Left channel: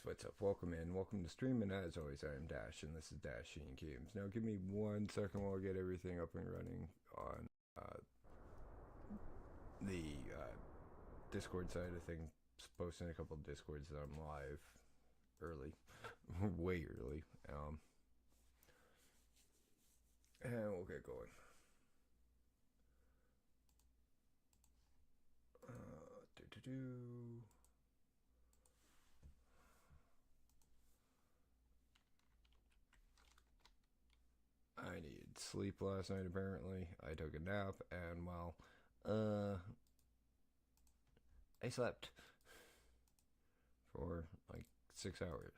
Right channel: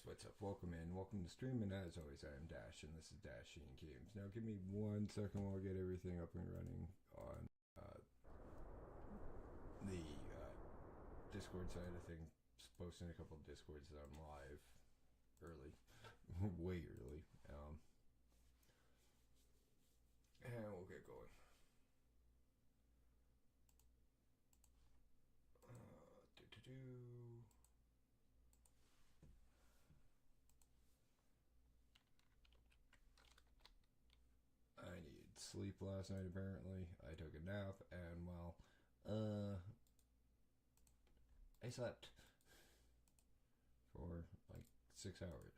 guys, what's up? Welcome in. Welcome to stream, and as always, I am Dash, and this is Dashing Games. Now, give me 1 second while I get everything up and running on the Discord side of things. Posting a couple of Discords that I'm live early, way early, and we'll get going. I needed sleep last night, apparently. I took a nap, and well, I slept for like 6 hours.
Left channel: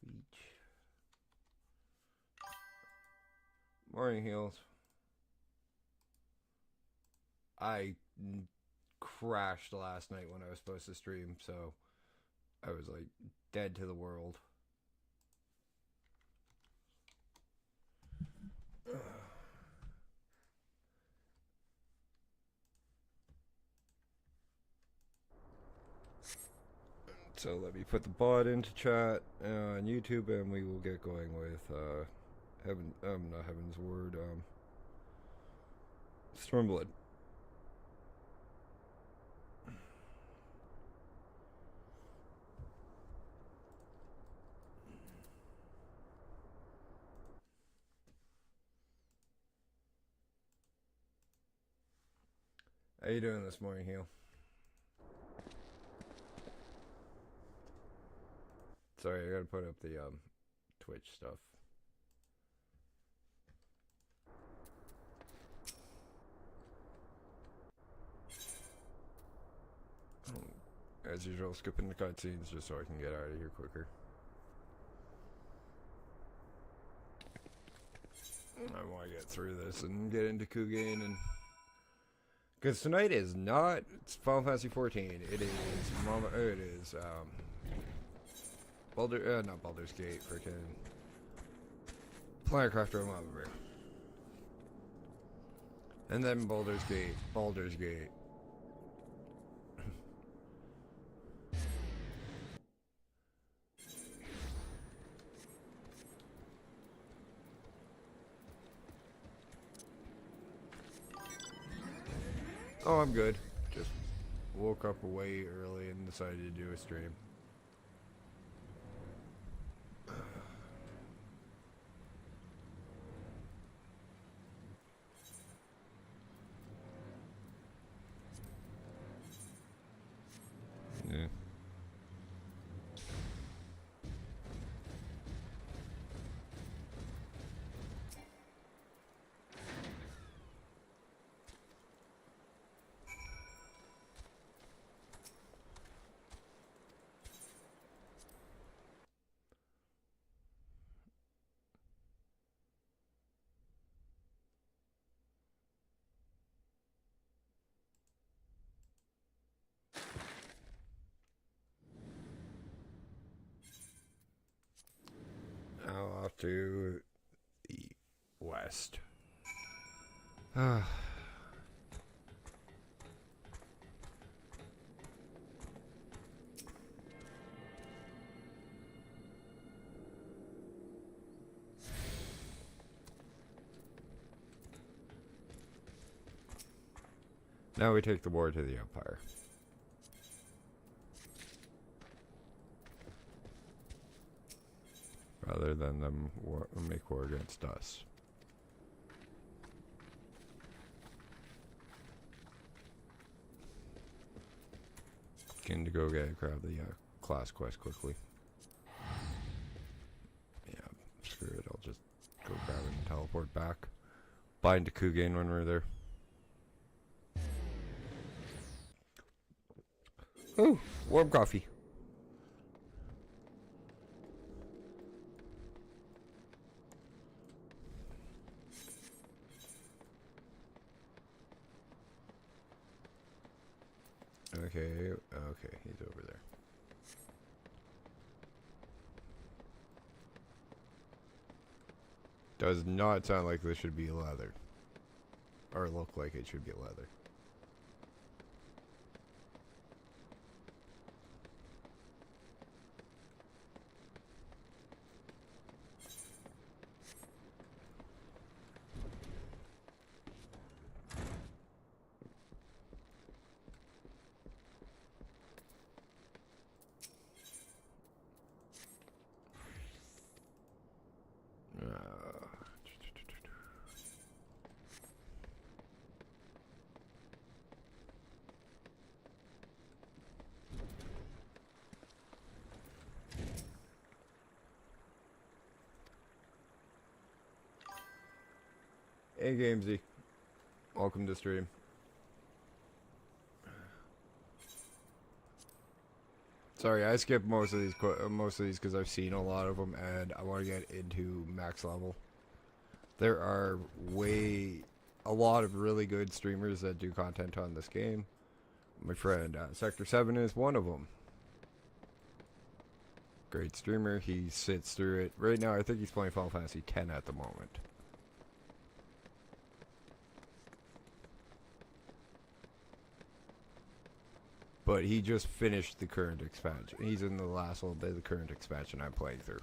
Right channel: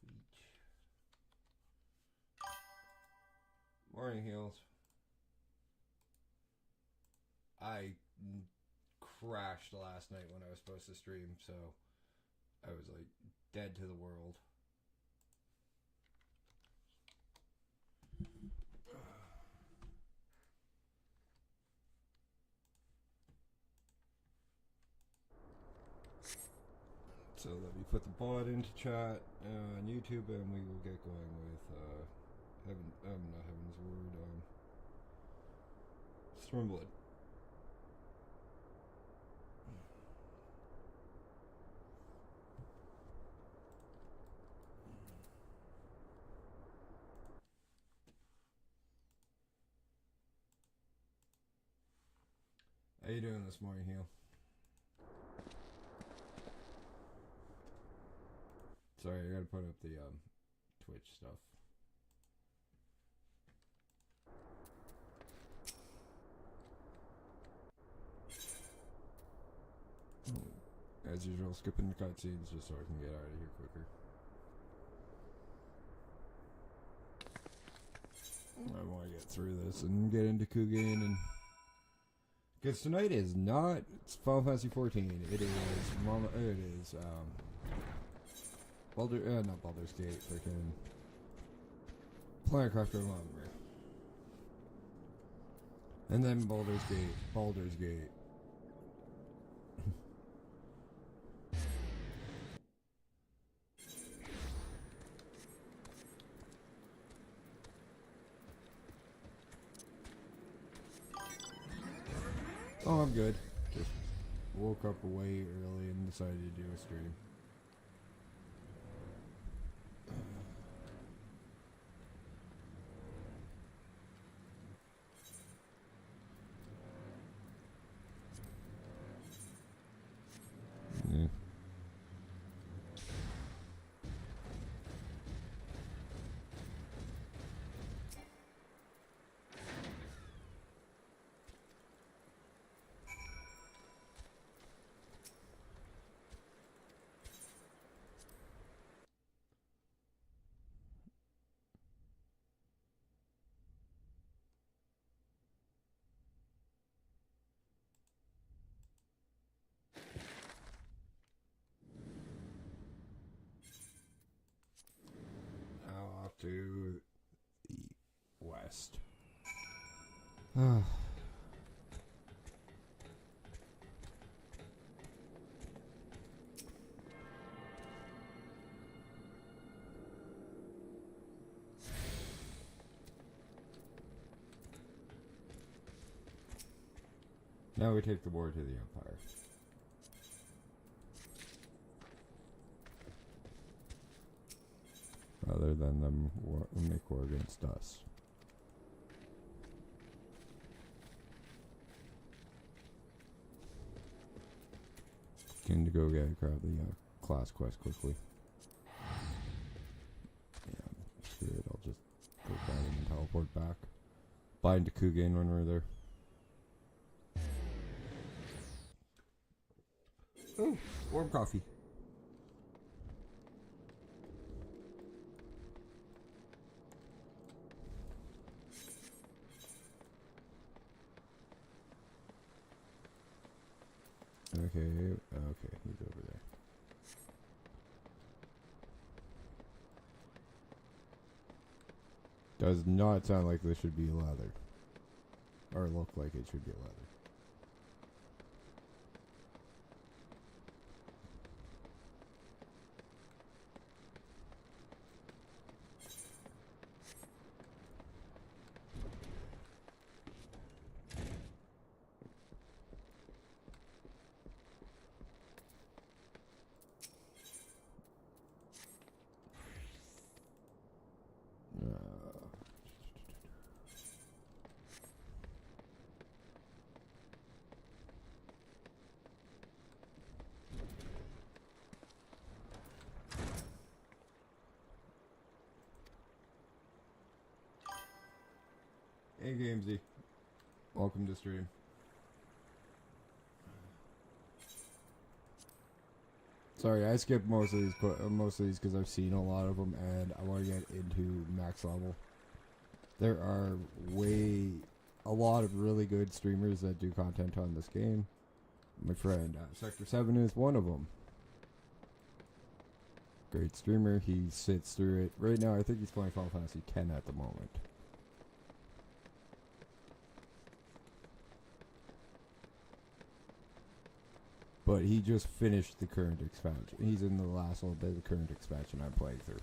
Tweech. Morning, Heels. I crashed last night when I was supposed to stream, so I was like dead to the world. So let me put the bot into chat on YouTube, and we will get going with not Heaven's Word, Stormblood. How you doing this morning, Heel? Sorry, I gotta put up the Twitch stuff. As usual, skipping the cutscenes just so I can get out of here quicker. I want to get through this and get into Kugane, and because tonight is not Final Fantasy 14. It is not Baldur's Gate, freaking Planetcrafter and Lava Ring. And then Baldur's Gate. Oh, I'm good. Just woke up way early and decided to do a stream. Now off to the west. Now we take the war to the Empire. Rather than them make war against us. Can go grab the class quest quickly. Yeah, screw it, I'll just go down and teleport back. Bind to Kugane when we're there. Ooh, warm coffee. Okay, he's over there. Does not sound like this should be leather. Or look like it should be leather. Hey Gamesy, welcome to stream. Sorry, I skipped most of these because I've seen a lot of them and I want to get into max level. There are a lot of really good streamers that do content on this game. My friend Sector 7 is one of them. Great streamer, he sits through it. Right now I think he's playing Final Fantasy X at the moment. But he just finished the current expansion. He's in the last little bit of the current expansion I'm playing through.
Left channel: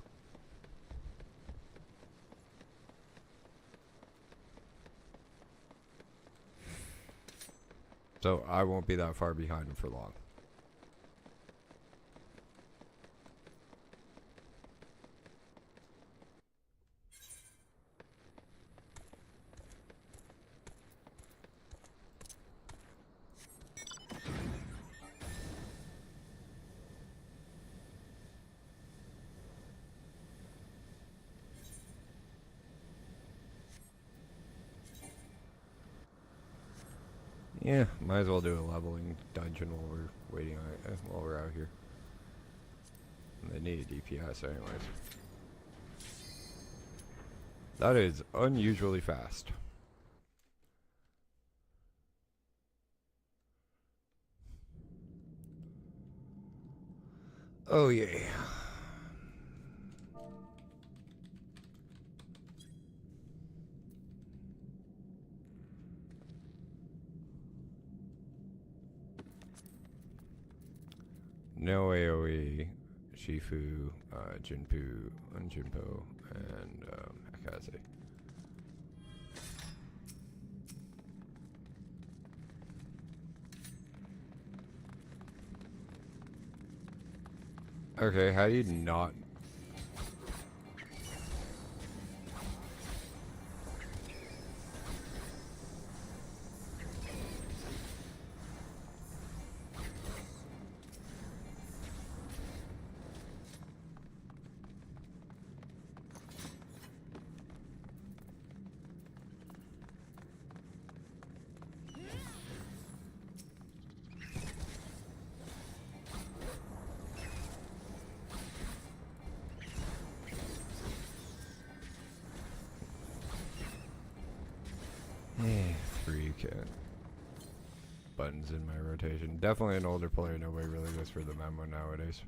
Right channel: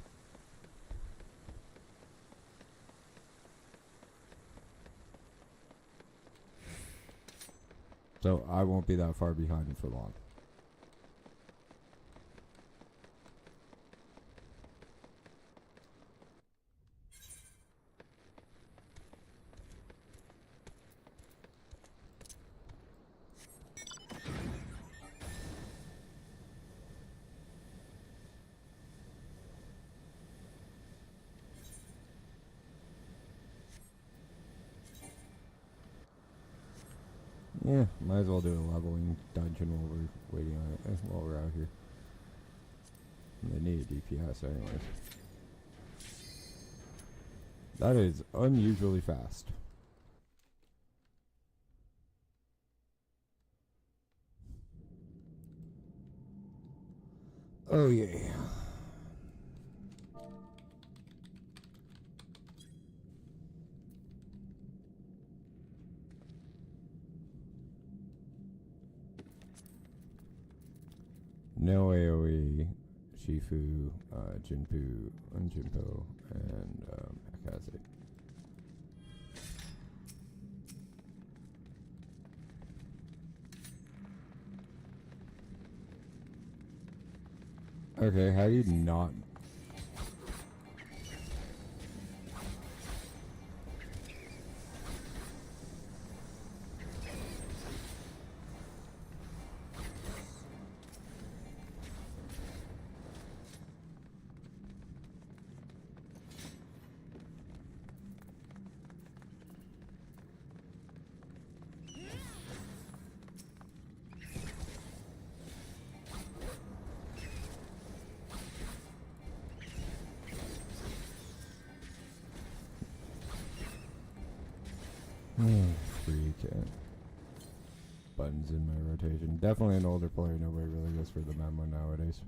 So I won't be that far behind him for long. Yeah, might as well do a leveling dungeon while we're waiting on it, while we're out here. They need a DPS anyway. That is unusually fast. Oh yay. No AoE, Shifu, Jinpu, Unjinpo, and Akaze. Okay, how do you not? Buttons in my rotation. Definitely an older player, nobody really goes for the memo nowadays.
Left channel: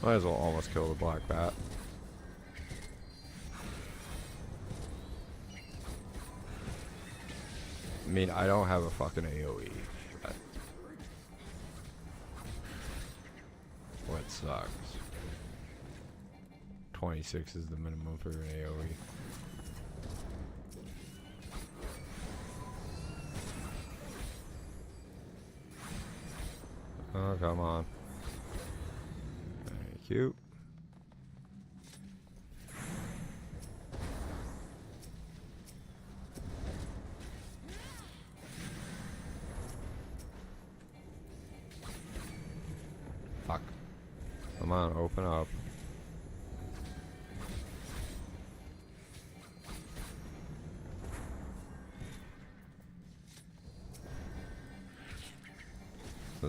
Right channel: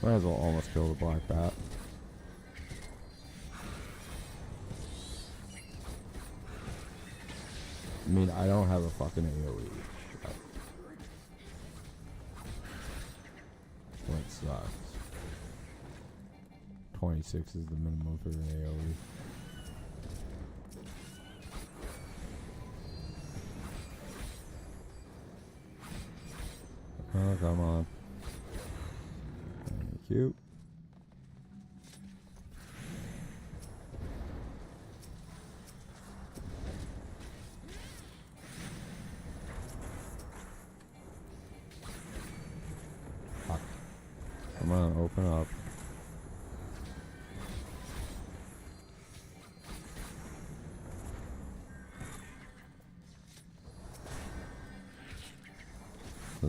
Might as well almost kill the black bat. I mean, I don't have a fucking AoE. What sucks. 26 is the minimum for an AoE. Oh, come on. Thank you.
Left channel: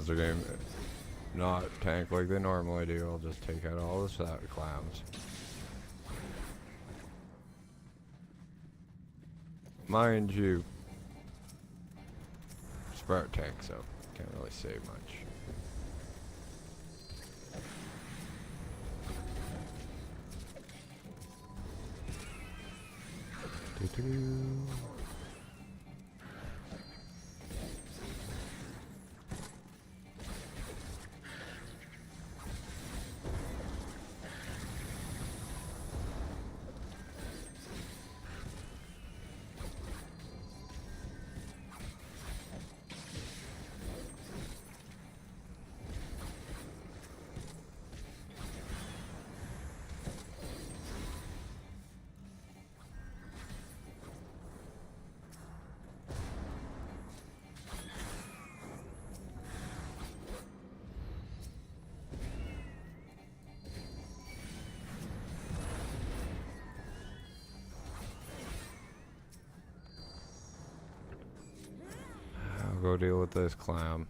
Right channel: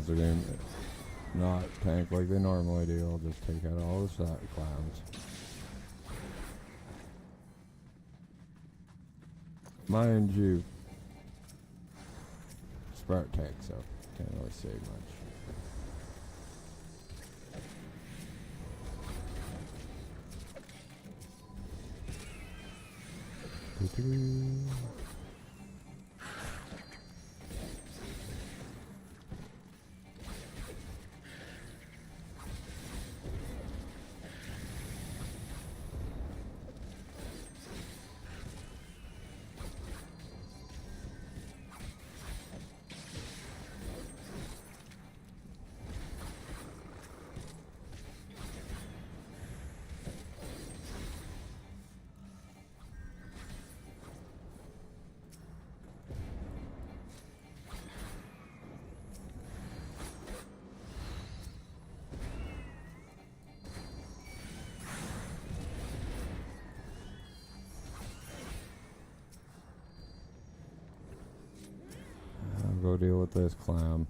are going to not tank like they normally do, I'll just take out all the clowns. Mind you, Sprout tank, so can't really say much. Go deal with this clown.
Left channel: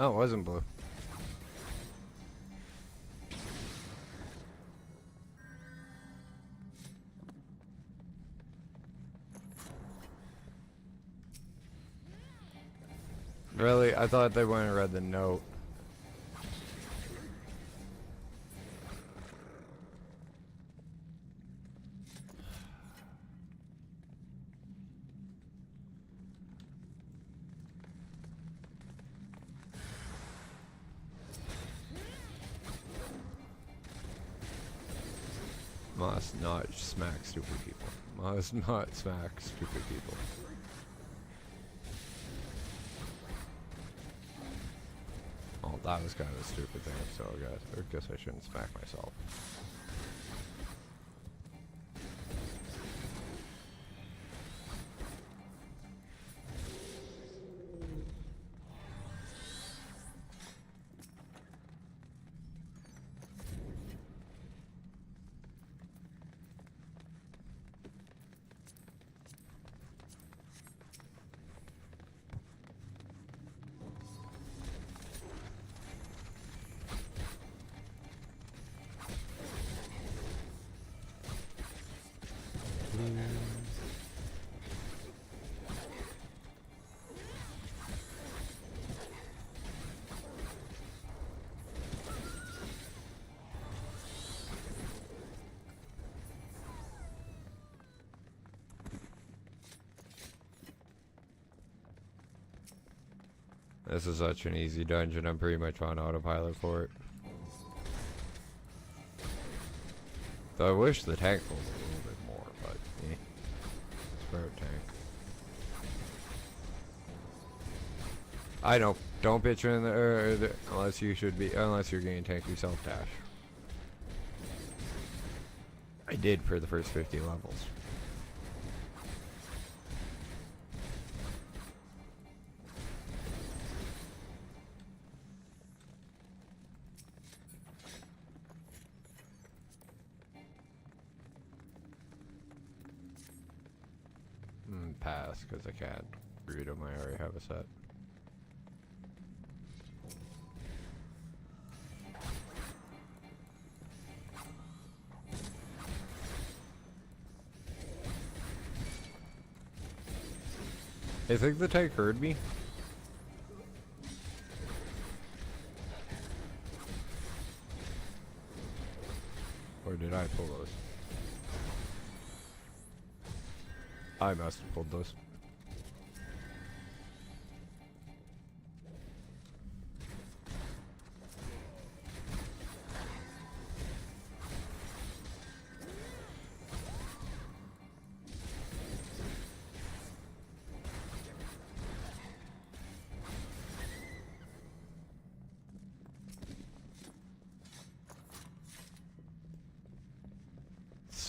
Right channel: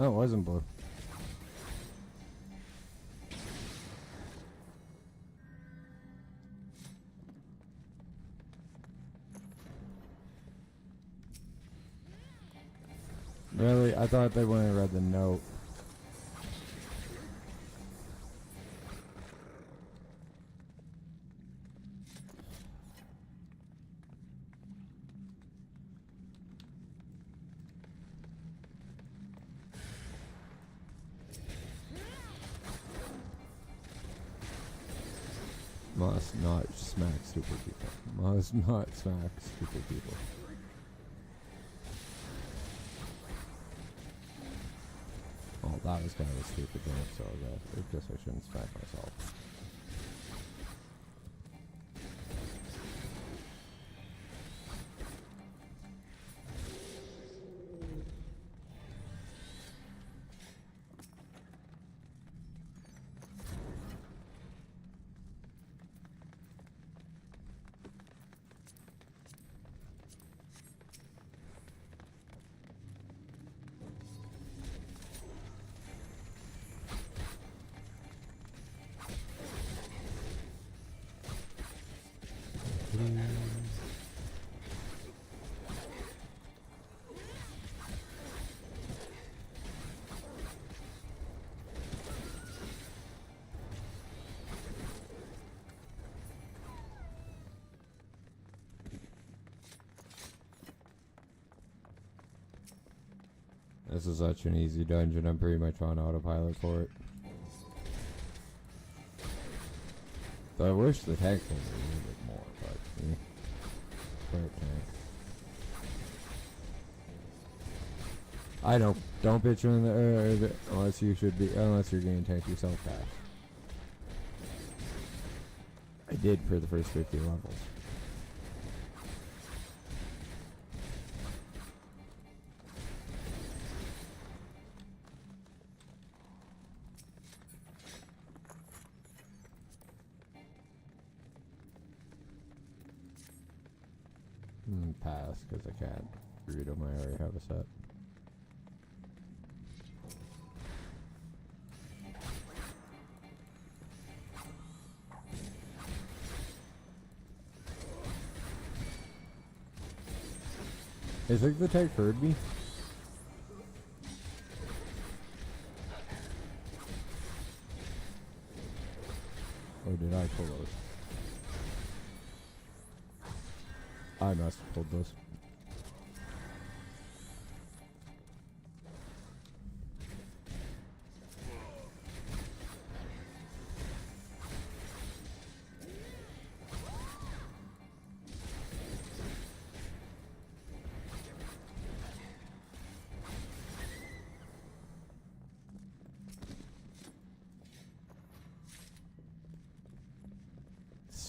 Oh, it wasn't blue. Really? I thought they wouldn't have read the note. Must not smack stupid people. Must not smack stupid people. Oh, that was kind of stupid. So I guess I shouldn't smack myself. This is such an easy dungeon, I'm pretty much on autopilot for it. So I wish the tank was a little bit more, but I don't bitch in the unless you should be, unless you're getting tank yourself dash. I did for the first 50 levels. Pass, because I can't read them. I already have a set. I think the tank heard me. Or did I pull those? I must have pulled those.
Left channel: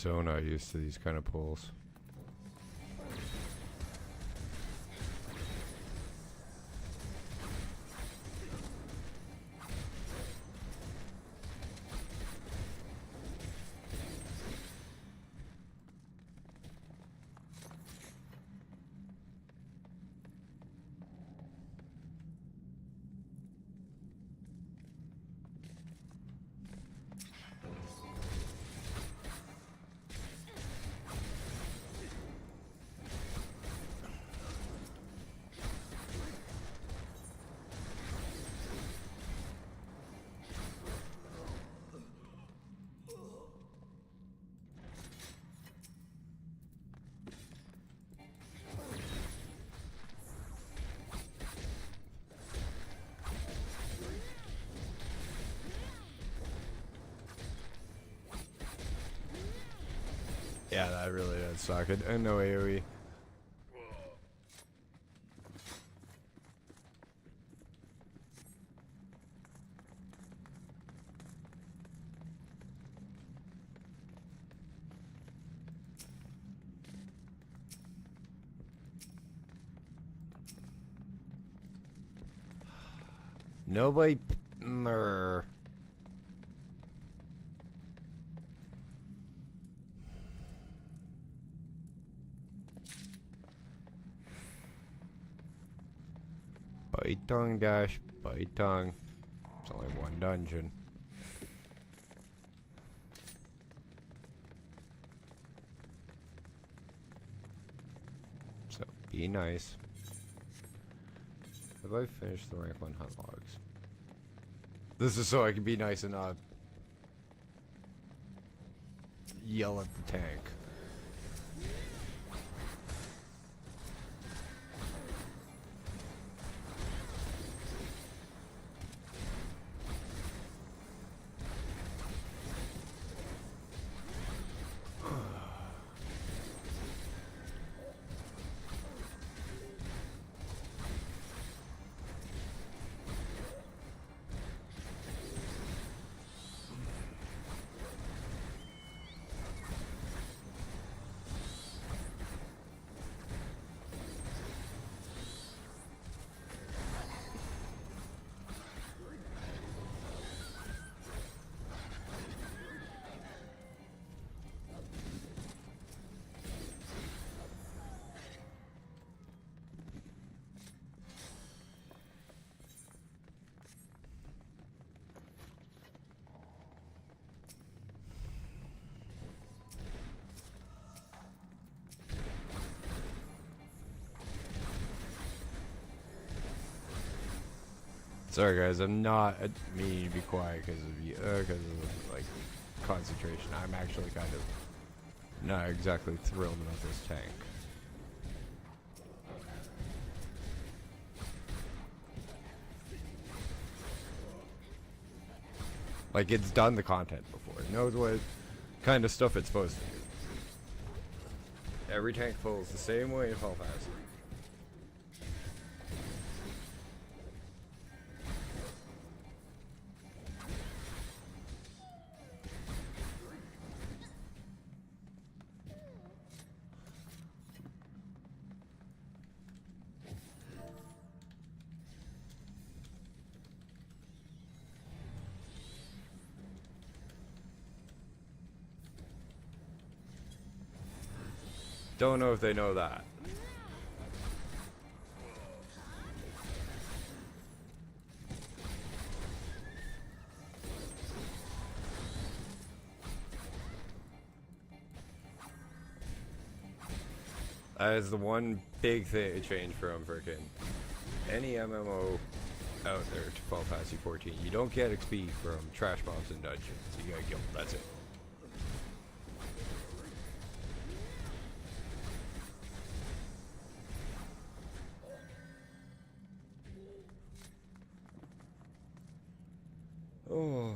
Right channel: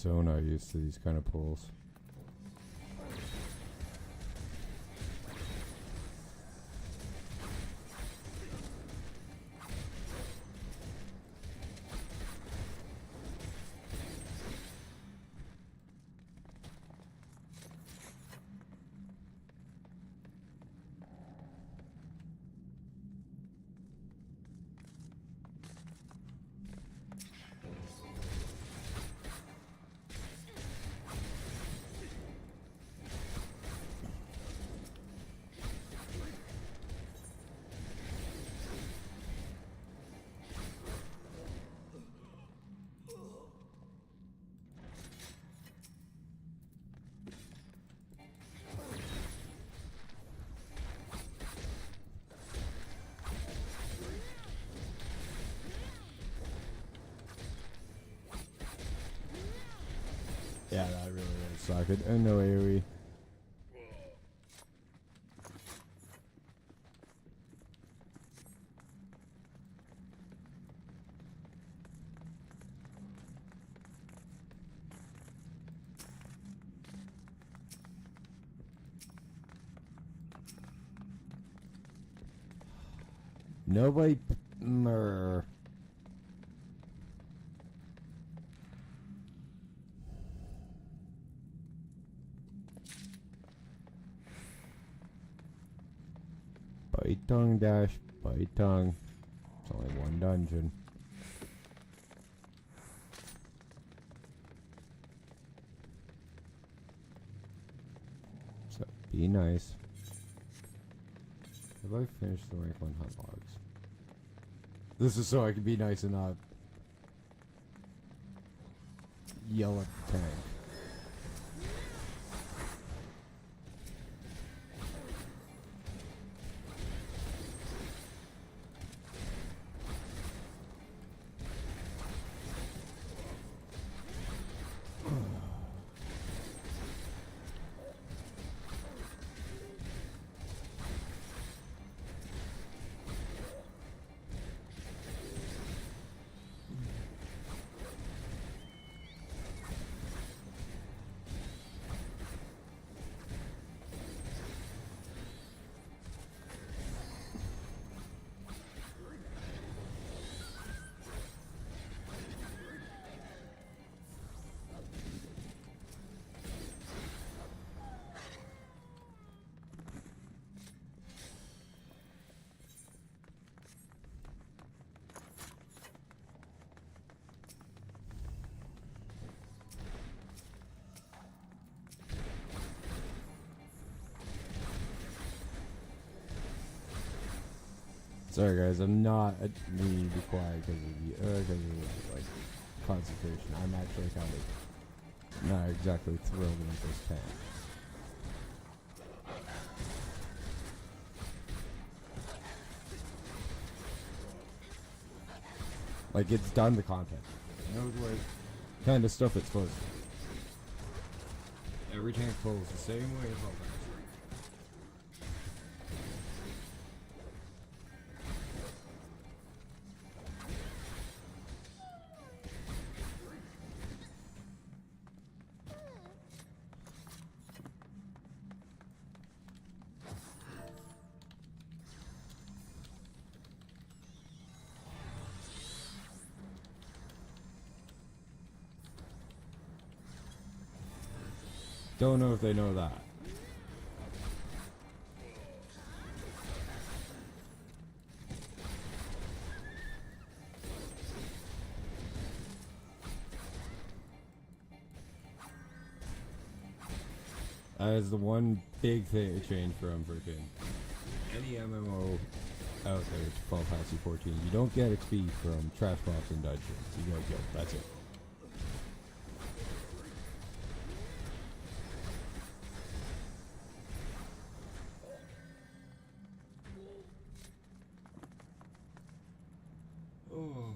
so not used to these kind of pulls. Yeah, that really does suck. I know AoE. Nobody. Murr. Bite tongue dash, bite tongue. It's only one dungeon. So be nice. Have I finished the rifle and hot logs? This is so I can be nice and not yell at the tank. Sorry guys, I'm not meaning to be quiet because of like concentration. I'm actually kind of not exactly thrilled with this tank. Like it's done the content before. It knows what kind of stuff it's supposed to do. Every tank pulls the same way as Hell has. Don't know if they know that. That is the one big thing change from freaking any MMO out there to Final Fantasy 14. You don't get a fee from trash mobs and dungeons. You don't get that. Oh.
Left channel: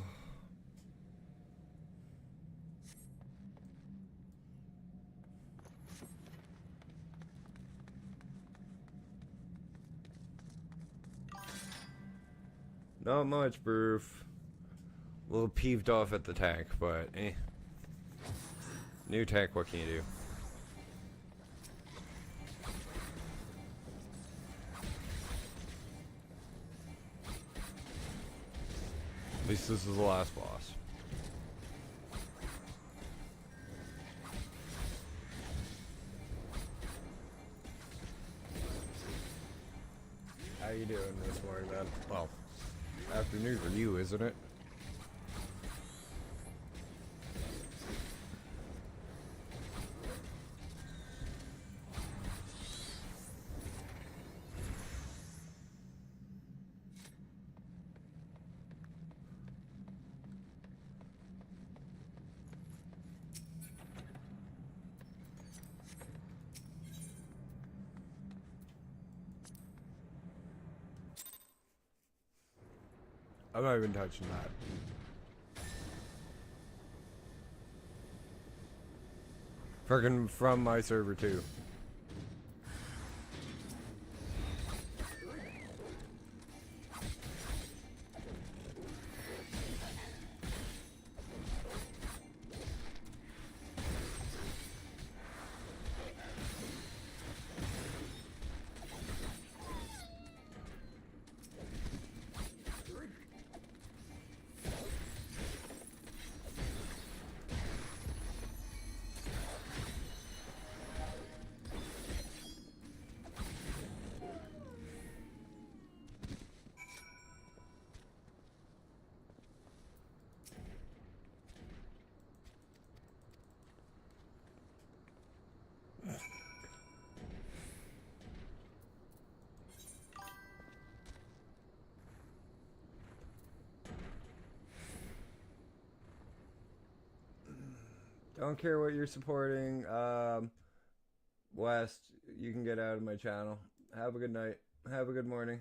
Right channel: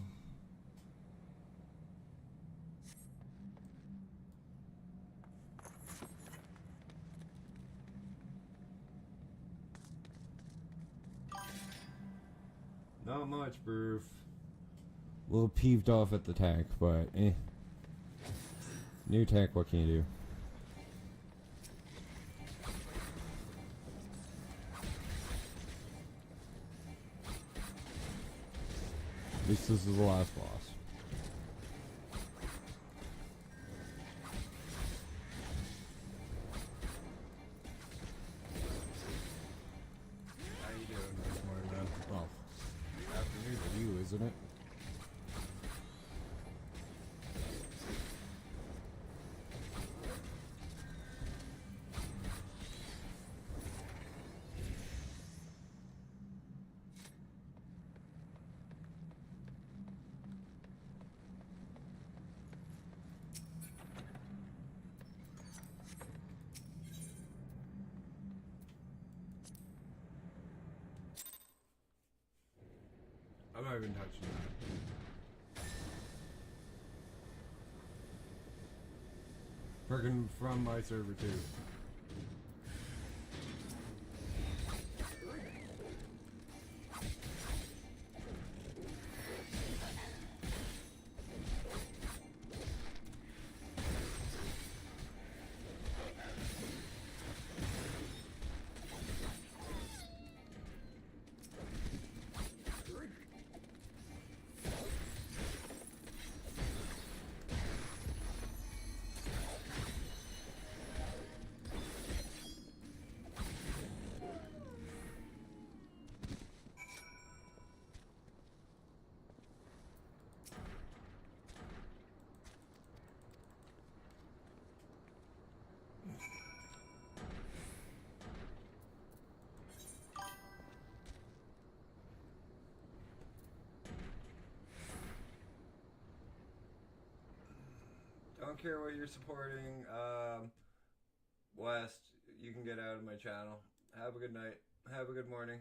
Not much, Broof. A little peeved off at the tank, but eh. New tank, what can you do? At least this is the last boss. How you doing this morning, man? Well, afternoon for you, isn't it? I'm not even touching that. Freaking from my server too. Don't care what you're supporting. West, you can get out of my channel. Have a good night. Have a good morning.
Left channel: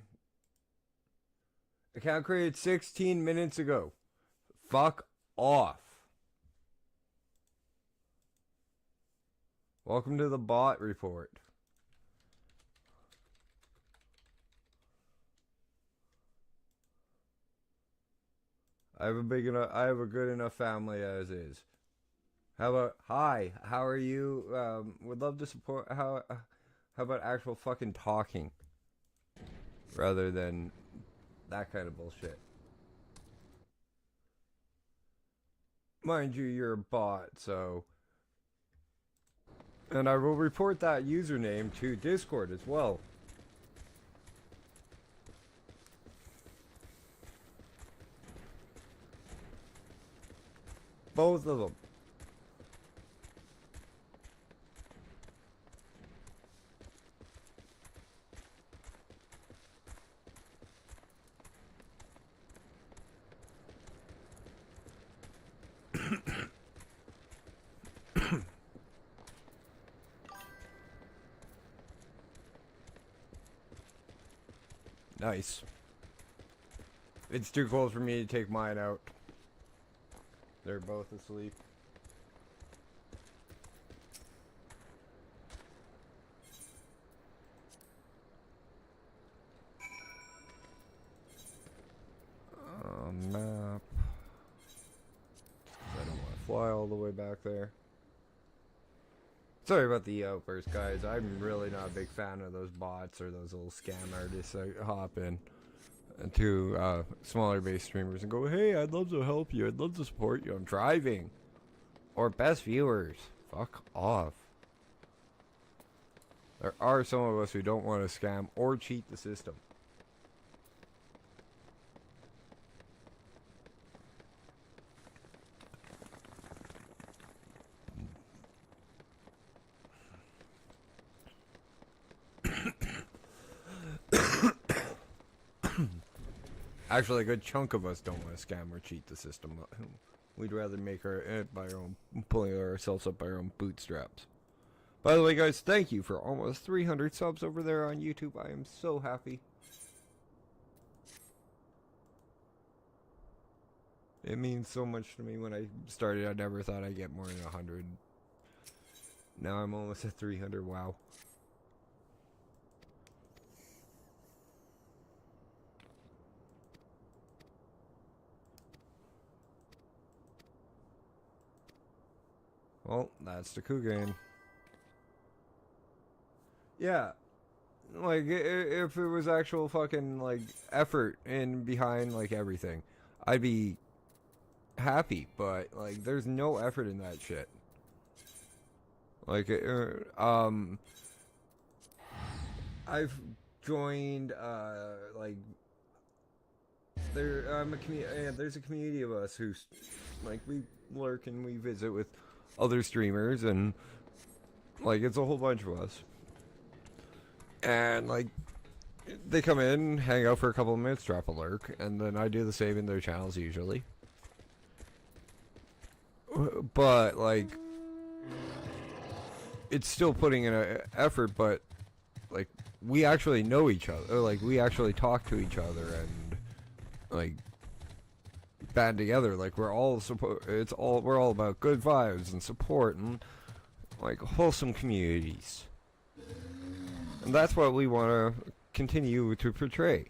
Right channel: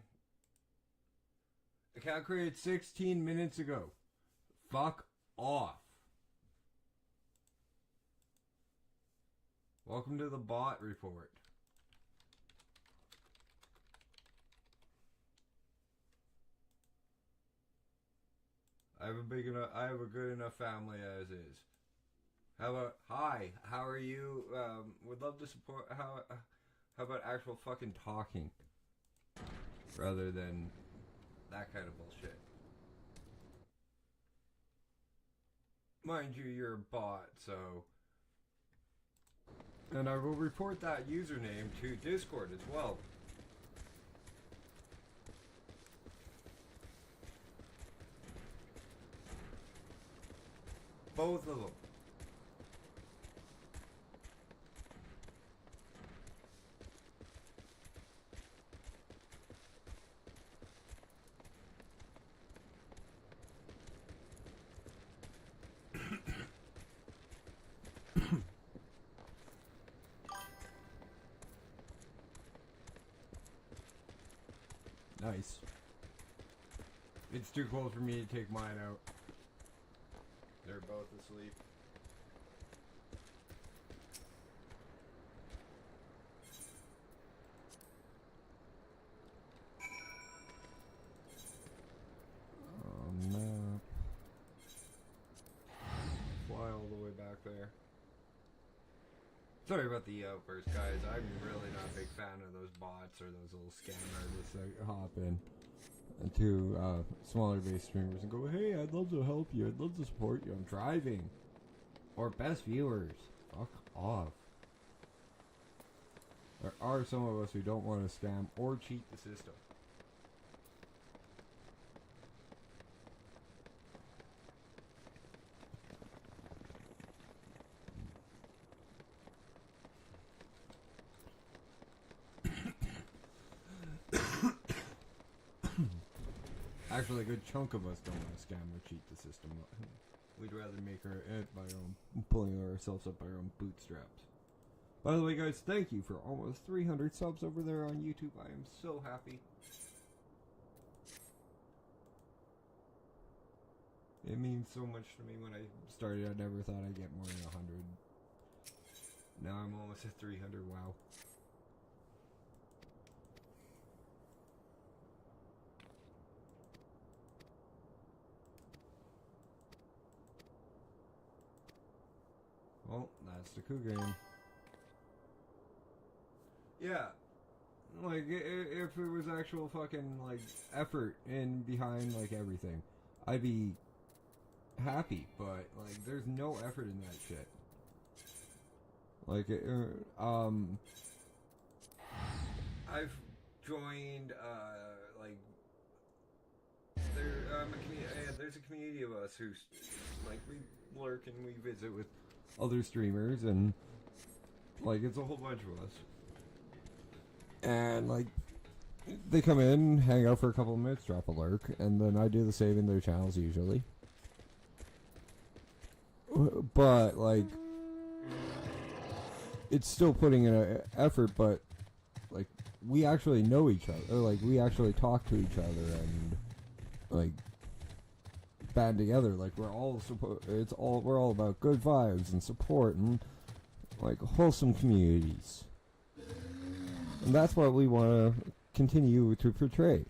Account created 16 minutes ago. Fuck off. Welcome to the bot report. I have a good enough family as is. How about, hi, how are you? Would love to support, how about actual fucking talking? Rather than that kind of bullshit. Mind you, you're a bot, so... And I will report that username to Discord as well. Both of them. Nice. It's too cold for me to take mine out. They're both asleep. Map. Fly all the way back there. Sorry about the outburst, guys. I'm really not a big fan of those bots or those little scam artists that hop in to smaller base streamers and go, hey, I'd love to help you. I'd love to support you. I'm driving. Or best viewers. Fuck off. There are some of us who don't want to scam or cheat the system. Actually, a good chunk of us don't want to scam or cheat the system. We'd rather make it by our own, pulling ourselves up by our own bootstraps. By the way, guys, thank you for almost 300 subs over there on YouTube. I am so happy. It means so much to me. When I started, I never thought I'd get more than 100. Now I'm almost at 300. Wow. Well, that's the Kugane. Yeah, like if it was actual fucking like effort in behind like everything, I'd be happy. But like, there's no effort in that shit. Like, I've joined like there's a community of us who like we lurk and we visit with other streamers and like it's a whole bunch of us. And like they come in, hang out for a couple of minutes, drop a lurk, and then I do the same in their channels usually. But like it's still putting in an effort, but like we actually know each other, like we actually talk to each other and like band together, like we're all we're all about good vibes and support and like wholesome communities. And that's what we want to continue to portray.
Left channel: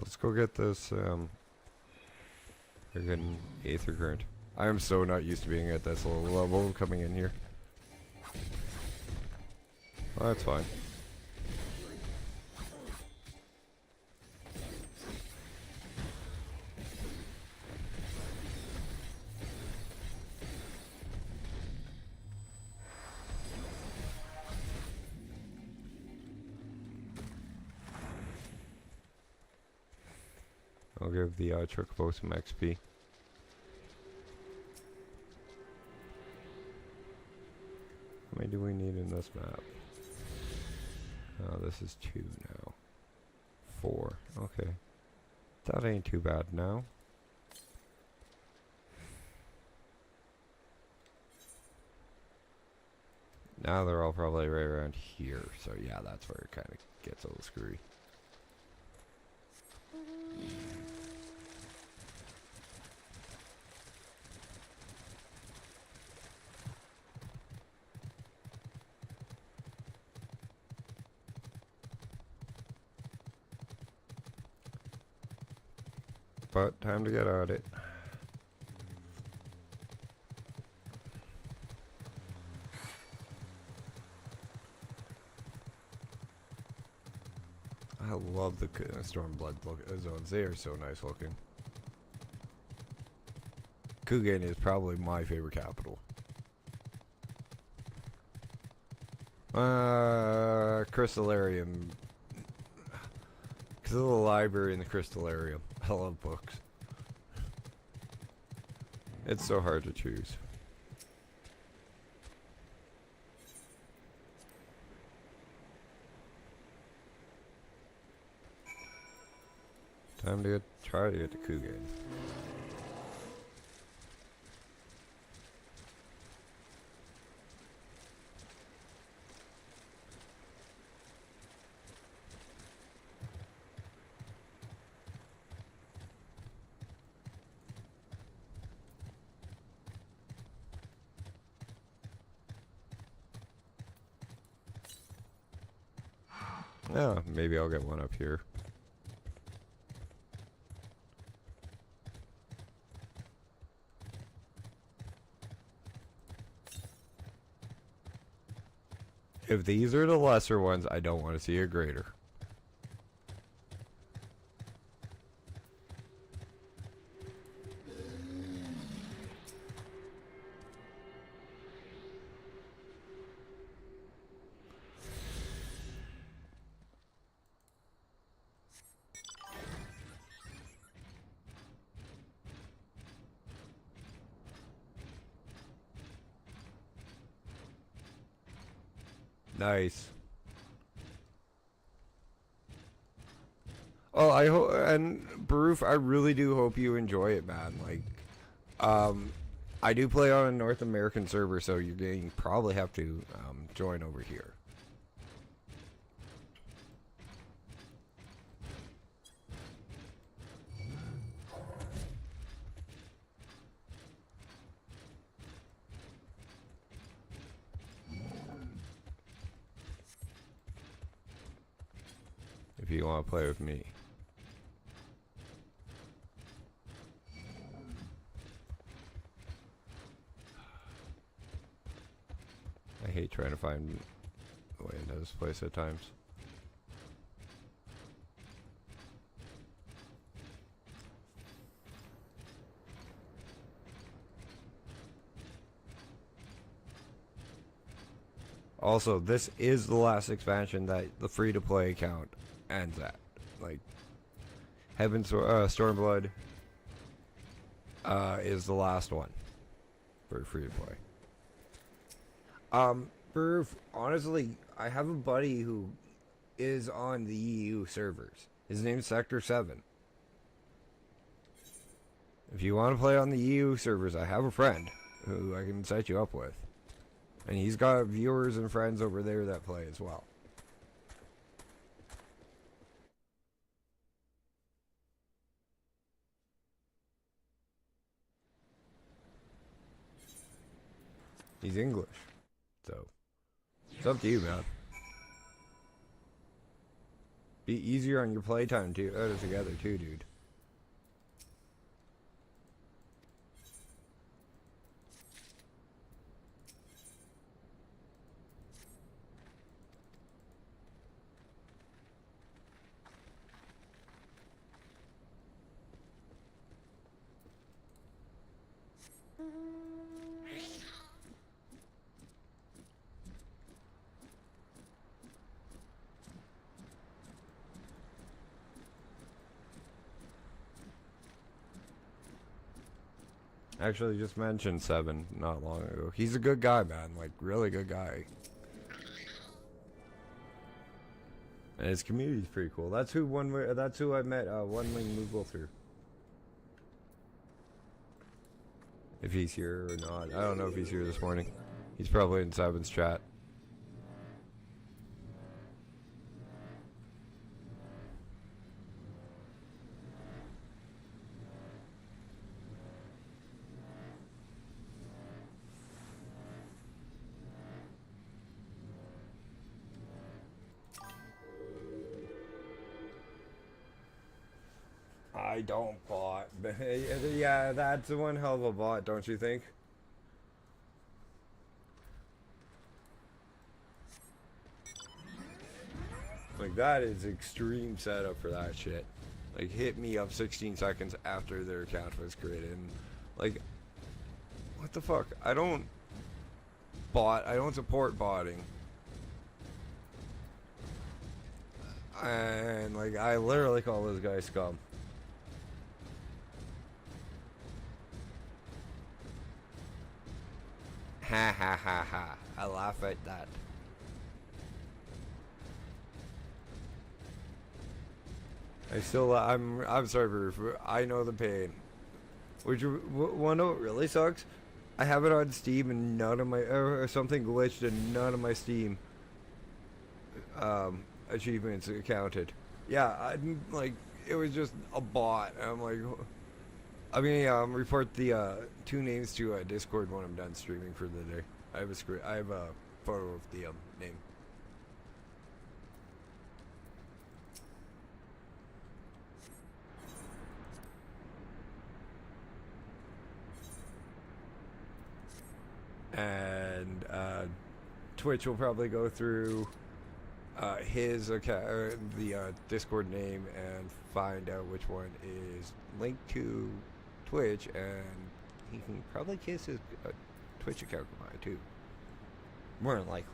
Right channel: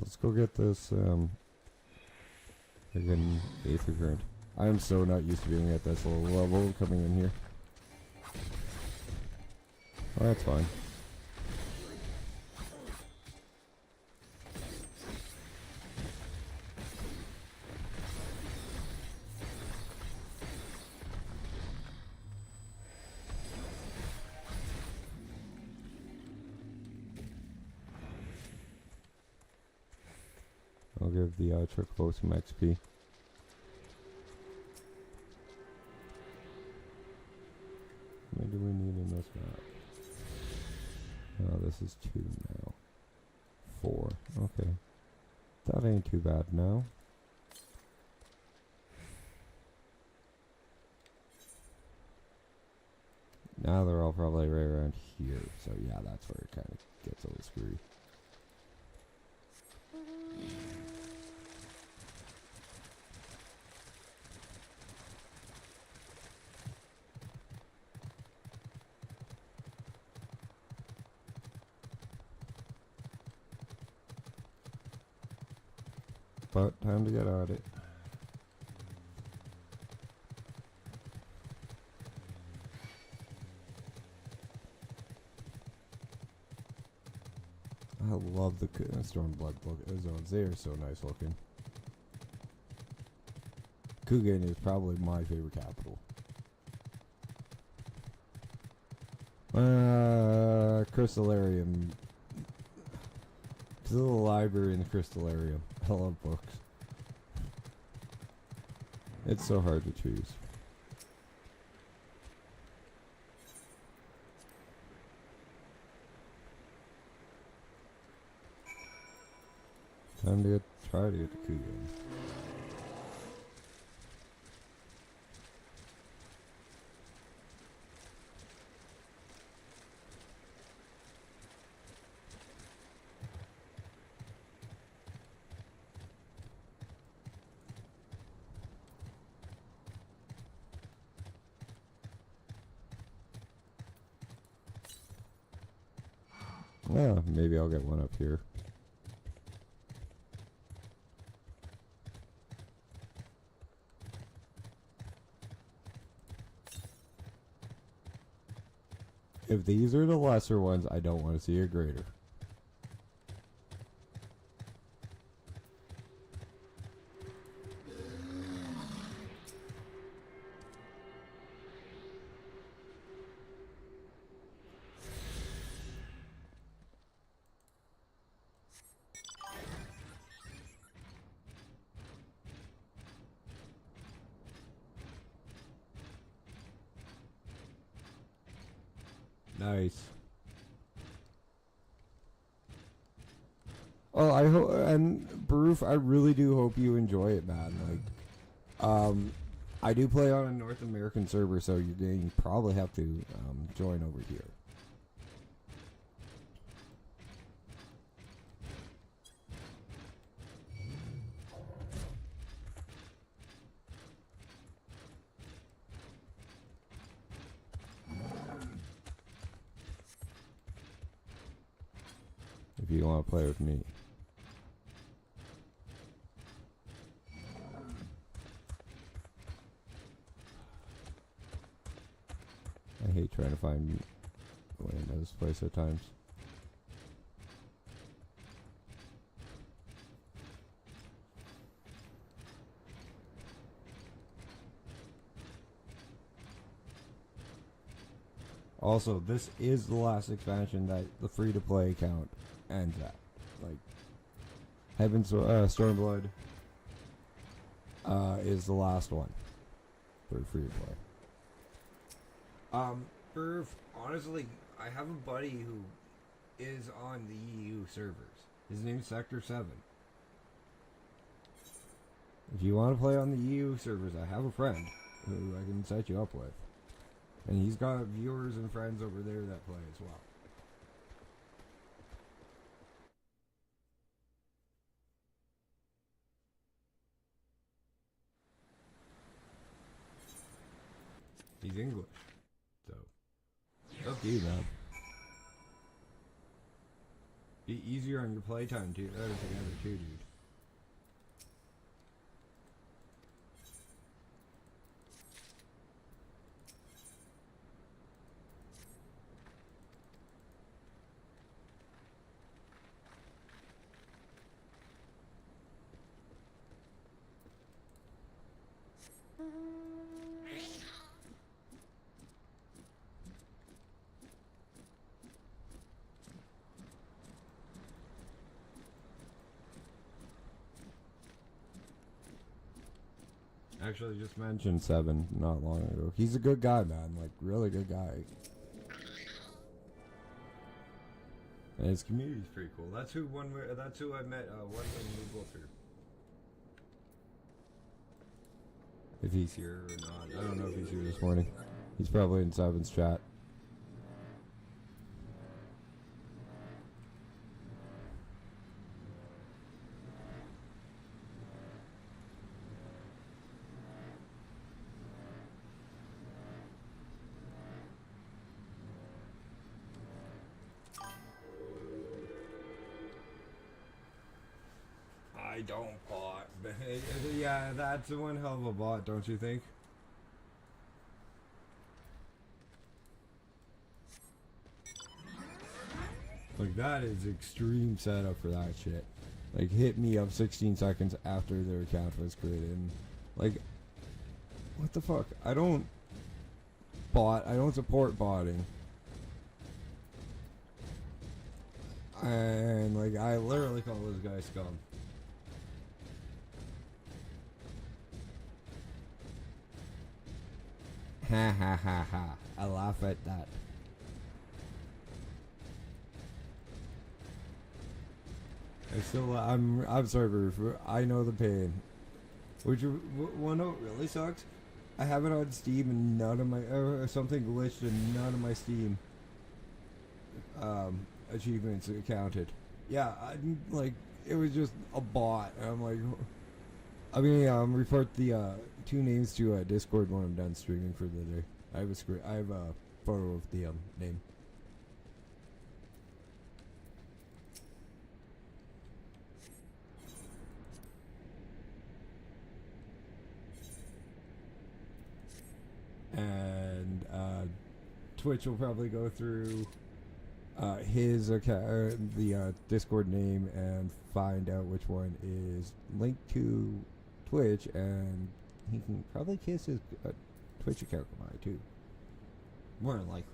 Let's go get this, friggin' Aether Current. I am so not used to being at this low level coming in here. Well, that's fine. I'll give the Chocobo some XP. How many do we need in this map? Oh, this is 2 now. 4. Okay. That ain't too bad now. Now they're all probably right around here, so yeah, that's where it kind of gets a little screwy. But time to get at it. I love the Stormblood look. They are so nice looking. Kugane is probably my favorite capital. Crystallarium. The little library in the Crystallarium. I love books. It's so hard to choose. Time to try to get to Kugane. Yeah, maybe I'll get one up here. If these are the lesser ones, I don't want to see a greater. Nice. Oh, I hope, and Baroof, I really do hope you enjoy it, man. Like, I do play on a North American server, so you probably have to join over here. If you want to play with me. I hate trying to find the way into this place at times. Also, this is the last expansion that the free-to-play account ends at. Like, Stormblood is the last one for free-to-play. Perf, honestly, I have a buddy who is on the EU servers. His name's Sector 7. If you want to play on the EU servers, I have a friend who I can set you up with. And he's got viewers and friends over there that play as well. He's English. So, it's up to you, man. Be easier on your playtime too, together too, dude. Actually, just mentioned Seven not long ago. He's a good guy, man. Like, really good guy. And his community's pretty cool. That's who I met One Wing Moogle through. If he's here or not. I don't know if he's here this morning. He's probably in Seven's chat. I don't bot. Yeah, that's one hell of a bot, don't you think? Like, that is extreme setup for that shit. Like, hit me up 16 seconds after their account was created. And, like, what the fuck? I don't support botting. And, like, I literally call those guys scum. Ha ha ha ha. I laugh at that. I'm sorry, I know the pain. Which, one note really sucks? I have it on Steam and none of my, something glitched and none of my Steam, achievements counted. Yeah, it was just a bot. And I'm like, I mean, report the, 2 names to Discord when I'm done streaming for the day. I have a photo of the name. And Twitch will probably go through his account, the Discord name, and find out which one is linked to Twitch, and he can probably kiss his Twitch account of mine too. More than likely.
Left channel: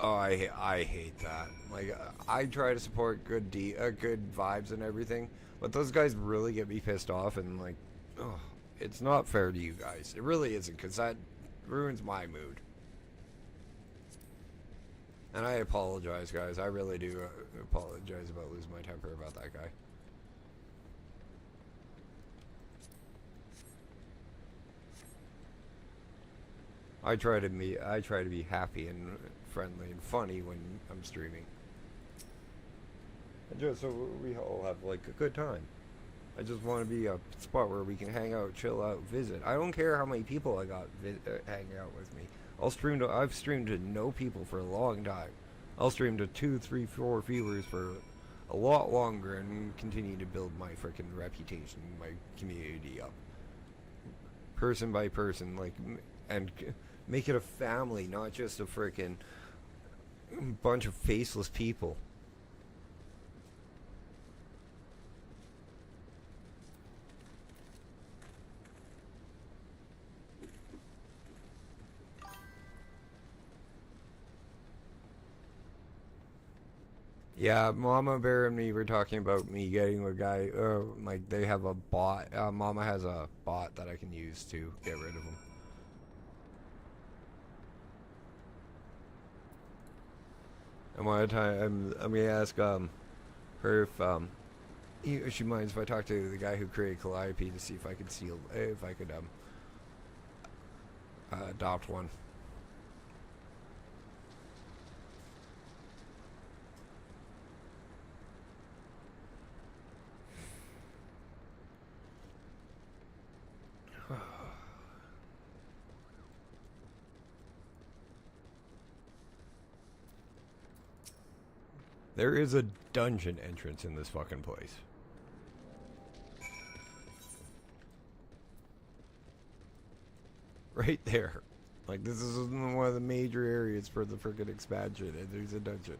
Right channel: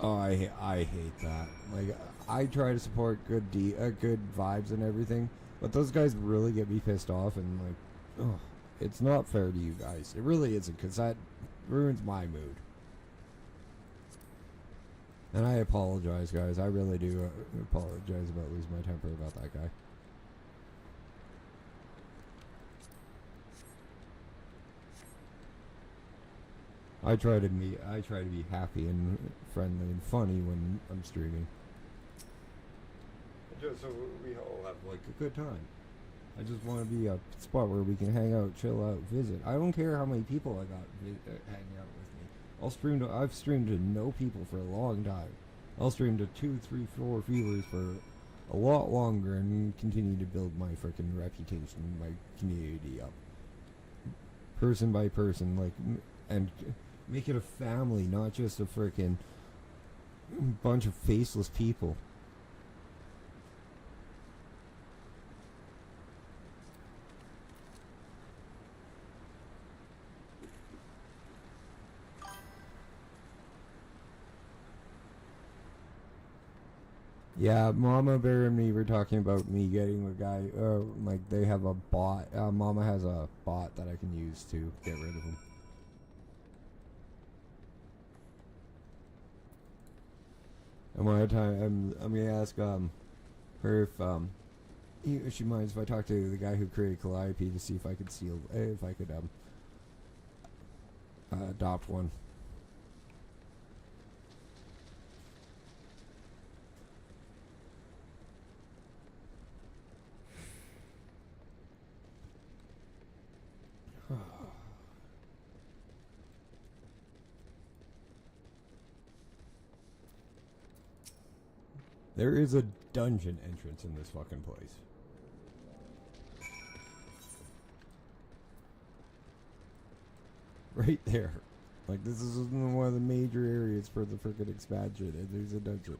Oh, I hate that. Like, I try to support good vibes and everything, but those guys really get me pissed off, and like, oh, it's not fair to you guys. It really isn't, because that ruins my mood. And I apologize, guys. I really do apologize about losing my temper about that guy. I try to be happy and friendly and funny when I'm streaming. And just so we all have like a good time. I just want to be a spot where we can hang out, chill out, visit. I don't care how many people I got hanging out with me. I've streamed to no people for a long time. I'll stream to 2, 3, 4 viewers for a lot longer and continue to build my freaking reputation, my community up. Person by person, like, and make it a family, not just a freaking bunch of faceless people. Yeah, Mama Bear and me were talking about me getting a guy, like they have a bot. Mama has a bot that I can use to get rid of him. And one time, I'm gonna ask her if she minds if I talk to the guy who created Calliope to see if I could adopt one. There is a dungeon entrance in this fucking place. Right there. Like, this is one of the major areas for the frickin' expansion, and there's a dungeon.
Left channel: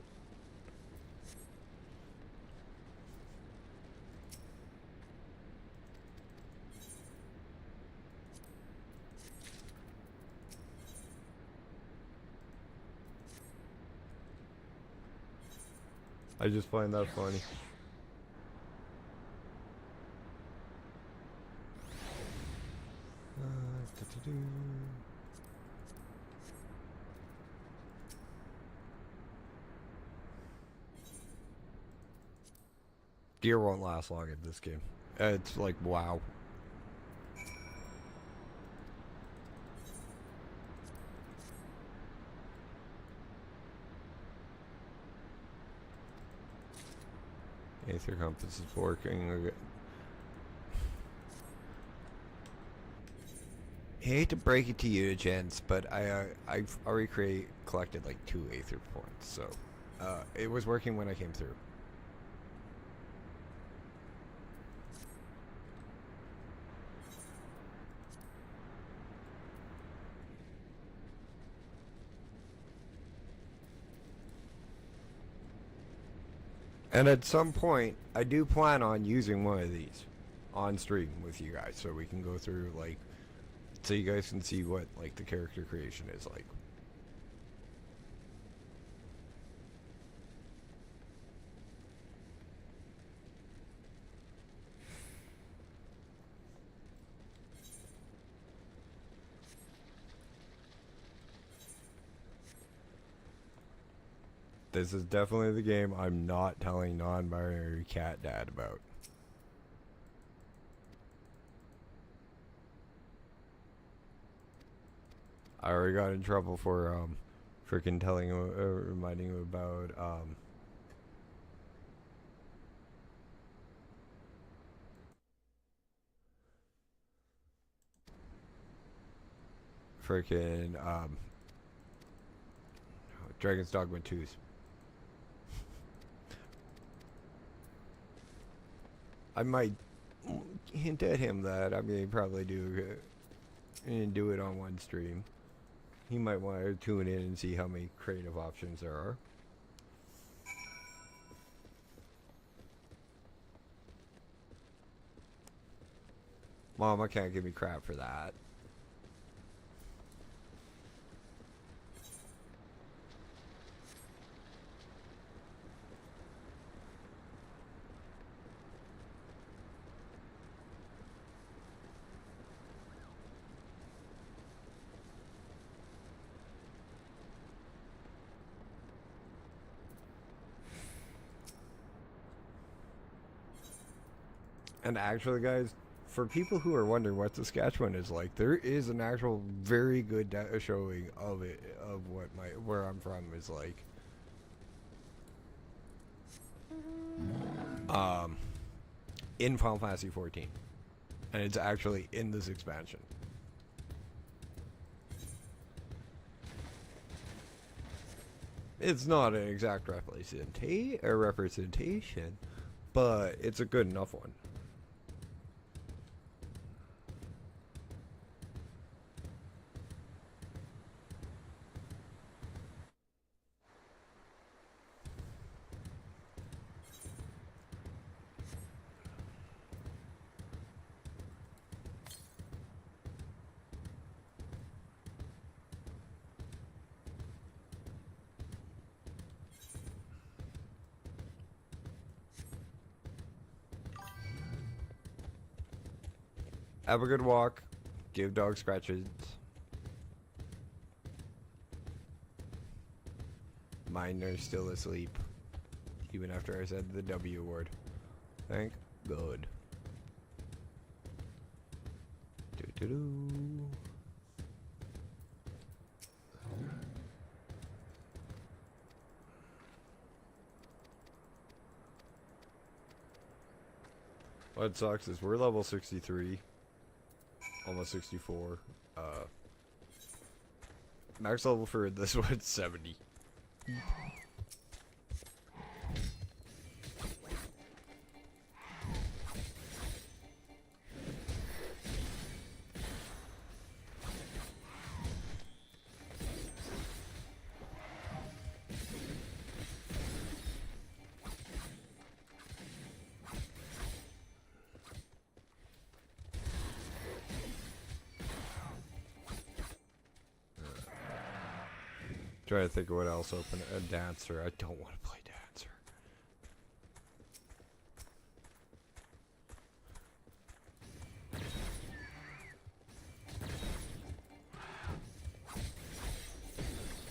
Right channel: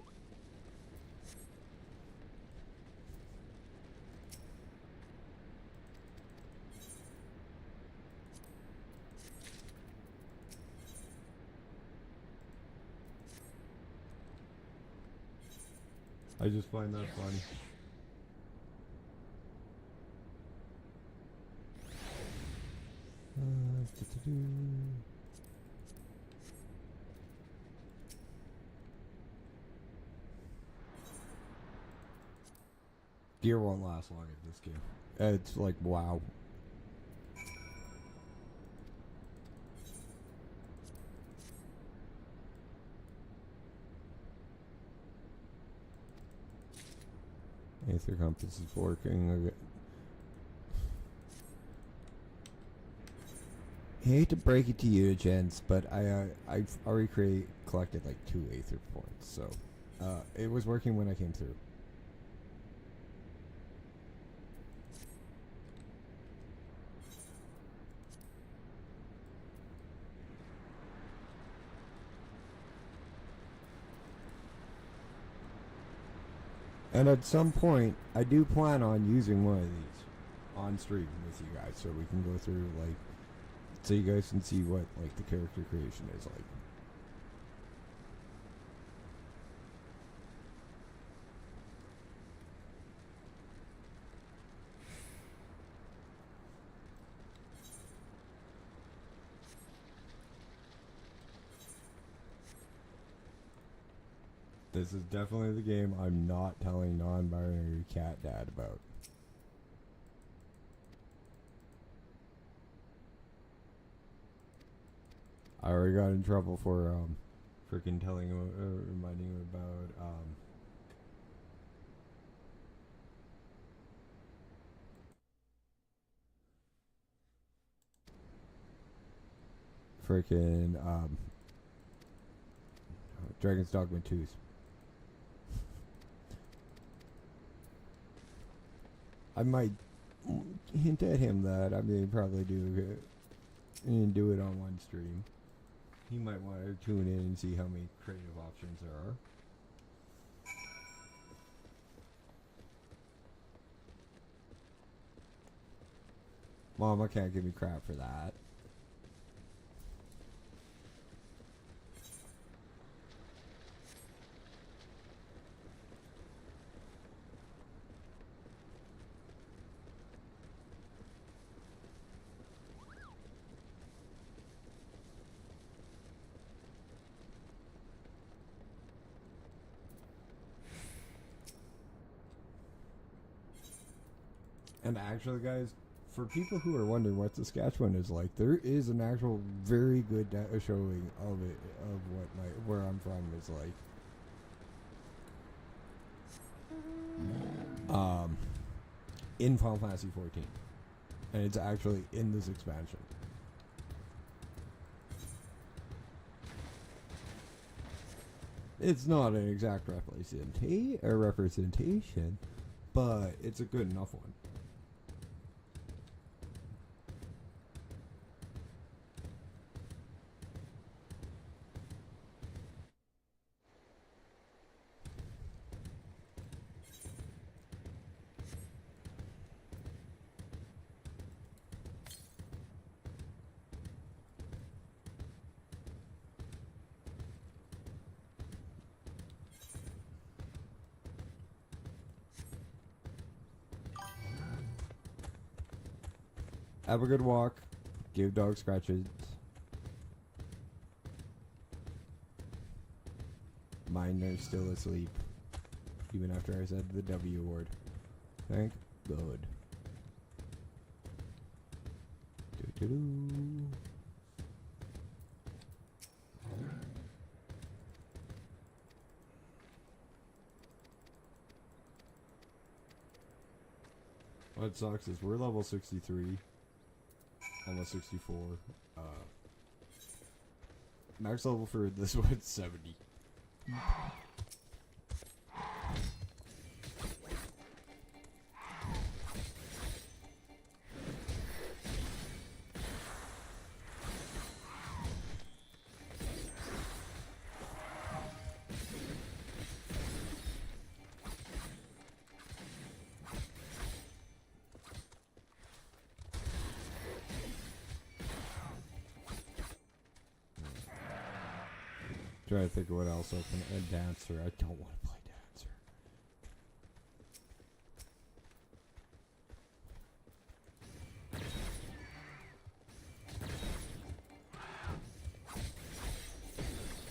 I just find that funny. Gear won't last long in this game. It's like, wow. Aether compass is working. Okay. I hate to break it to you, gents, but I've already collected like 2 Aether points, so it was working when I came through. And at some point, I do plan on using one of these on stream with you guys, so we can go through, like, so you guys can see what, like, the character creation is like. This is definitely the game I'm not telling non-binary cat dad about. I already got in trouble for freaking telling him, reminding him about freaking Dragon's Dogma 2's. I might hint at him that I mean probably do it on one stream. He might want to tune in and see how many creative options there are. Mama can't give me crap for that. And actually, guys, for people who are wondering what Saskatchewan is like, there is an actual very good showing of it, of what where I'm from is like. In Final Fantasy 14, and it's actually in this expansion. It's not an exact representation, but it's a good enough one. Have a good walk. Give dog scratches. Mine are still asleep. Even after I said the W word. Thank God. Doo-doo-doo. What sucks is we're level 63. Almost 64. Max level for this one's 70. Try to think of what else open. A dancer. I don't want to play dancer.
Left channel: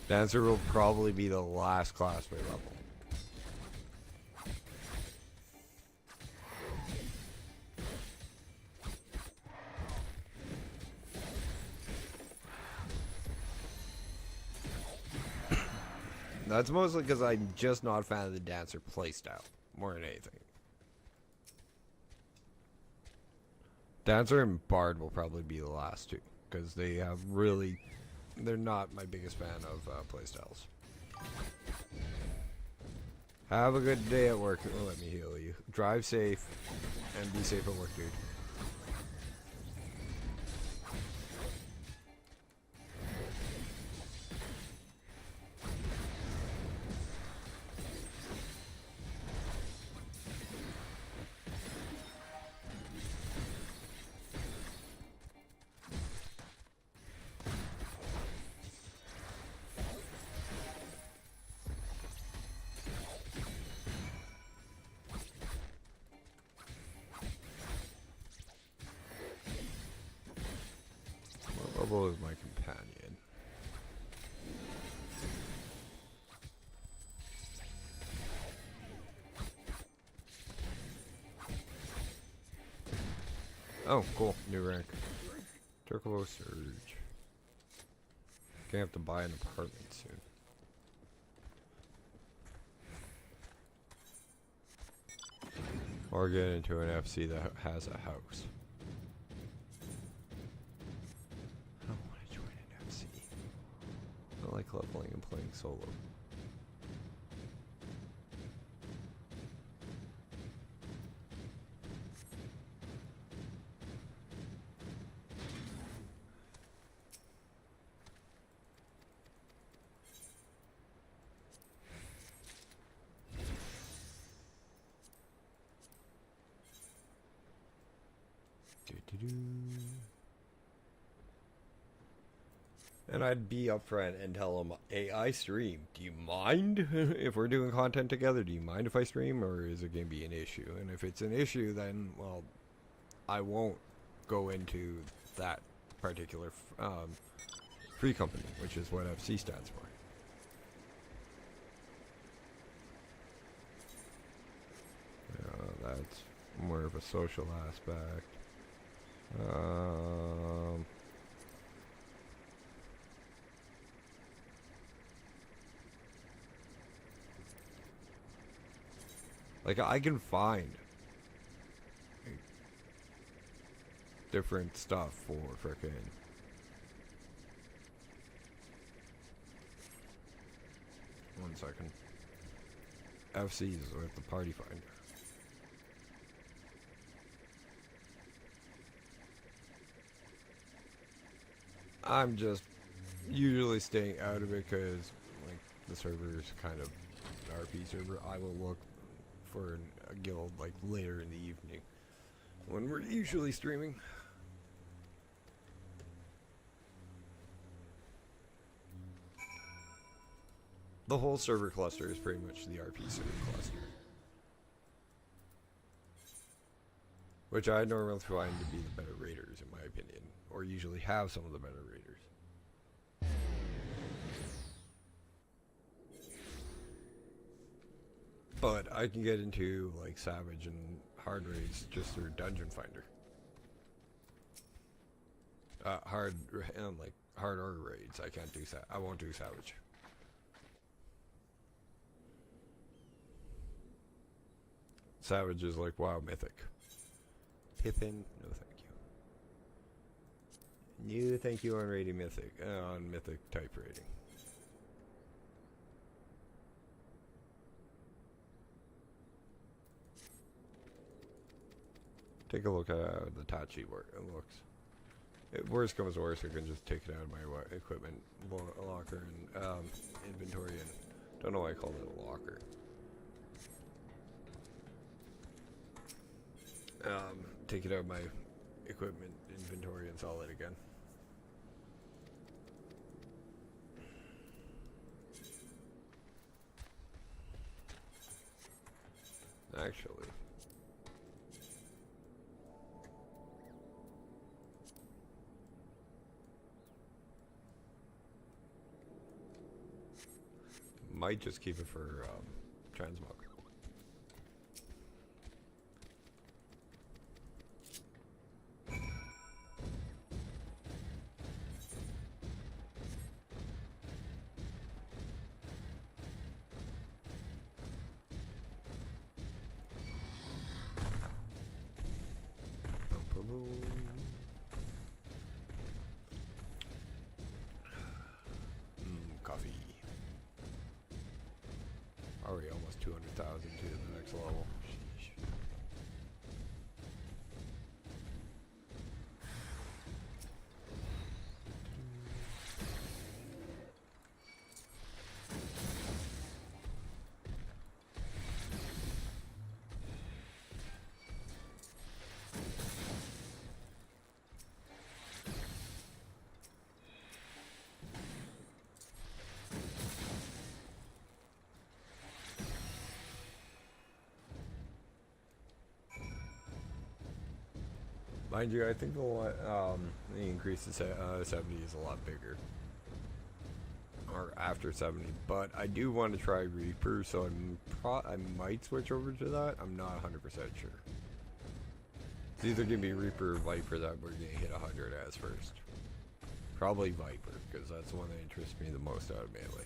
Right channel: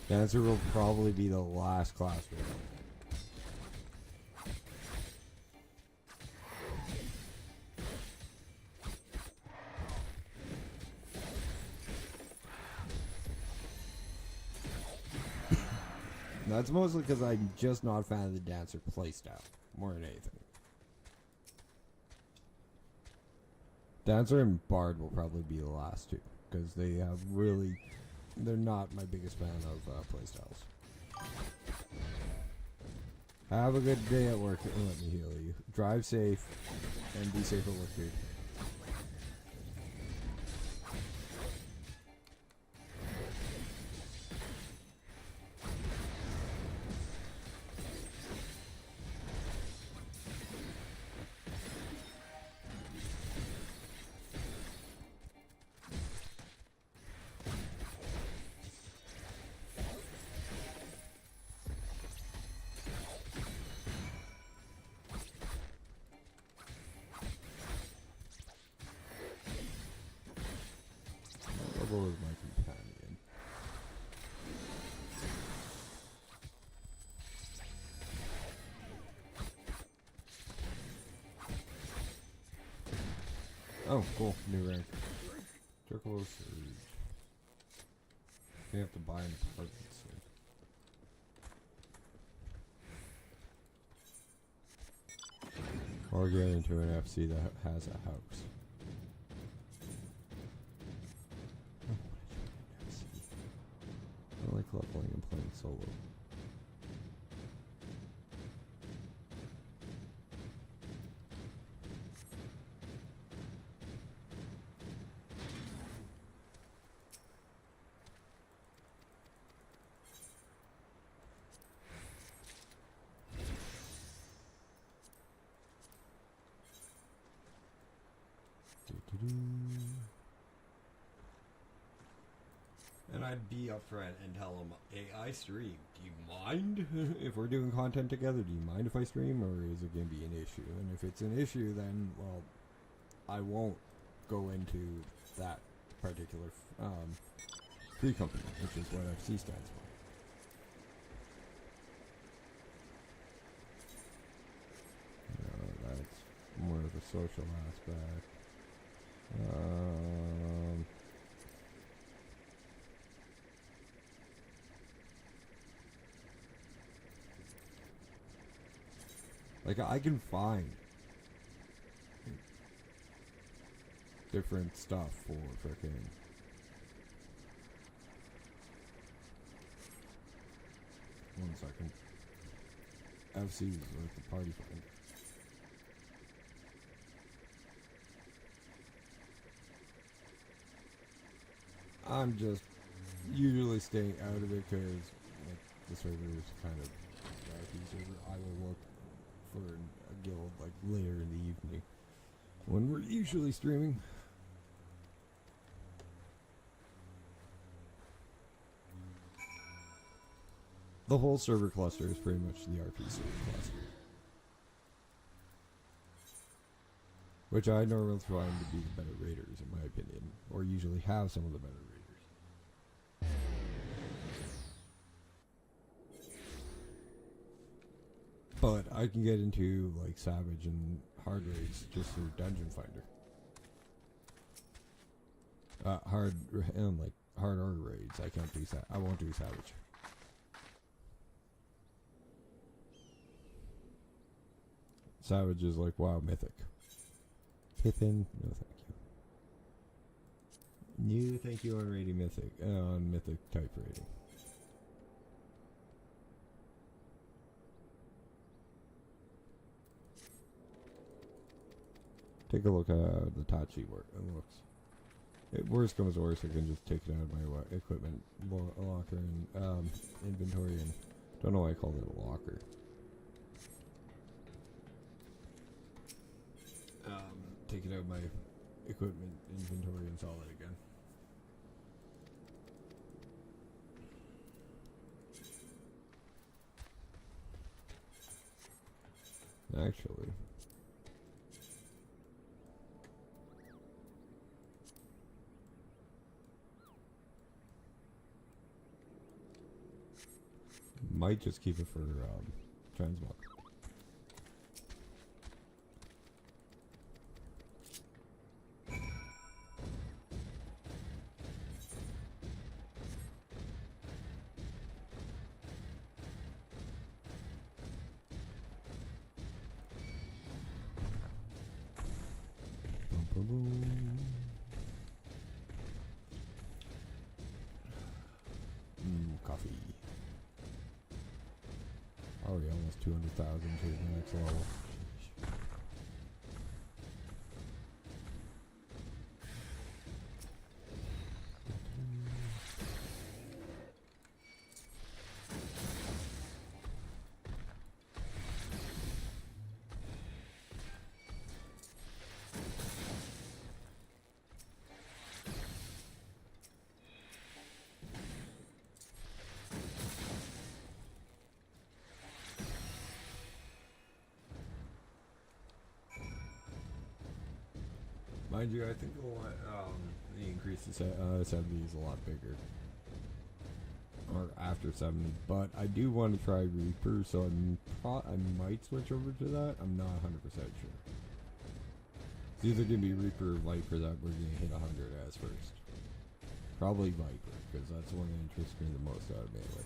Dancer will probably be the last class we level. That's mostly because I'm just not a fan of the dancer playstyle, more than anything. Dancer and Bard will probably be the last two, because they have really, they're not my biggest fan of playstyles. Have a good day at work, and let me heal you. Drive safe, and be safe at work, dude. Oh, cool. New rank. Turquoise Surge. Gonna have to buy an apartment soon. Or get into an FC that has a house. I like leveling and playing solo. And I'd be upfront and tell them, hey, I stream. Do you mind if we're doing content together? Do you mind if I stream, or is it going to be an issue? And if it's an issue, then, well, I won't go into that particular free company, which is what FC stands for. That's more of a social social aspect. Like, I can find different stuff for frickin' one second. FC is with the party finder. I'm just usually staying out of it because the server is kind of an RP server. I will look for a guild like later in the evening when we're usually streaming. The whole server cluster is pretty much the RP server cluster, which I normally find to be the better raiders, in my opinion, or usually have some of the better raiders. But I can get into like Savage and hard raids just through Dungeon Finder. Hard order raids. I can't do I won't do Savage. Savage is like WoW Mythic. Pippin, no thank you. No thank you on rating Mythic, on Mythic type rating. Take a look at how the Tachi looks. Worst comes to worst, I can just take it out of my equipment locker and inventory, and don't know why I called it a locker. Take it out of my equipment inventory and sell it again. Actually, might just keep it for transmog. Coffee. Already almost 200,000 to the next level. Mind you, I think the increase to 70 is a lot bigger. Or after 70. But I do want to try Reaper, so I might switch over to that. I'm not 100% sure. It's either going to be Reaper or Viper that we're going to hit 100 as first. Probably Viper, because that's the one that interests me the most out of melee.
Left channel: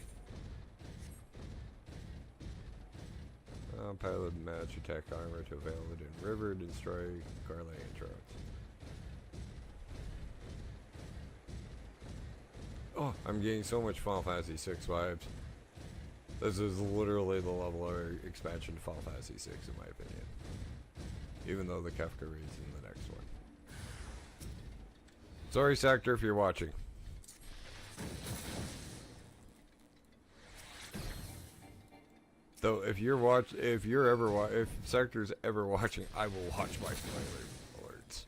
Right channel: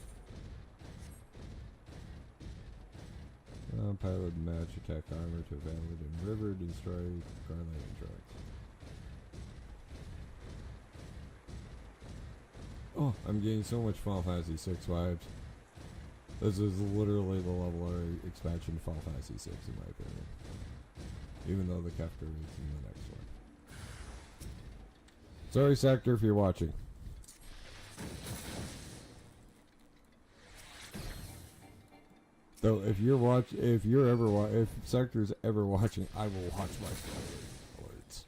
Pilot match attack armor to valid in river, destroy correlating trucks. Oh, I'm getting so much Final Fantasy VI vibes. This is literally the level of expansion to Final Fantasy VI in my opinion. Even though the Kefka is in the next one. Sorry, Sector, if you're watching. So if if Sector's ever watching, I will watch my words.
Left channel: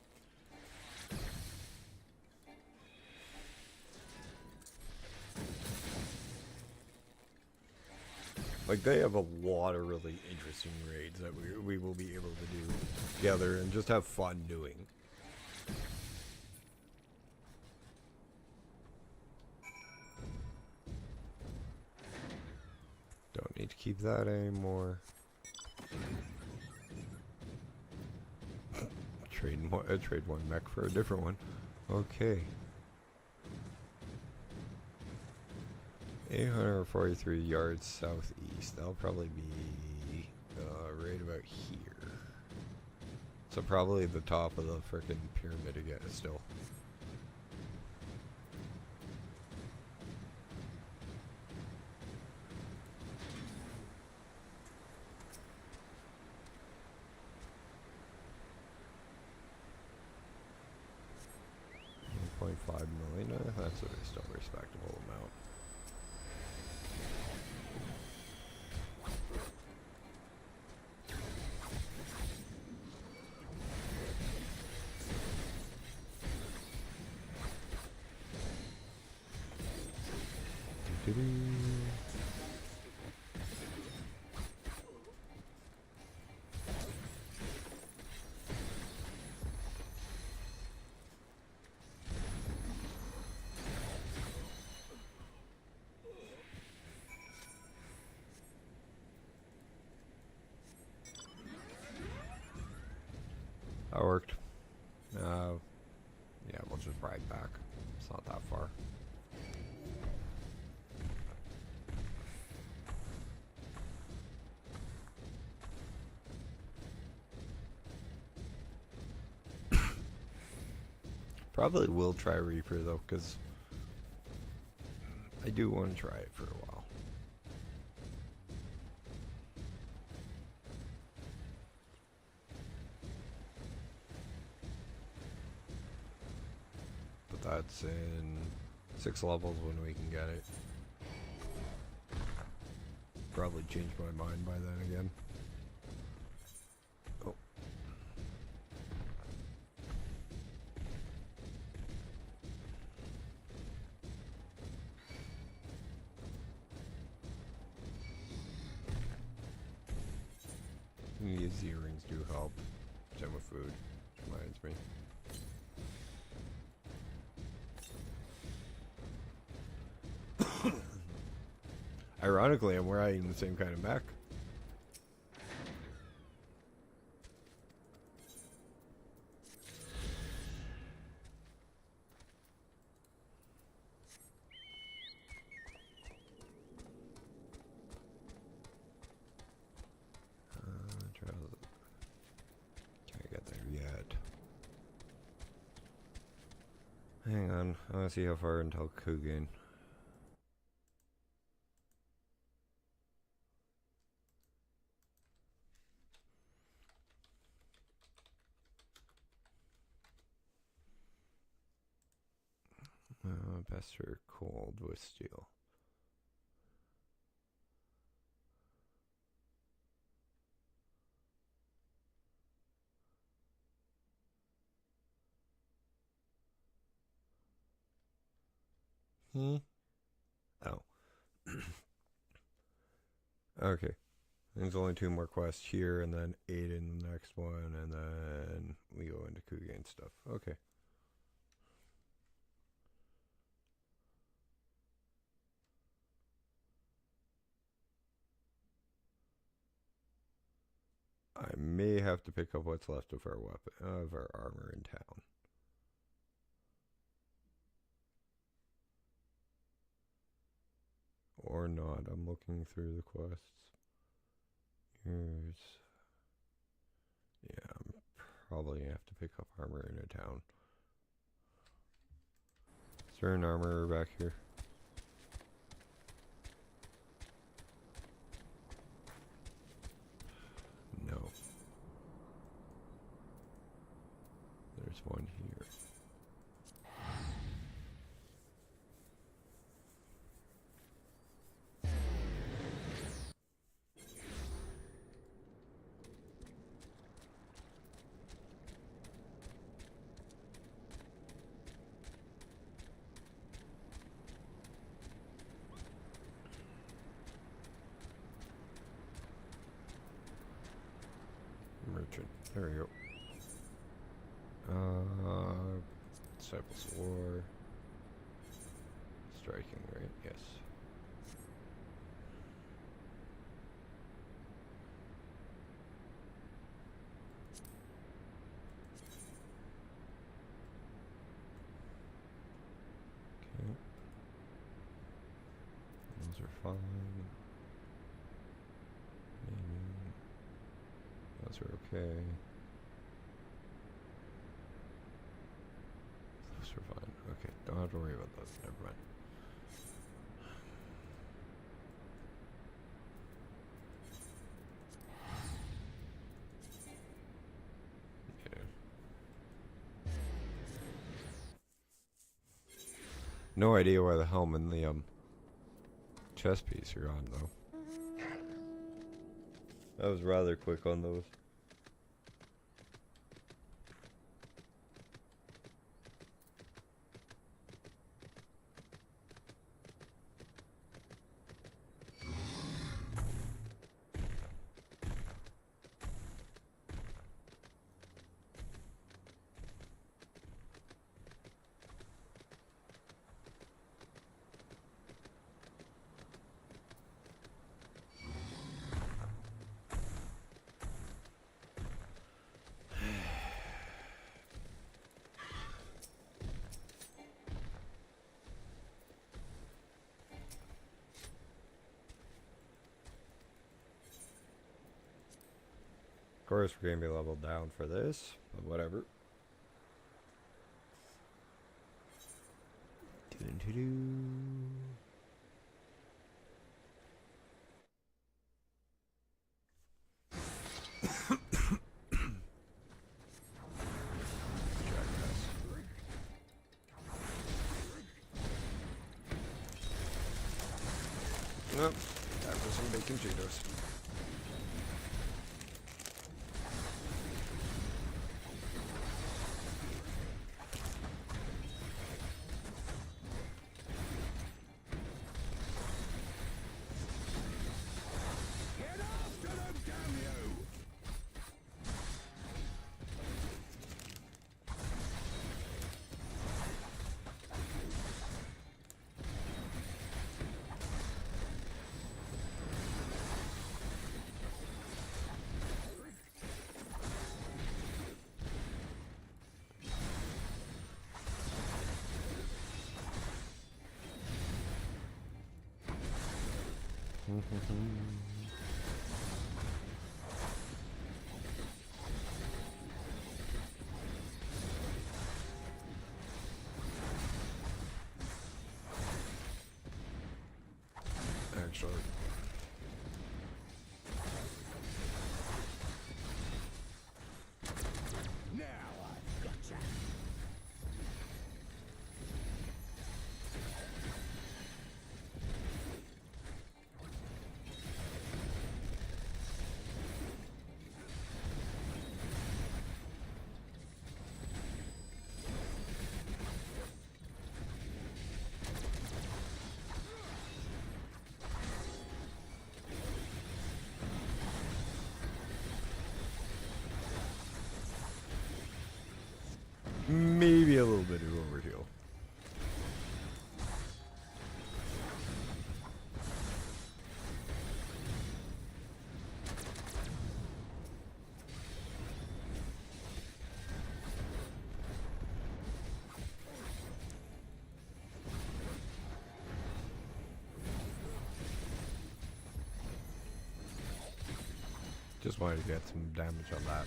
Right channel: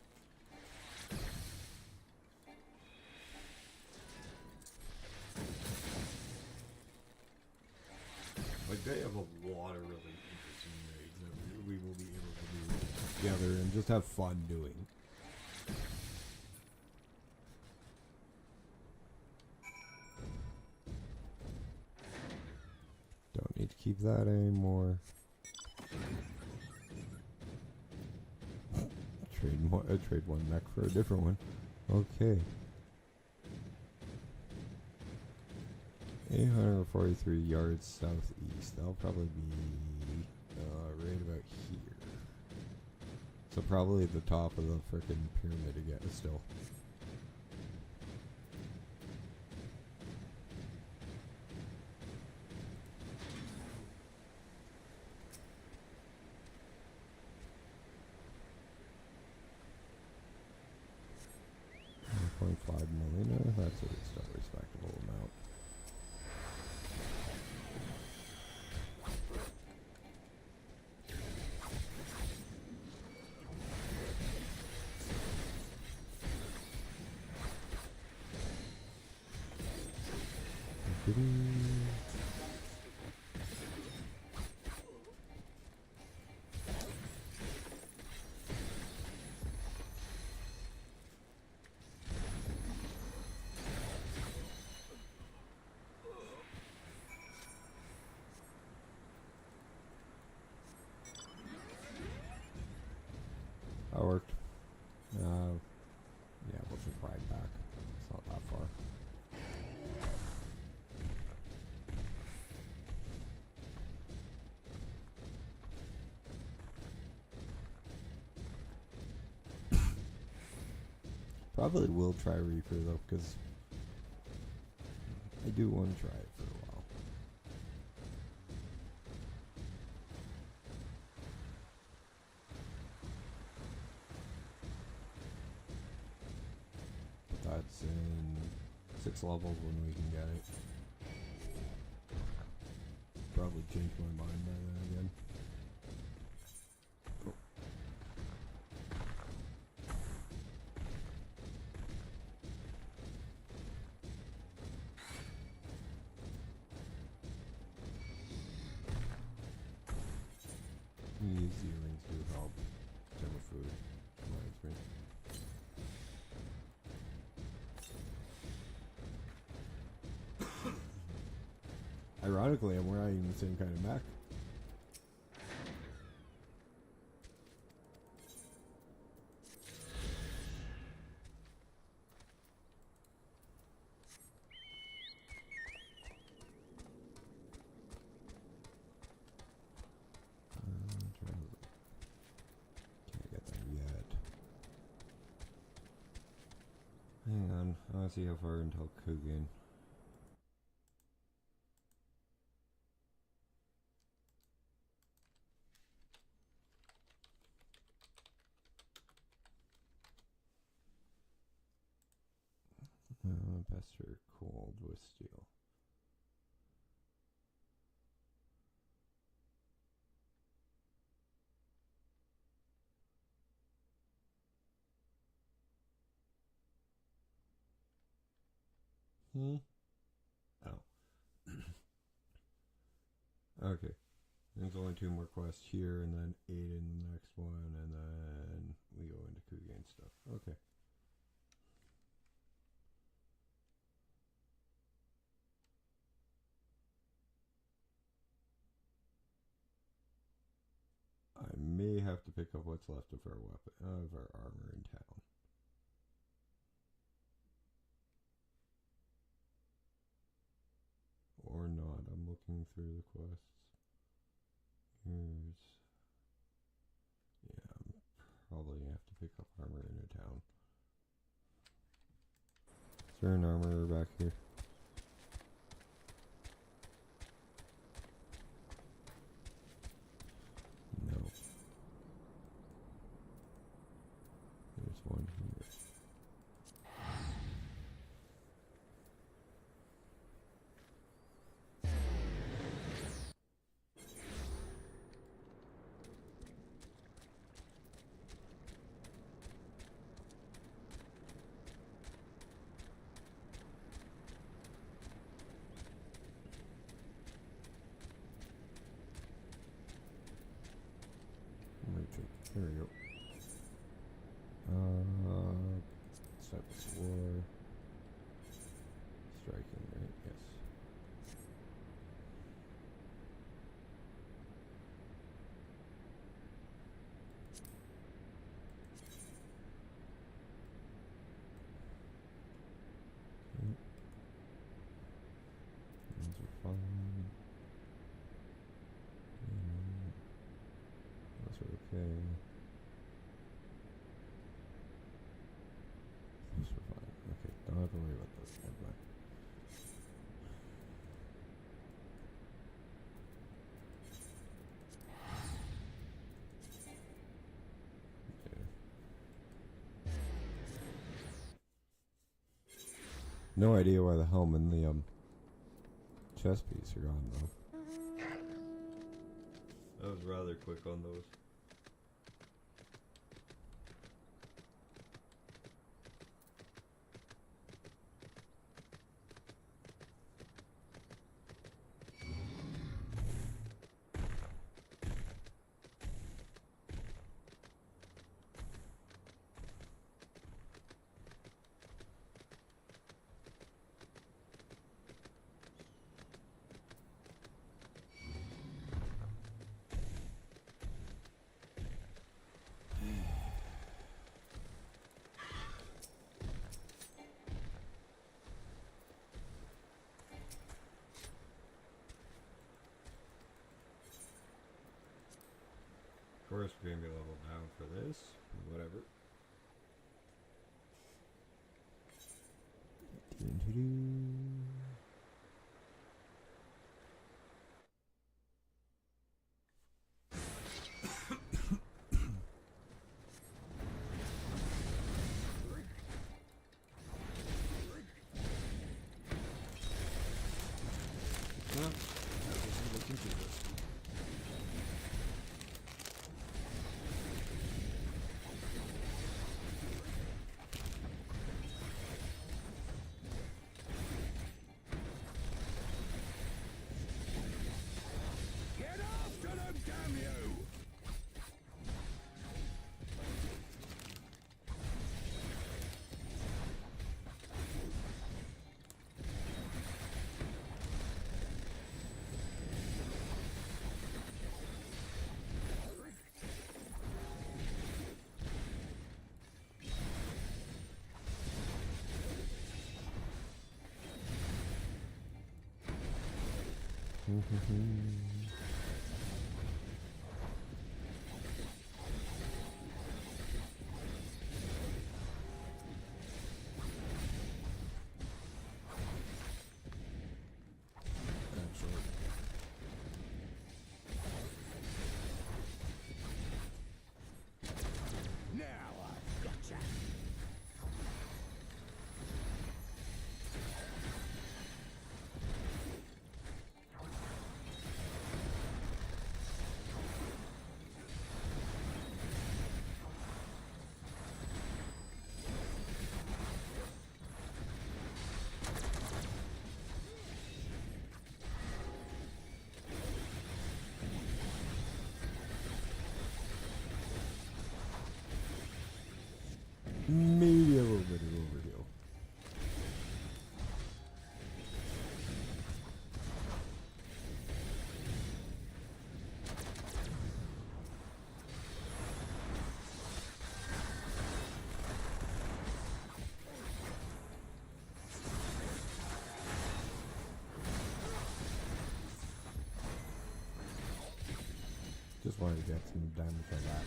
Like, they have a lot of really interesting raids that we will be able to do together and just have fun doing. Don't need to keep that anymore. I'd trade one mech for a different one. Okay. 843 yards southeast. That'll probably be right about here. So probably the top of the frickin' pyramid again still. That worked. Yeah, we'll just ride back. It's not that far. Probably will try Reaper though, because I do want to try it for a while. That's in 6 levels when we can get it. Probably change my mind by then again. Oh. These earrings do help. Same with food. Reminds me. Ironically, I'm wearing the same kind of mech. Can't get there yet. Hang on, I want to see how far until Kugane. Pester cold with steel. Oh. Okay. There's only 2 more quests here, and then 8 in the next one, and then we go into Kugane stuff. Okay. I may have to pick up what's left of our weapon, of our armor in town. Or not. I'm looking through the quests. Here's... Yeah, I'm probably gonna have to pick up armor in a town. Is there an armorer back here? No. There's one here. Okay. Those are fine. Okay, don't have to worry about those. Never mind. No idea why the helm and the chest piece are on though. That was rather quick on those. Of course, we're gonna be leveled down for this, but whatever. Maybe a little bit of overkill. Just wanted to get some damage on that.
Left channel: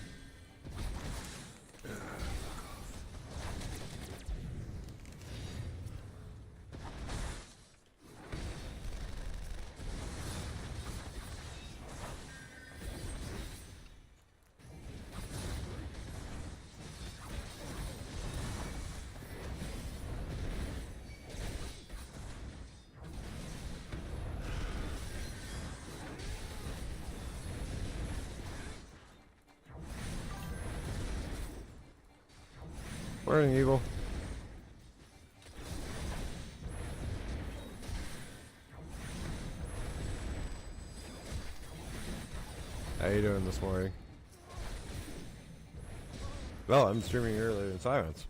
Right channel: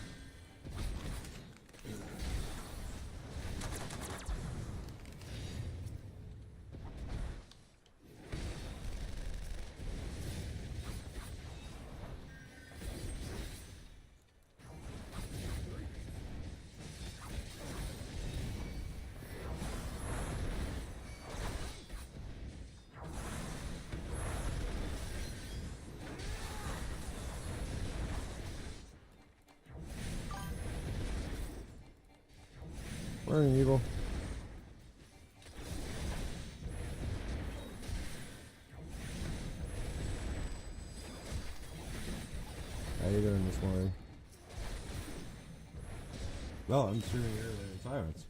Morning, Evil. How you doing this morning? Well, I'm streaming earlier in silence.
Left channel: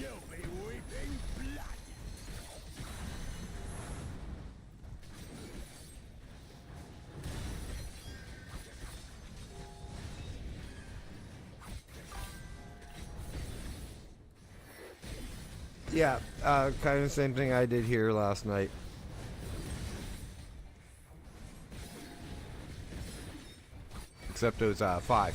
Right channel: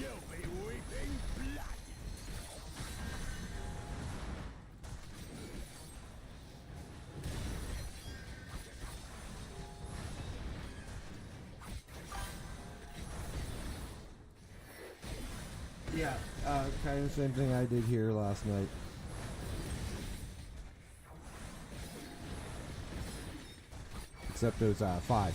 You'll be weeping blood. Yeah, kind of same thing I did here last night. Except it was 5.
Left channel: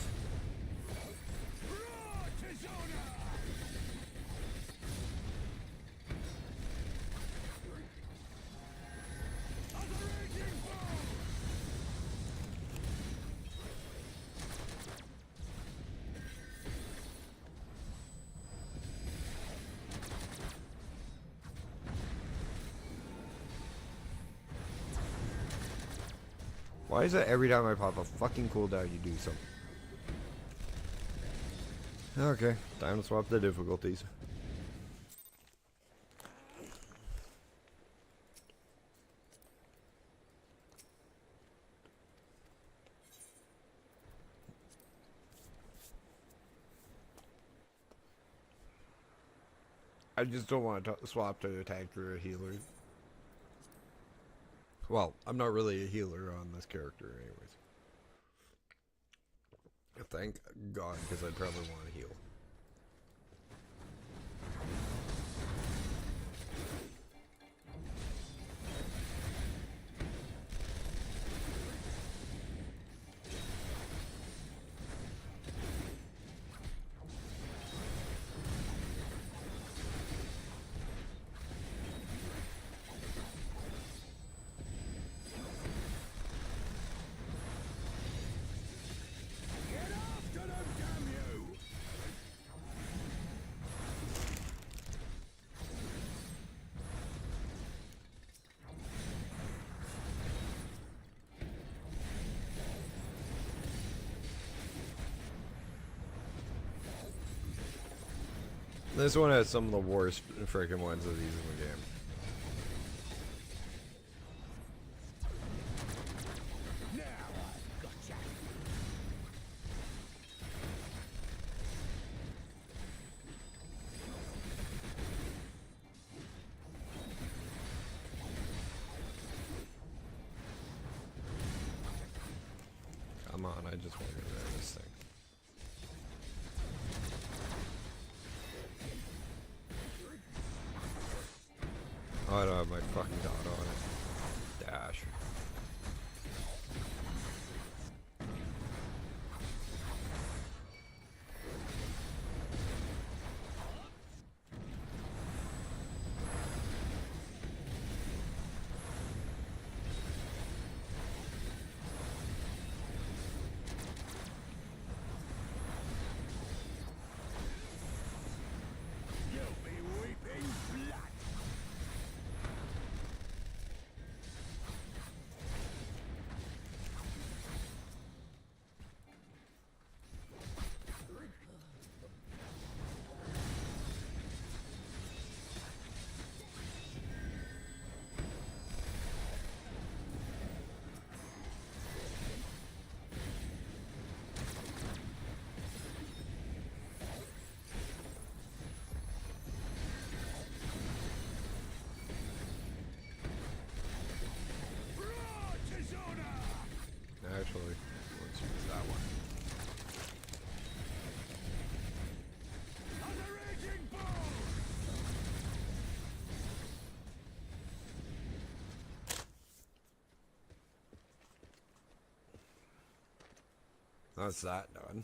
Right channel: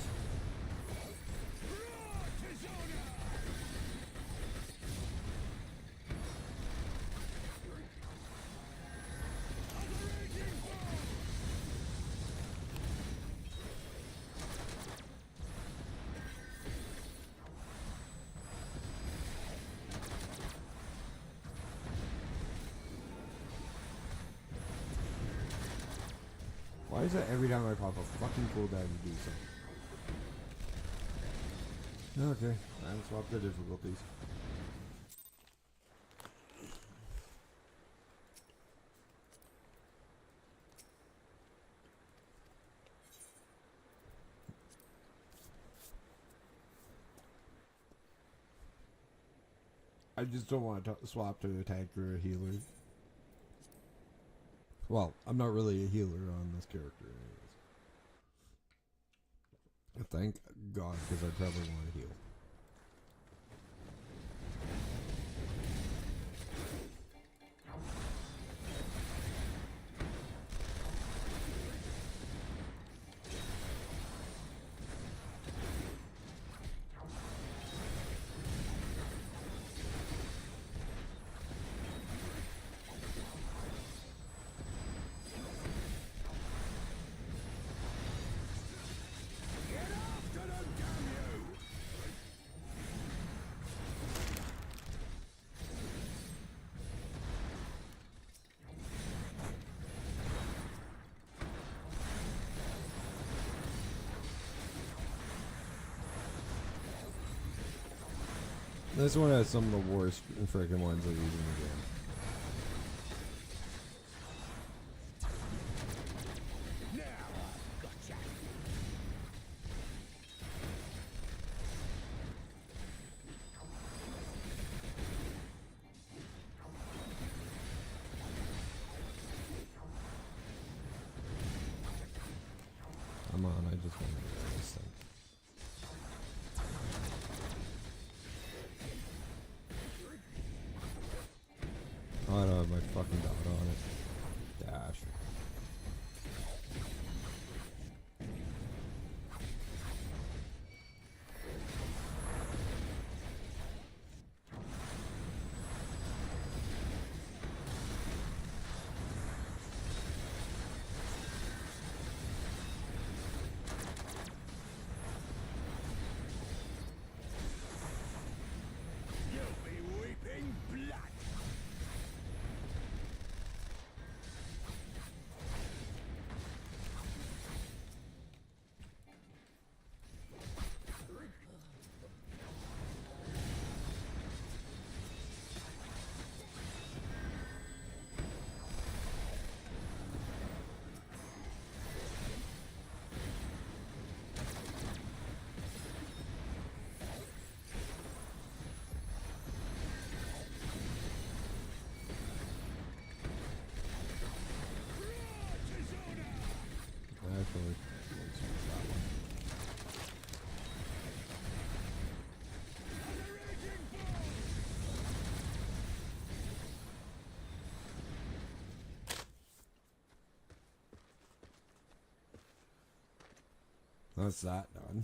Why is it every time I pop a fucking cooldown you do something? Okay, time to swap the difficulties. I just don't want to swap to a tank or a healer. Well, I'm not really a healer on this character anyways. Thank God, because I probably want to heal. This one has some of the worst freaking ones I've used in the game. Come on, I just want to get this thing. Oh, I don't have my fucking gun on it. Dash. You'll be weeping blood. Actually, that's that done.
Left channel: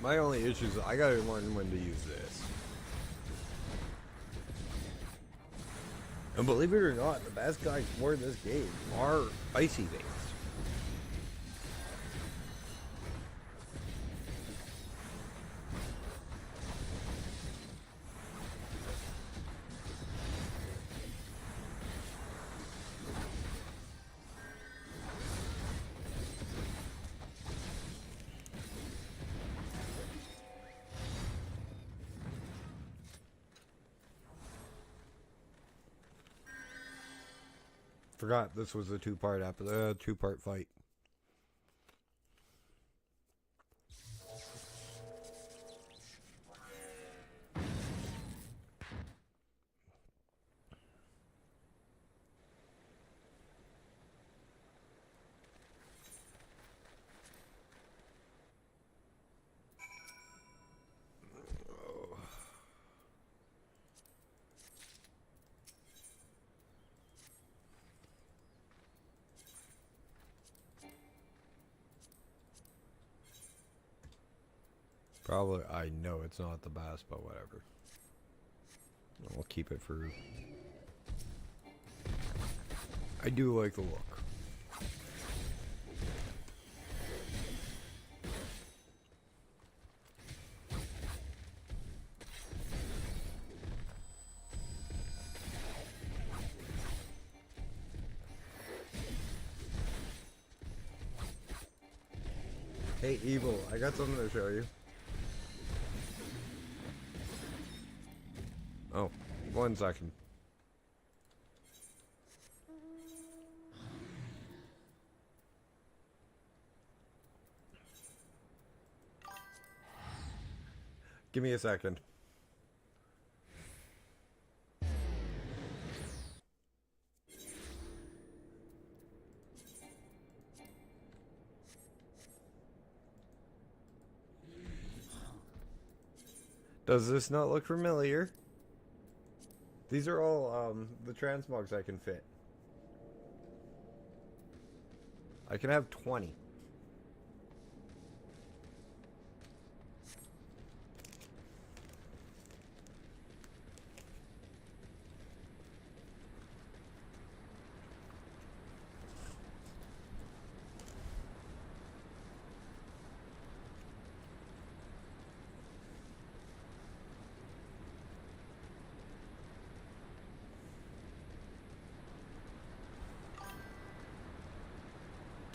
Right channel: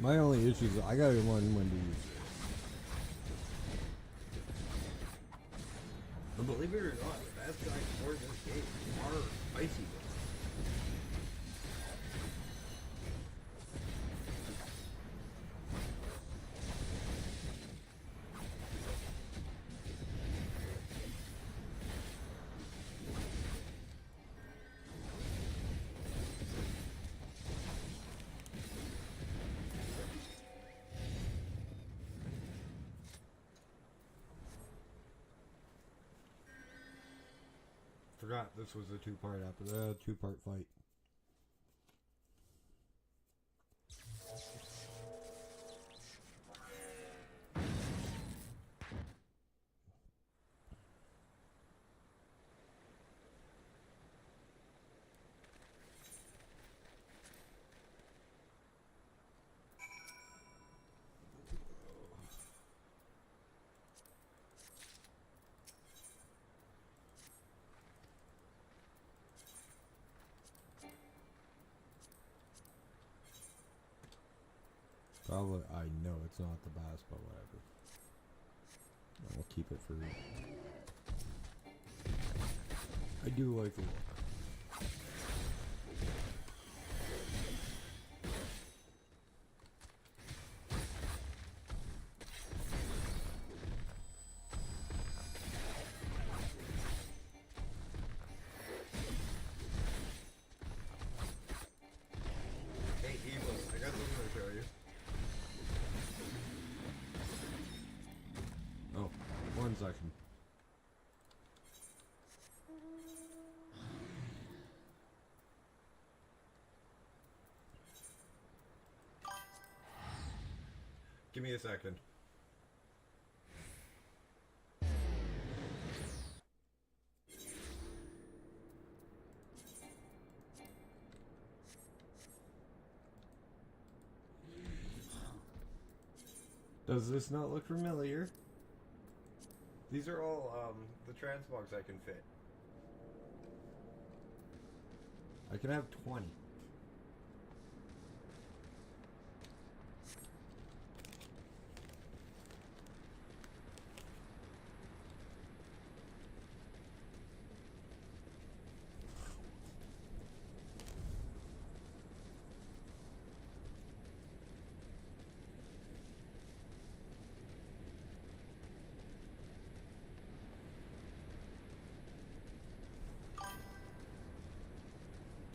My only issue is I gotta learn when to use this. And believe it or not, the best guys for this game are icy based. Forgot this was a two-part two-part fight. probably, I know it's not the best, but whatever. I'll keep it for... I do like the look. Hey, Evil, I got something to show you. Oh, 1 second. Give me a second. Does this not look familiar? These are all the transmogs I can fit. I can have 20.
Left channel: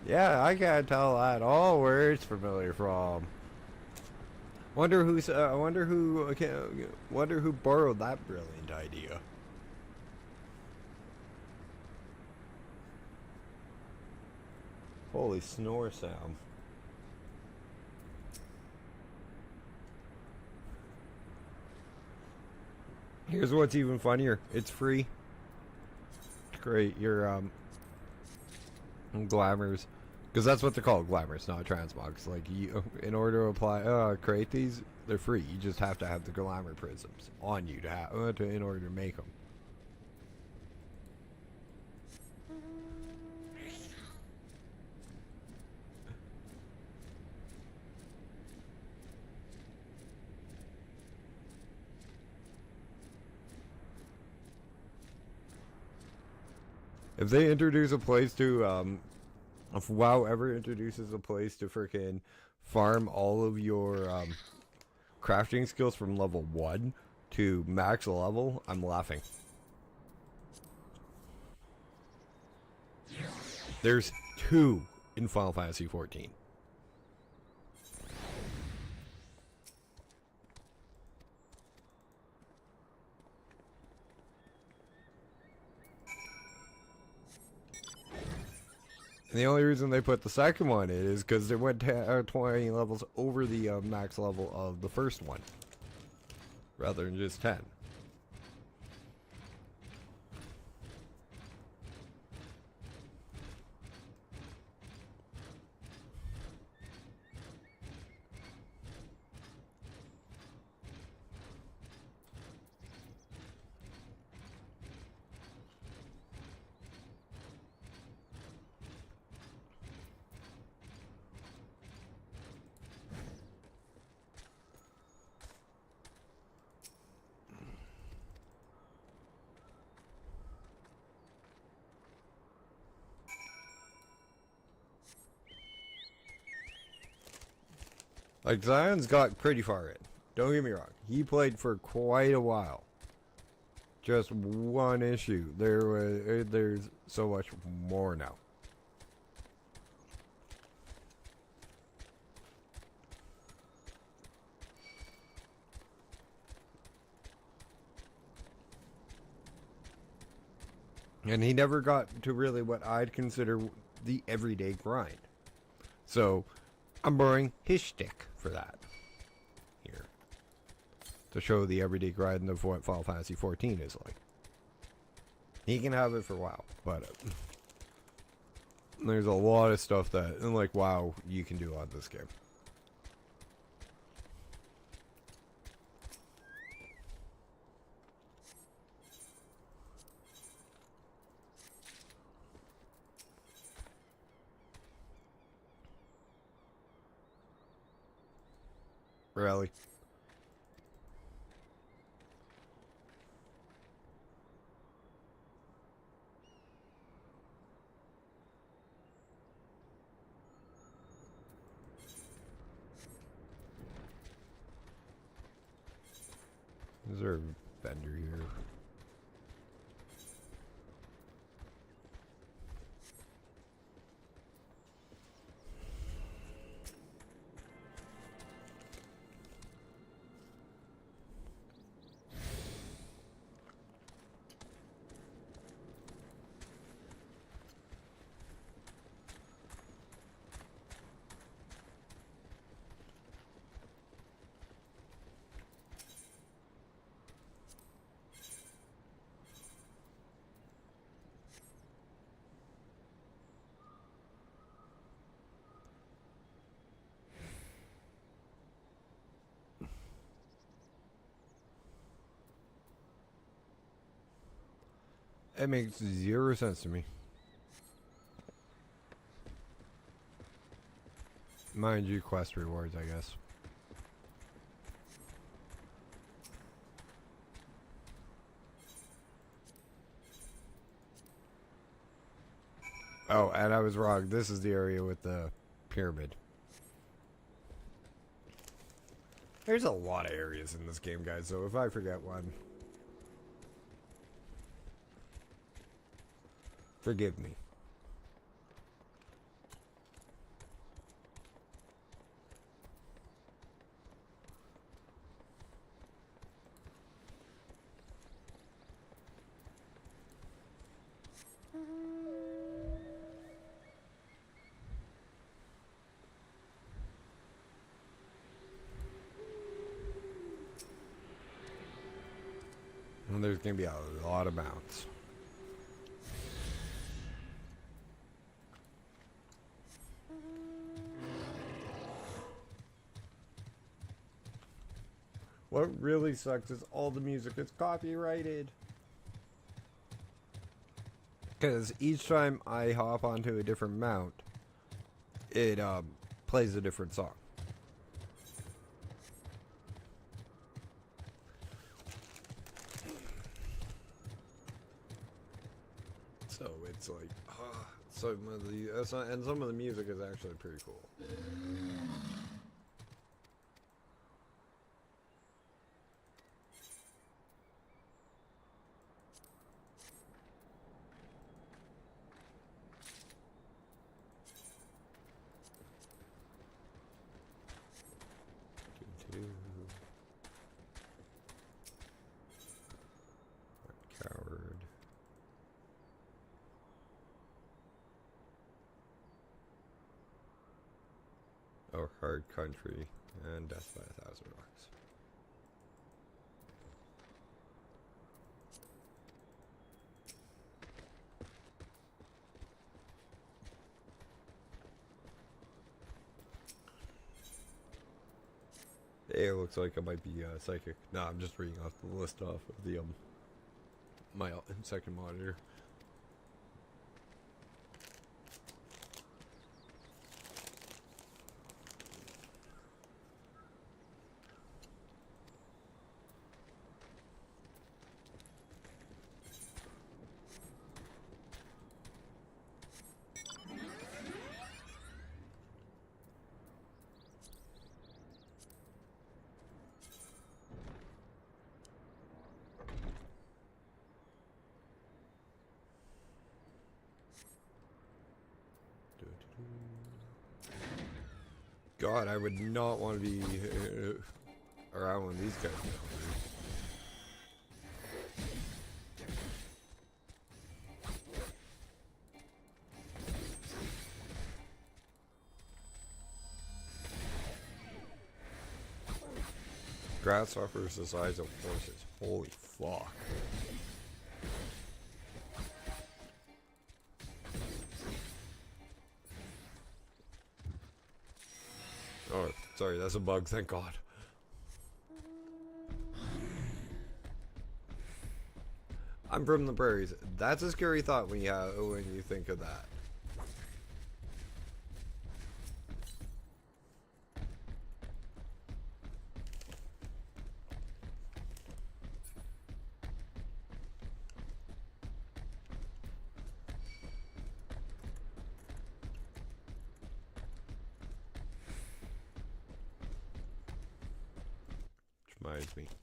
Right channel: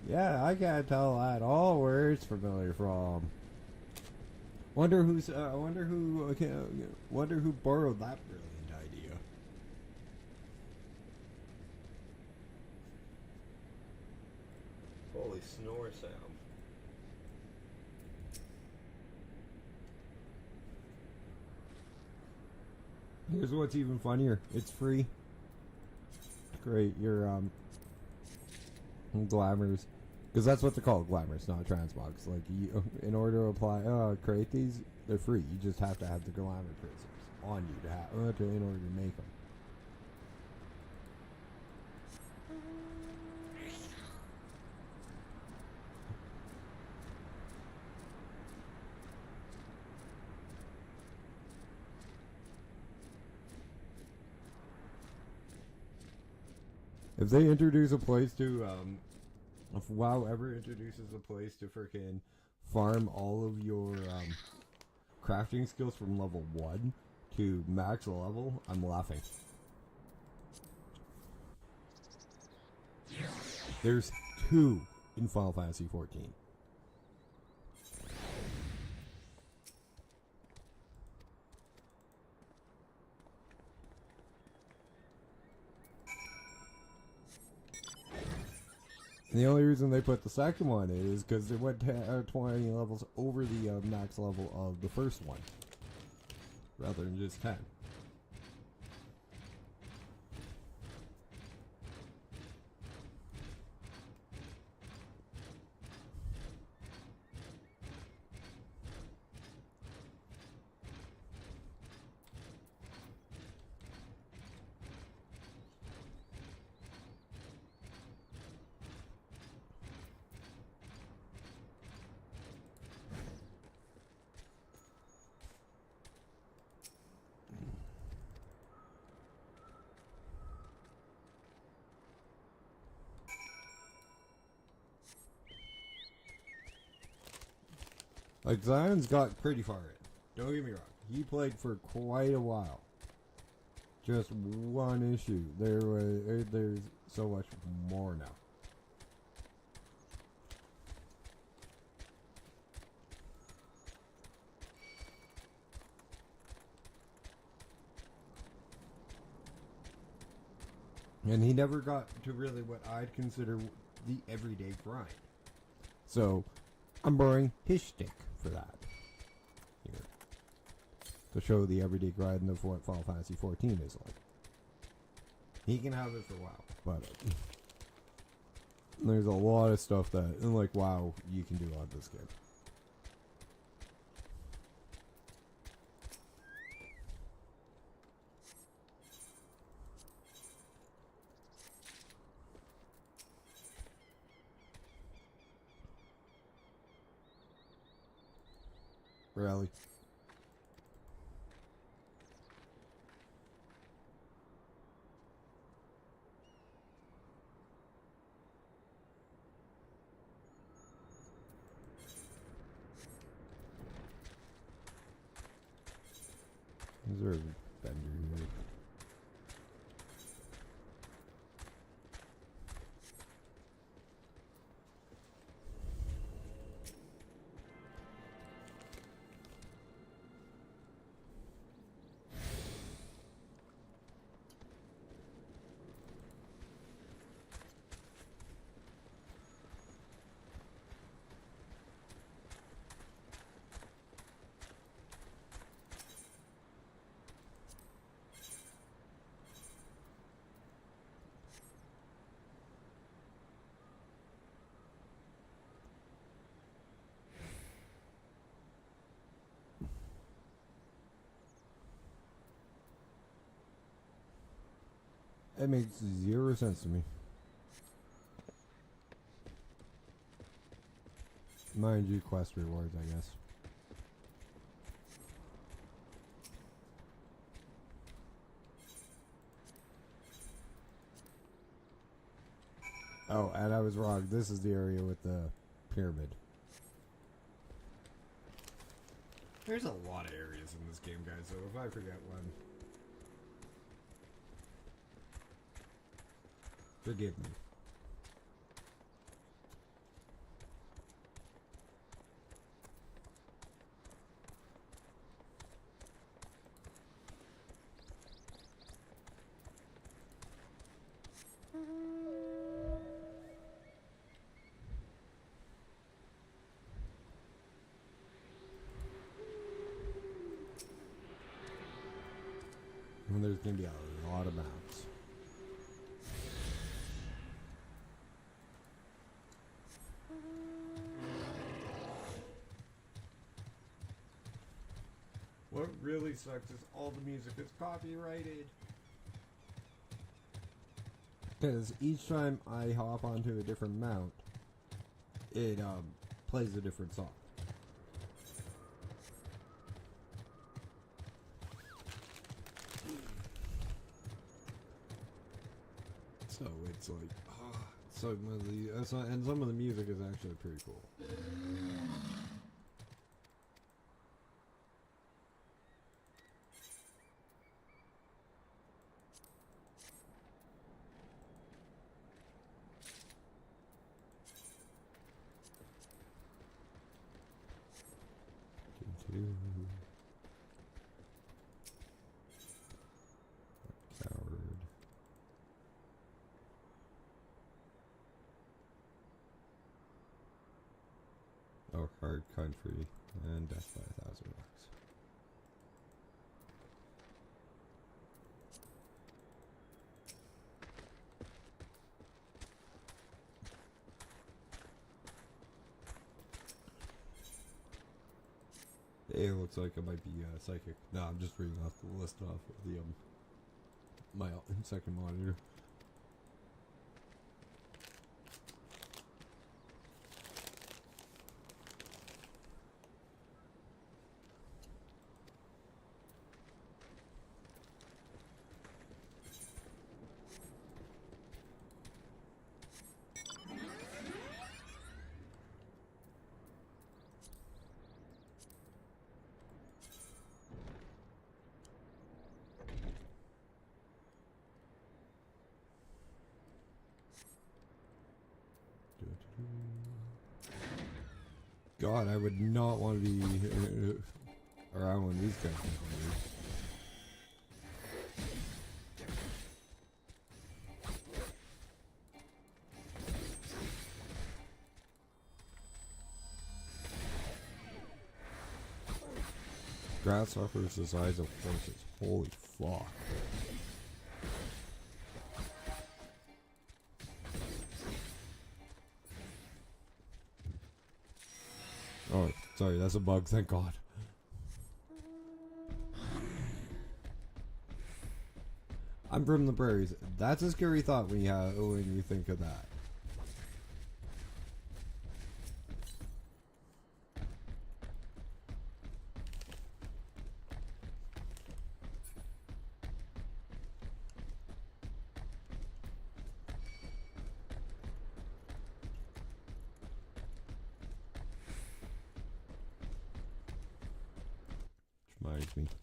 Yeah, I can't tell at all where it's familiar from. Wonder who borrowed that brilliant idea. Holy snore sound. Here's what's even funnier. It's free. Great, your glamours. Because that's what they're called, glamours, not transmogs. Like, you, in order to apply, create these, they're free. You just have to have the glamour prisms on you to have, in order to make them. If they introduce a place to, if WoW ever introduces a place to frickin' farm all of your crafting skills from level 1 to max level, I'm laughing. There's 2 in Final Fantasy XIV. And the only reason they put the second one is because it went 20 levels over the max level of the first one, rather than just 10. Like, Zion's got pretty far in. Don't get me wrong. He played for quite a while. Just one issue. There's so much more now. And he never got to really what I'd consider the everyday grind. So, I'm borrowing his shtick for that. Here. To show the everyday grind of what Final Fantasy XIV is like. He can have it for WoW, but there's a lot of stuff that, like WoW, you can do on this game. Really? Is there a vendor here? It makes 0 sense to me. Mind you, quest rewards, I guess. Oh, and I was wrong. This is the area with the pyramid. There's a lot of areas in this game, guys, so if I forget one, forgive me. And there's going to be a lot of mounts. What really sucks is all the music is copyrighted. Because each time I hop onto a different mount, it plays a different song. So it's like, and some of the music is actually pretty cool. Coward. Oh, Hard Country and Death by 1,000 Bucks. It looks like it might be psychic. No, I'm just reading off the list off of the my second monitor. God, I would not want to be around when these guys. Grasshoppers the size of horses. Holy fuck. Oh, sorry, that's a bug, thank God. I'm from the prairies. That's a scary thought when you think of that. against me.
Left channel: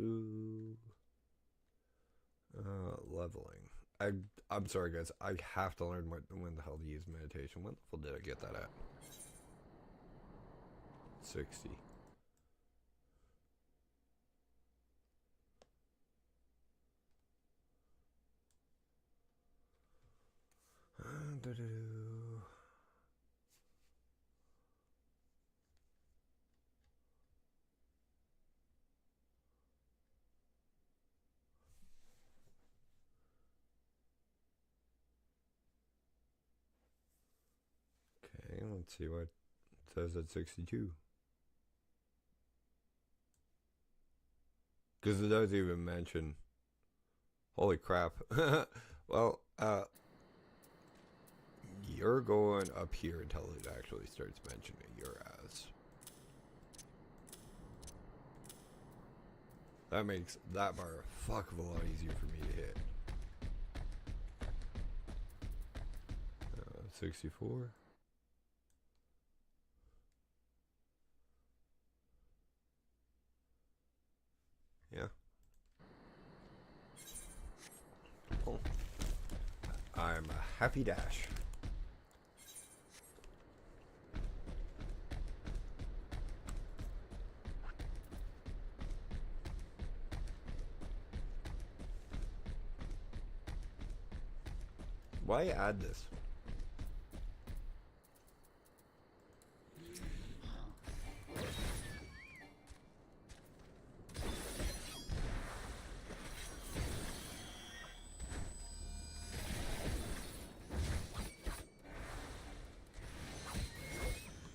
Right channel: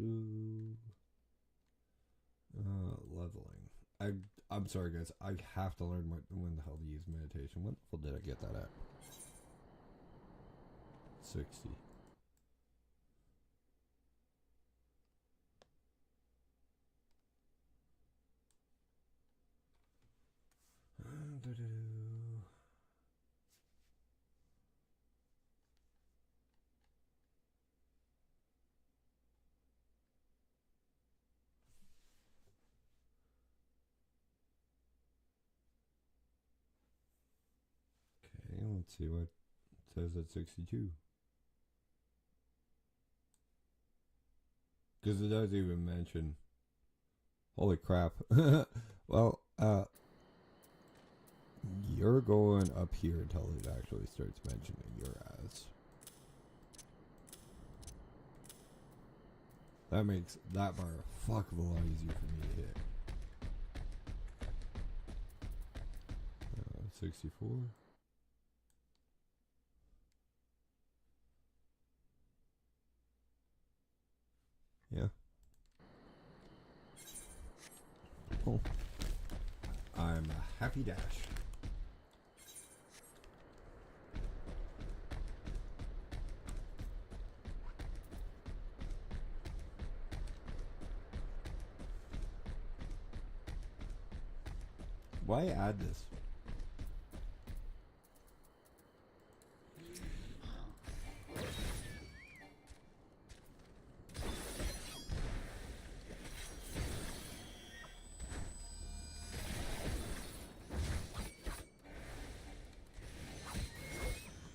Ooh. Leveling. I'm sorry, guys. I have to learn when the hell to use meditation. When the hell did I get that at? 60. Okay, let's see what it says at 62. Because it doesn't even mention. Holy crap. Well, you're going up here until it actually starts mentioning your ass. That makes that bar a fuck of a lot easier for me to hit. 64. Yeah. Cool. I'm a happy dash. Why add this?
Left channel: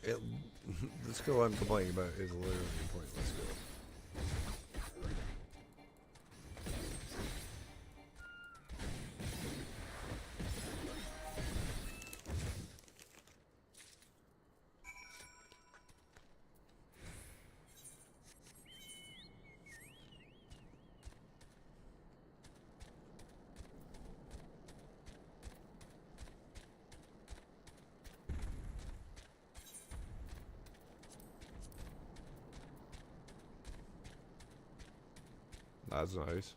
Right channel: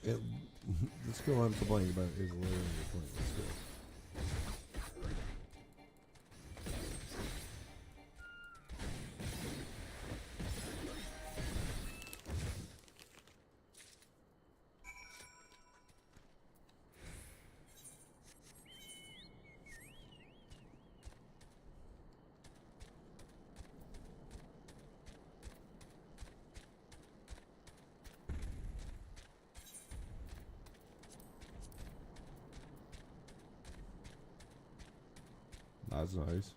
The skill I'm complaining about is literally just like this skill. That's nice.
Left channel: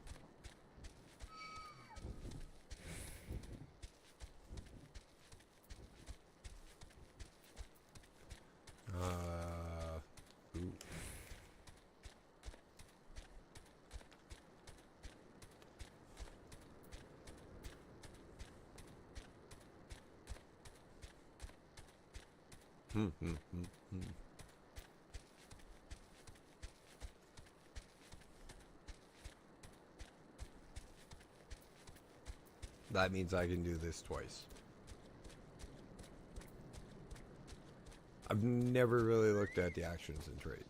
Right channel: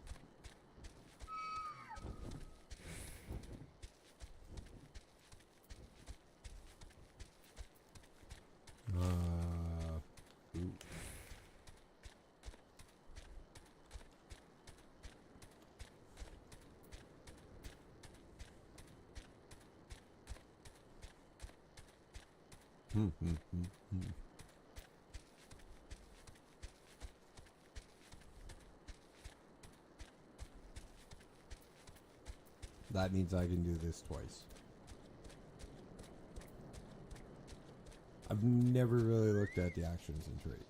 That means I can do this twice. I've never really looked at the actions and traits.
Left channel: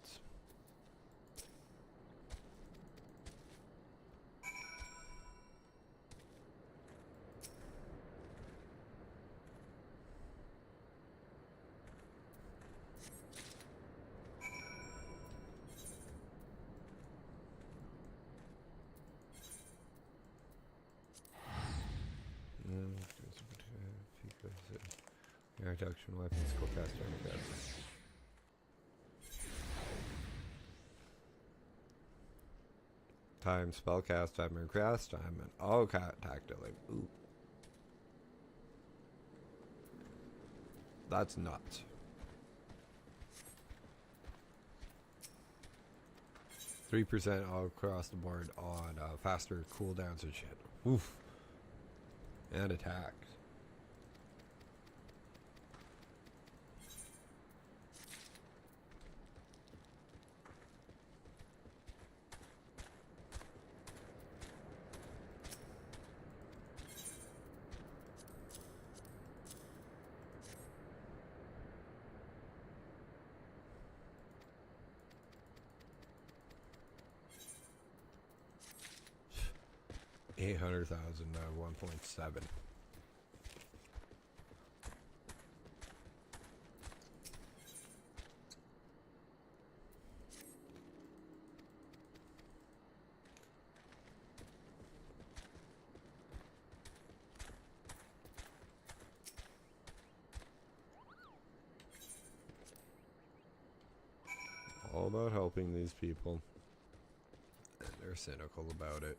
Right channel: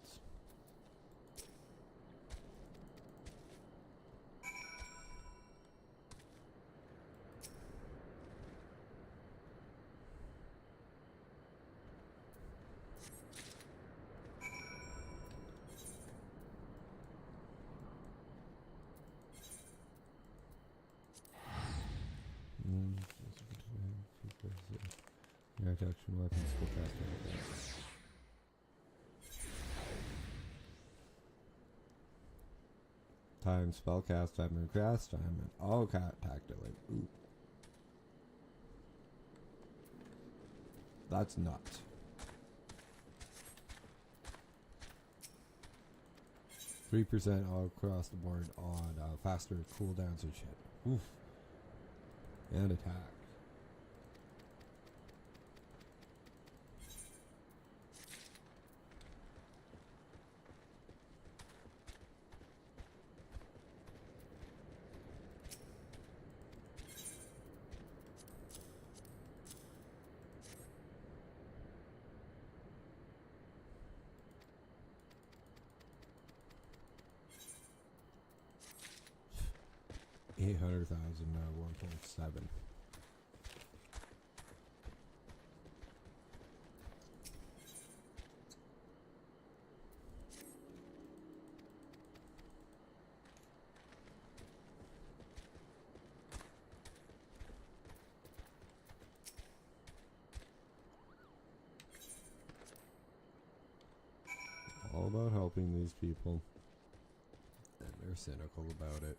Reduction weapons. Time spellcast, time recast, time and all attack delay. Ooh. That's nuts. 3% all across the board on faster cooldowns and shit. Oof. And attacks. $800,000 at 1.7. all about helping these people. And they're cynical about it.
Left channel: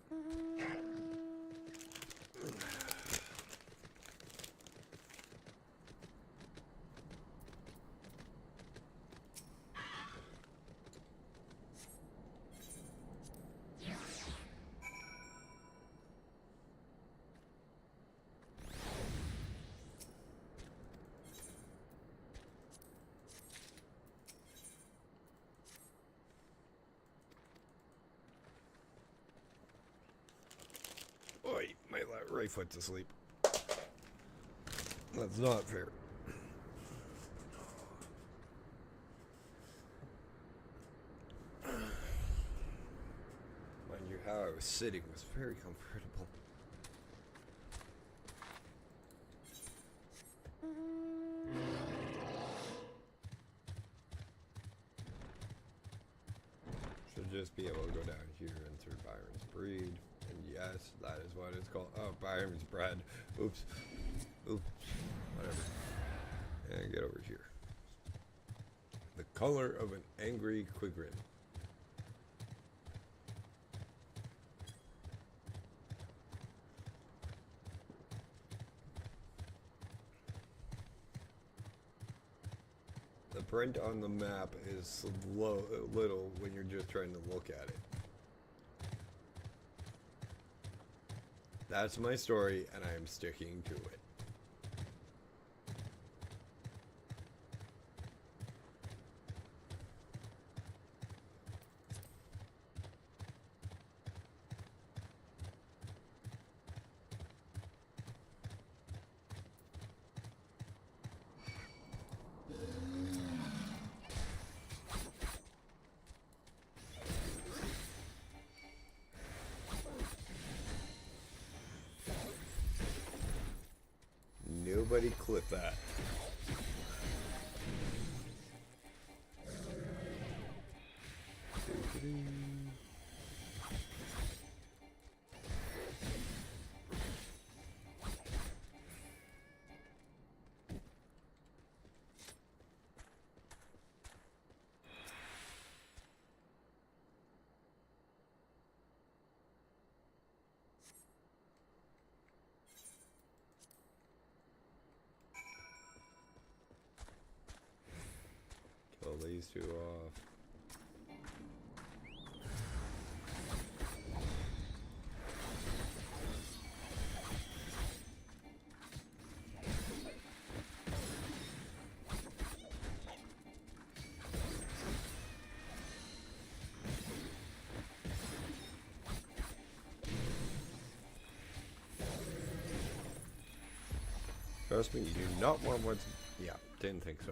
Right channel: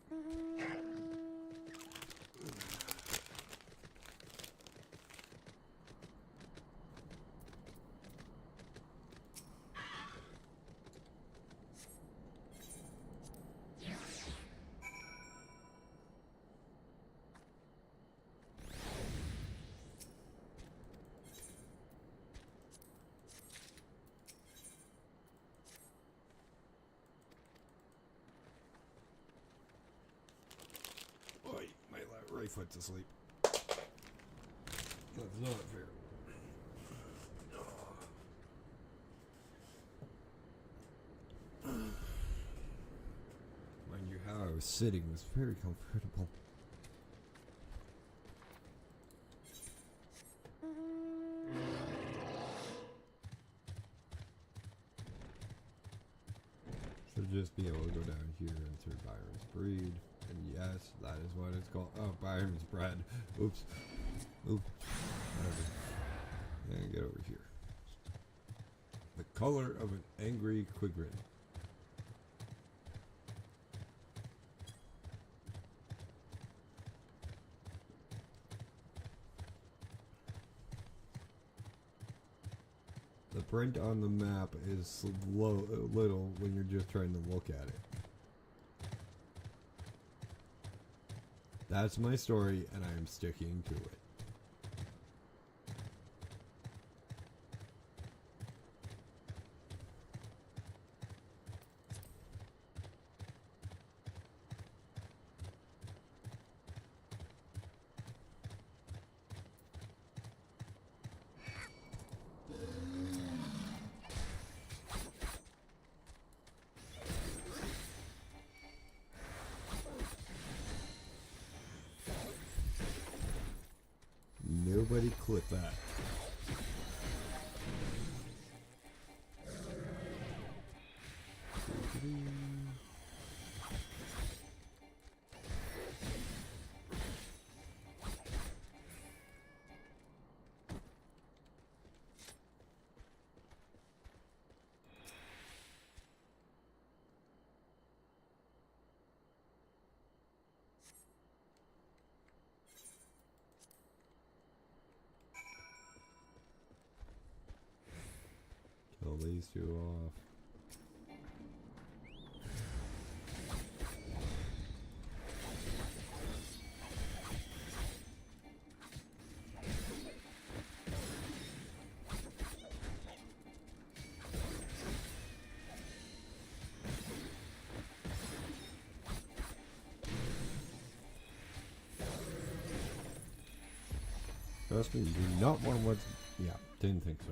Right foot's asleep. That's not fair. Mind you, how I was sitting was very comfortable. Should just be able to go down here and through Byron's breed. Yes, that is what it's called. Oh, Byron's bread. Oops. Oops. And get over here. The color of an angry Kugane. The print on the map is little when you're just trying to look at it. That's my story, and I'm sticking to it. Nobody clip that. Kill these two off. Trust me, you do not want what... Yeah, didn't think so.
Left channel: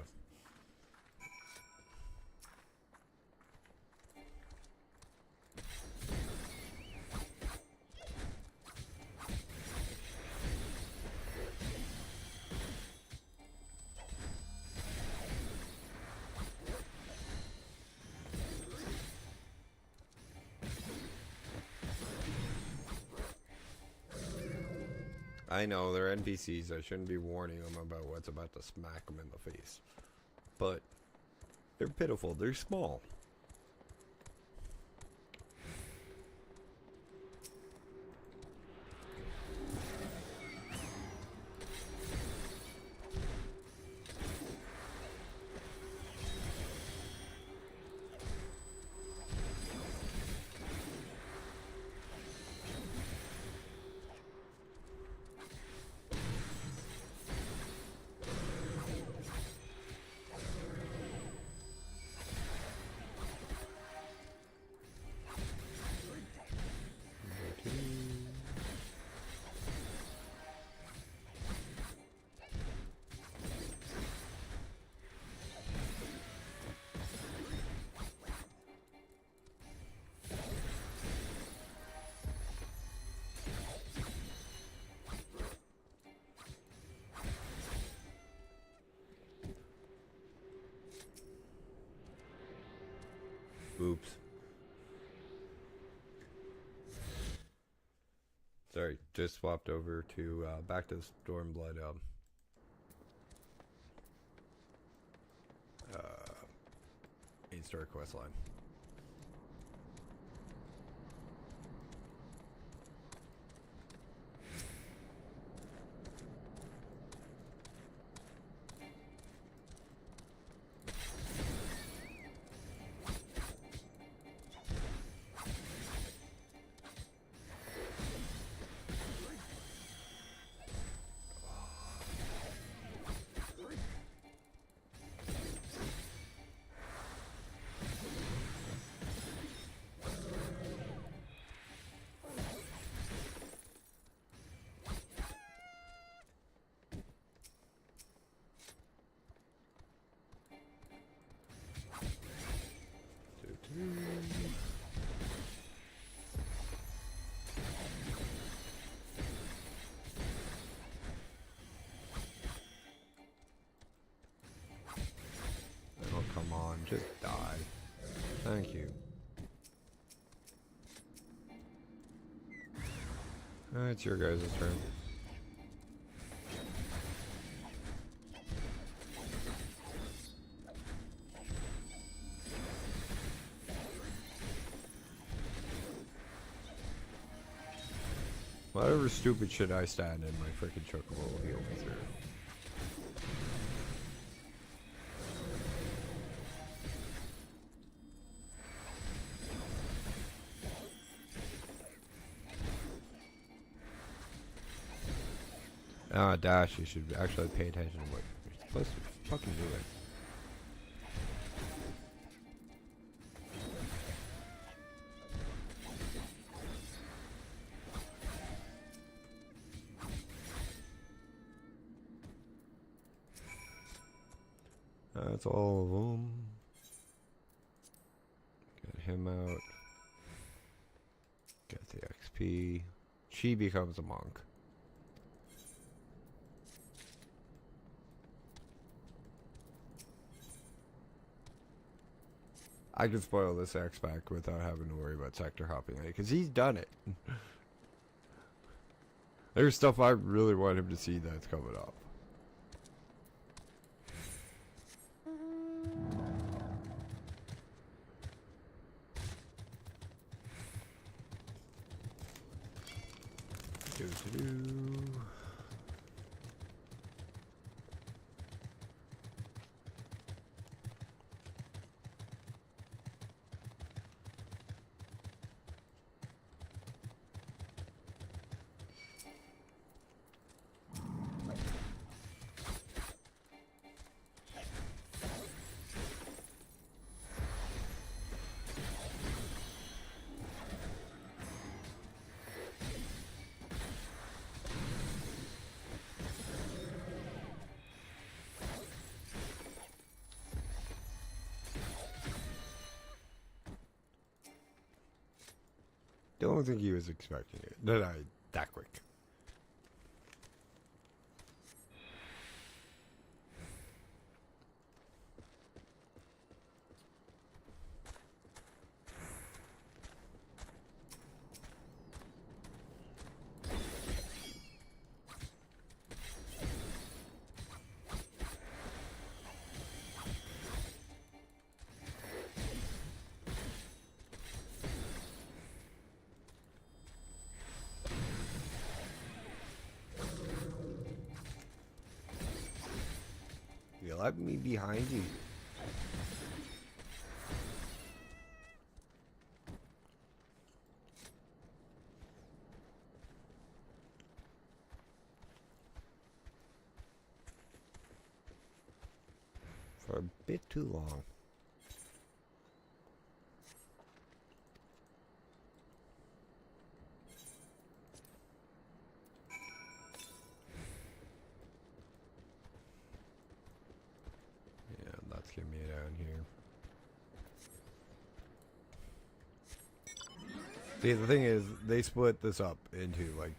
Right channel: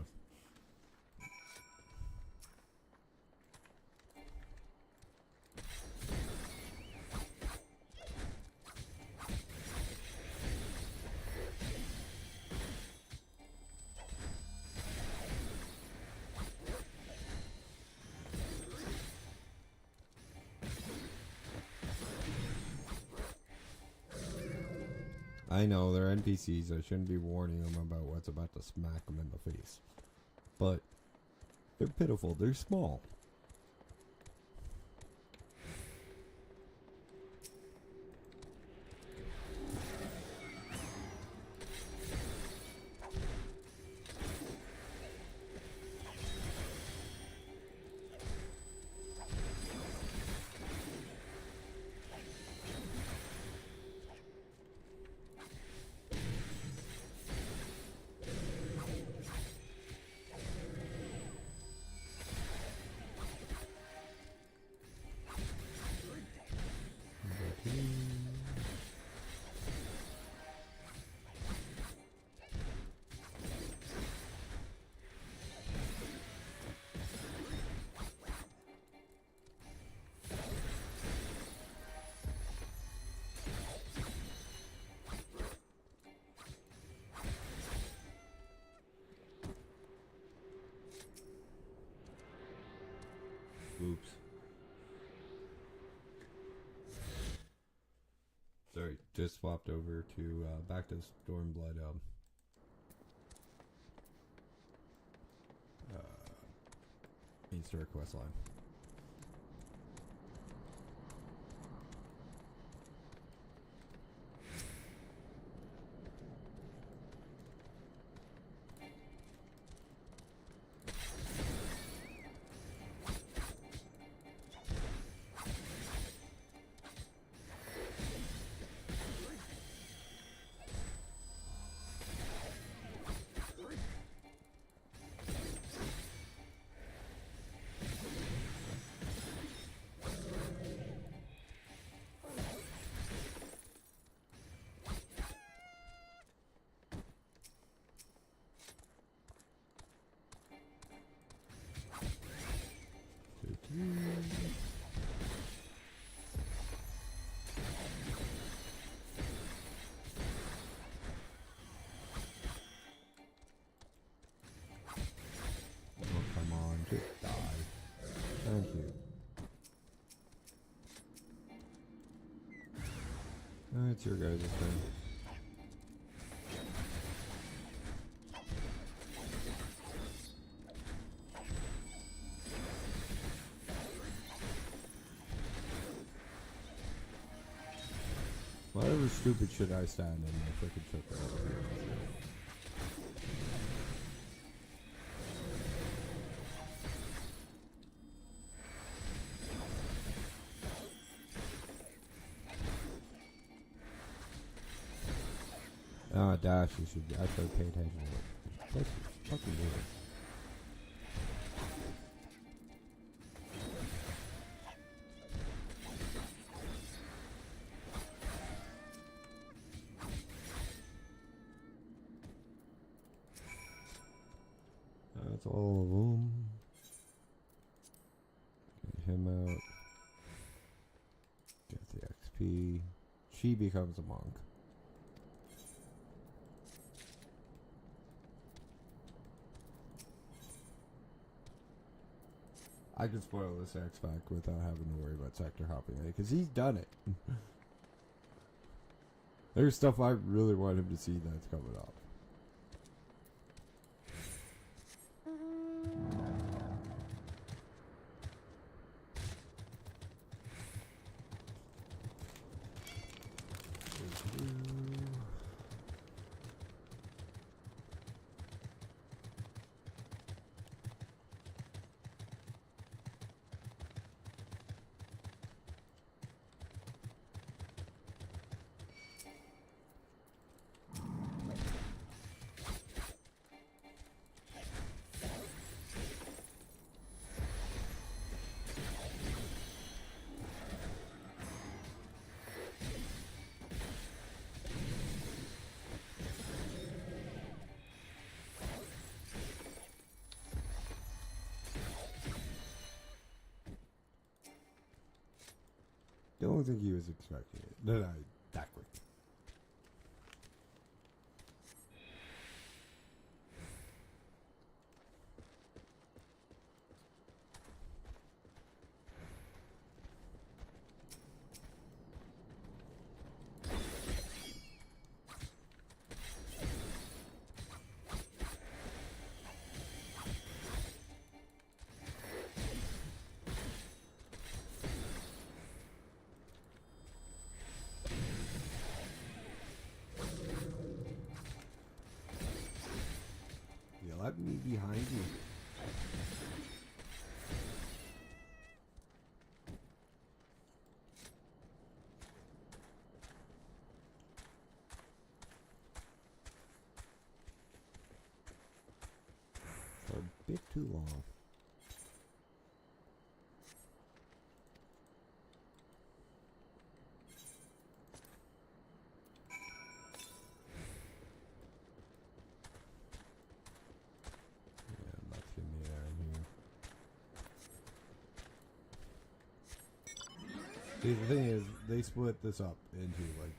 I know, they're NPCs, I shouldn't be warning them about what's about to smack them in the face. But, they're pitiful, they're small. Oops. Sorry, just swapped over to, back to Stormblood, it's start quest line. Come on, just die. Thank you. It's your guys' turn. Whatever stupid shit I stand in, my freaking choke. Ah, Dash, you should actually pay attention to what you're fucking doing. That's all of them. Get him out. Get the XP. She becomes a monk. I can spoil this X-Pack without having to worry about sector hopping, because he's done it. There's stuff I really want him to see that's coming up. Don't think he was expecting it. That quick. Let me behind you. For a bit too long. See, the thing is, they split this up into like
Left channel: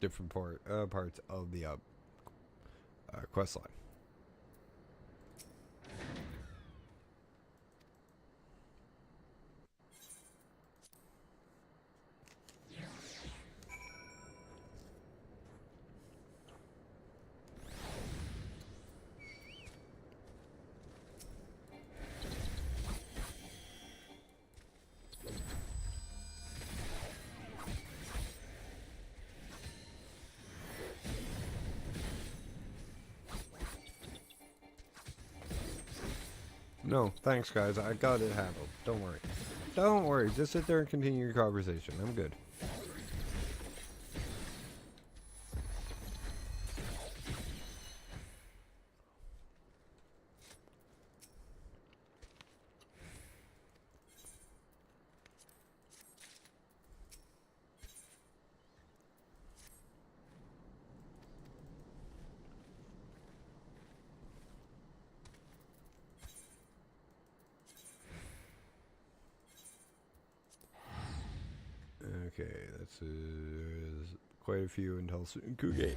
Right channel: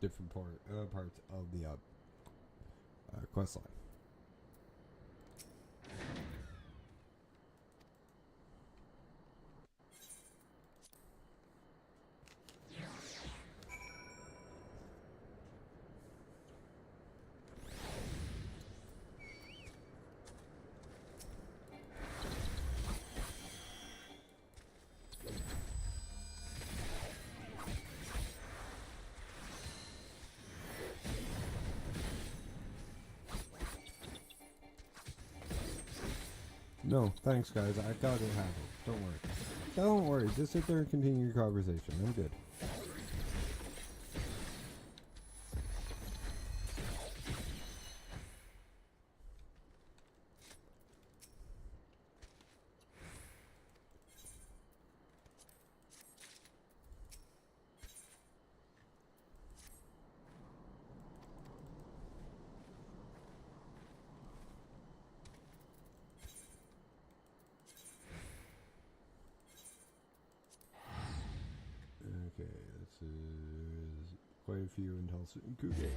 different parts of the quest line. No, thanks guys. I got it handled. Don't worry. Don't worry. Just sit there and continue your conversation. I'm good. Okay, that's quite a few until soon. Kugane.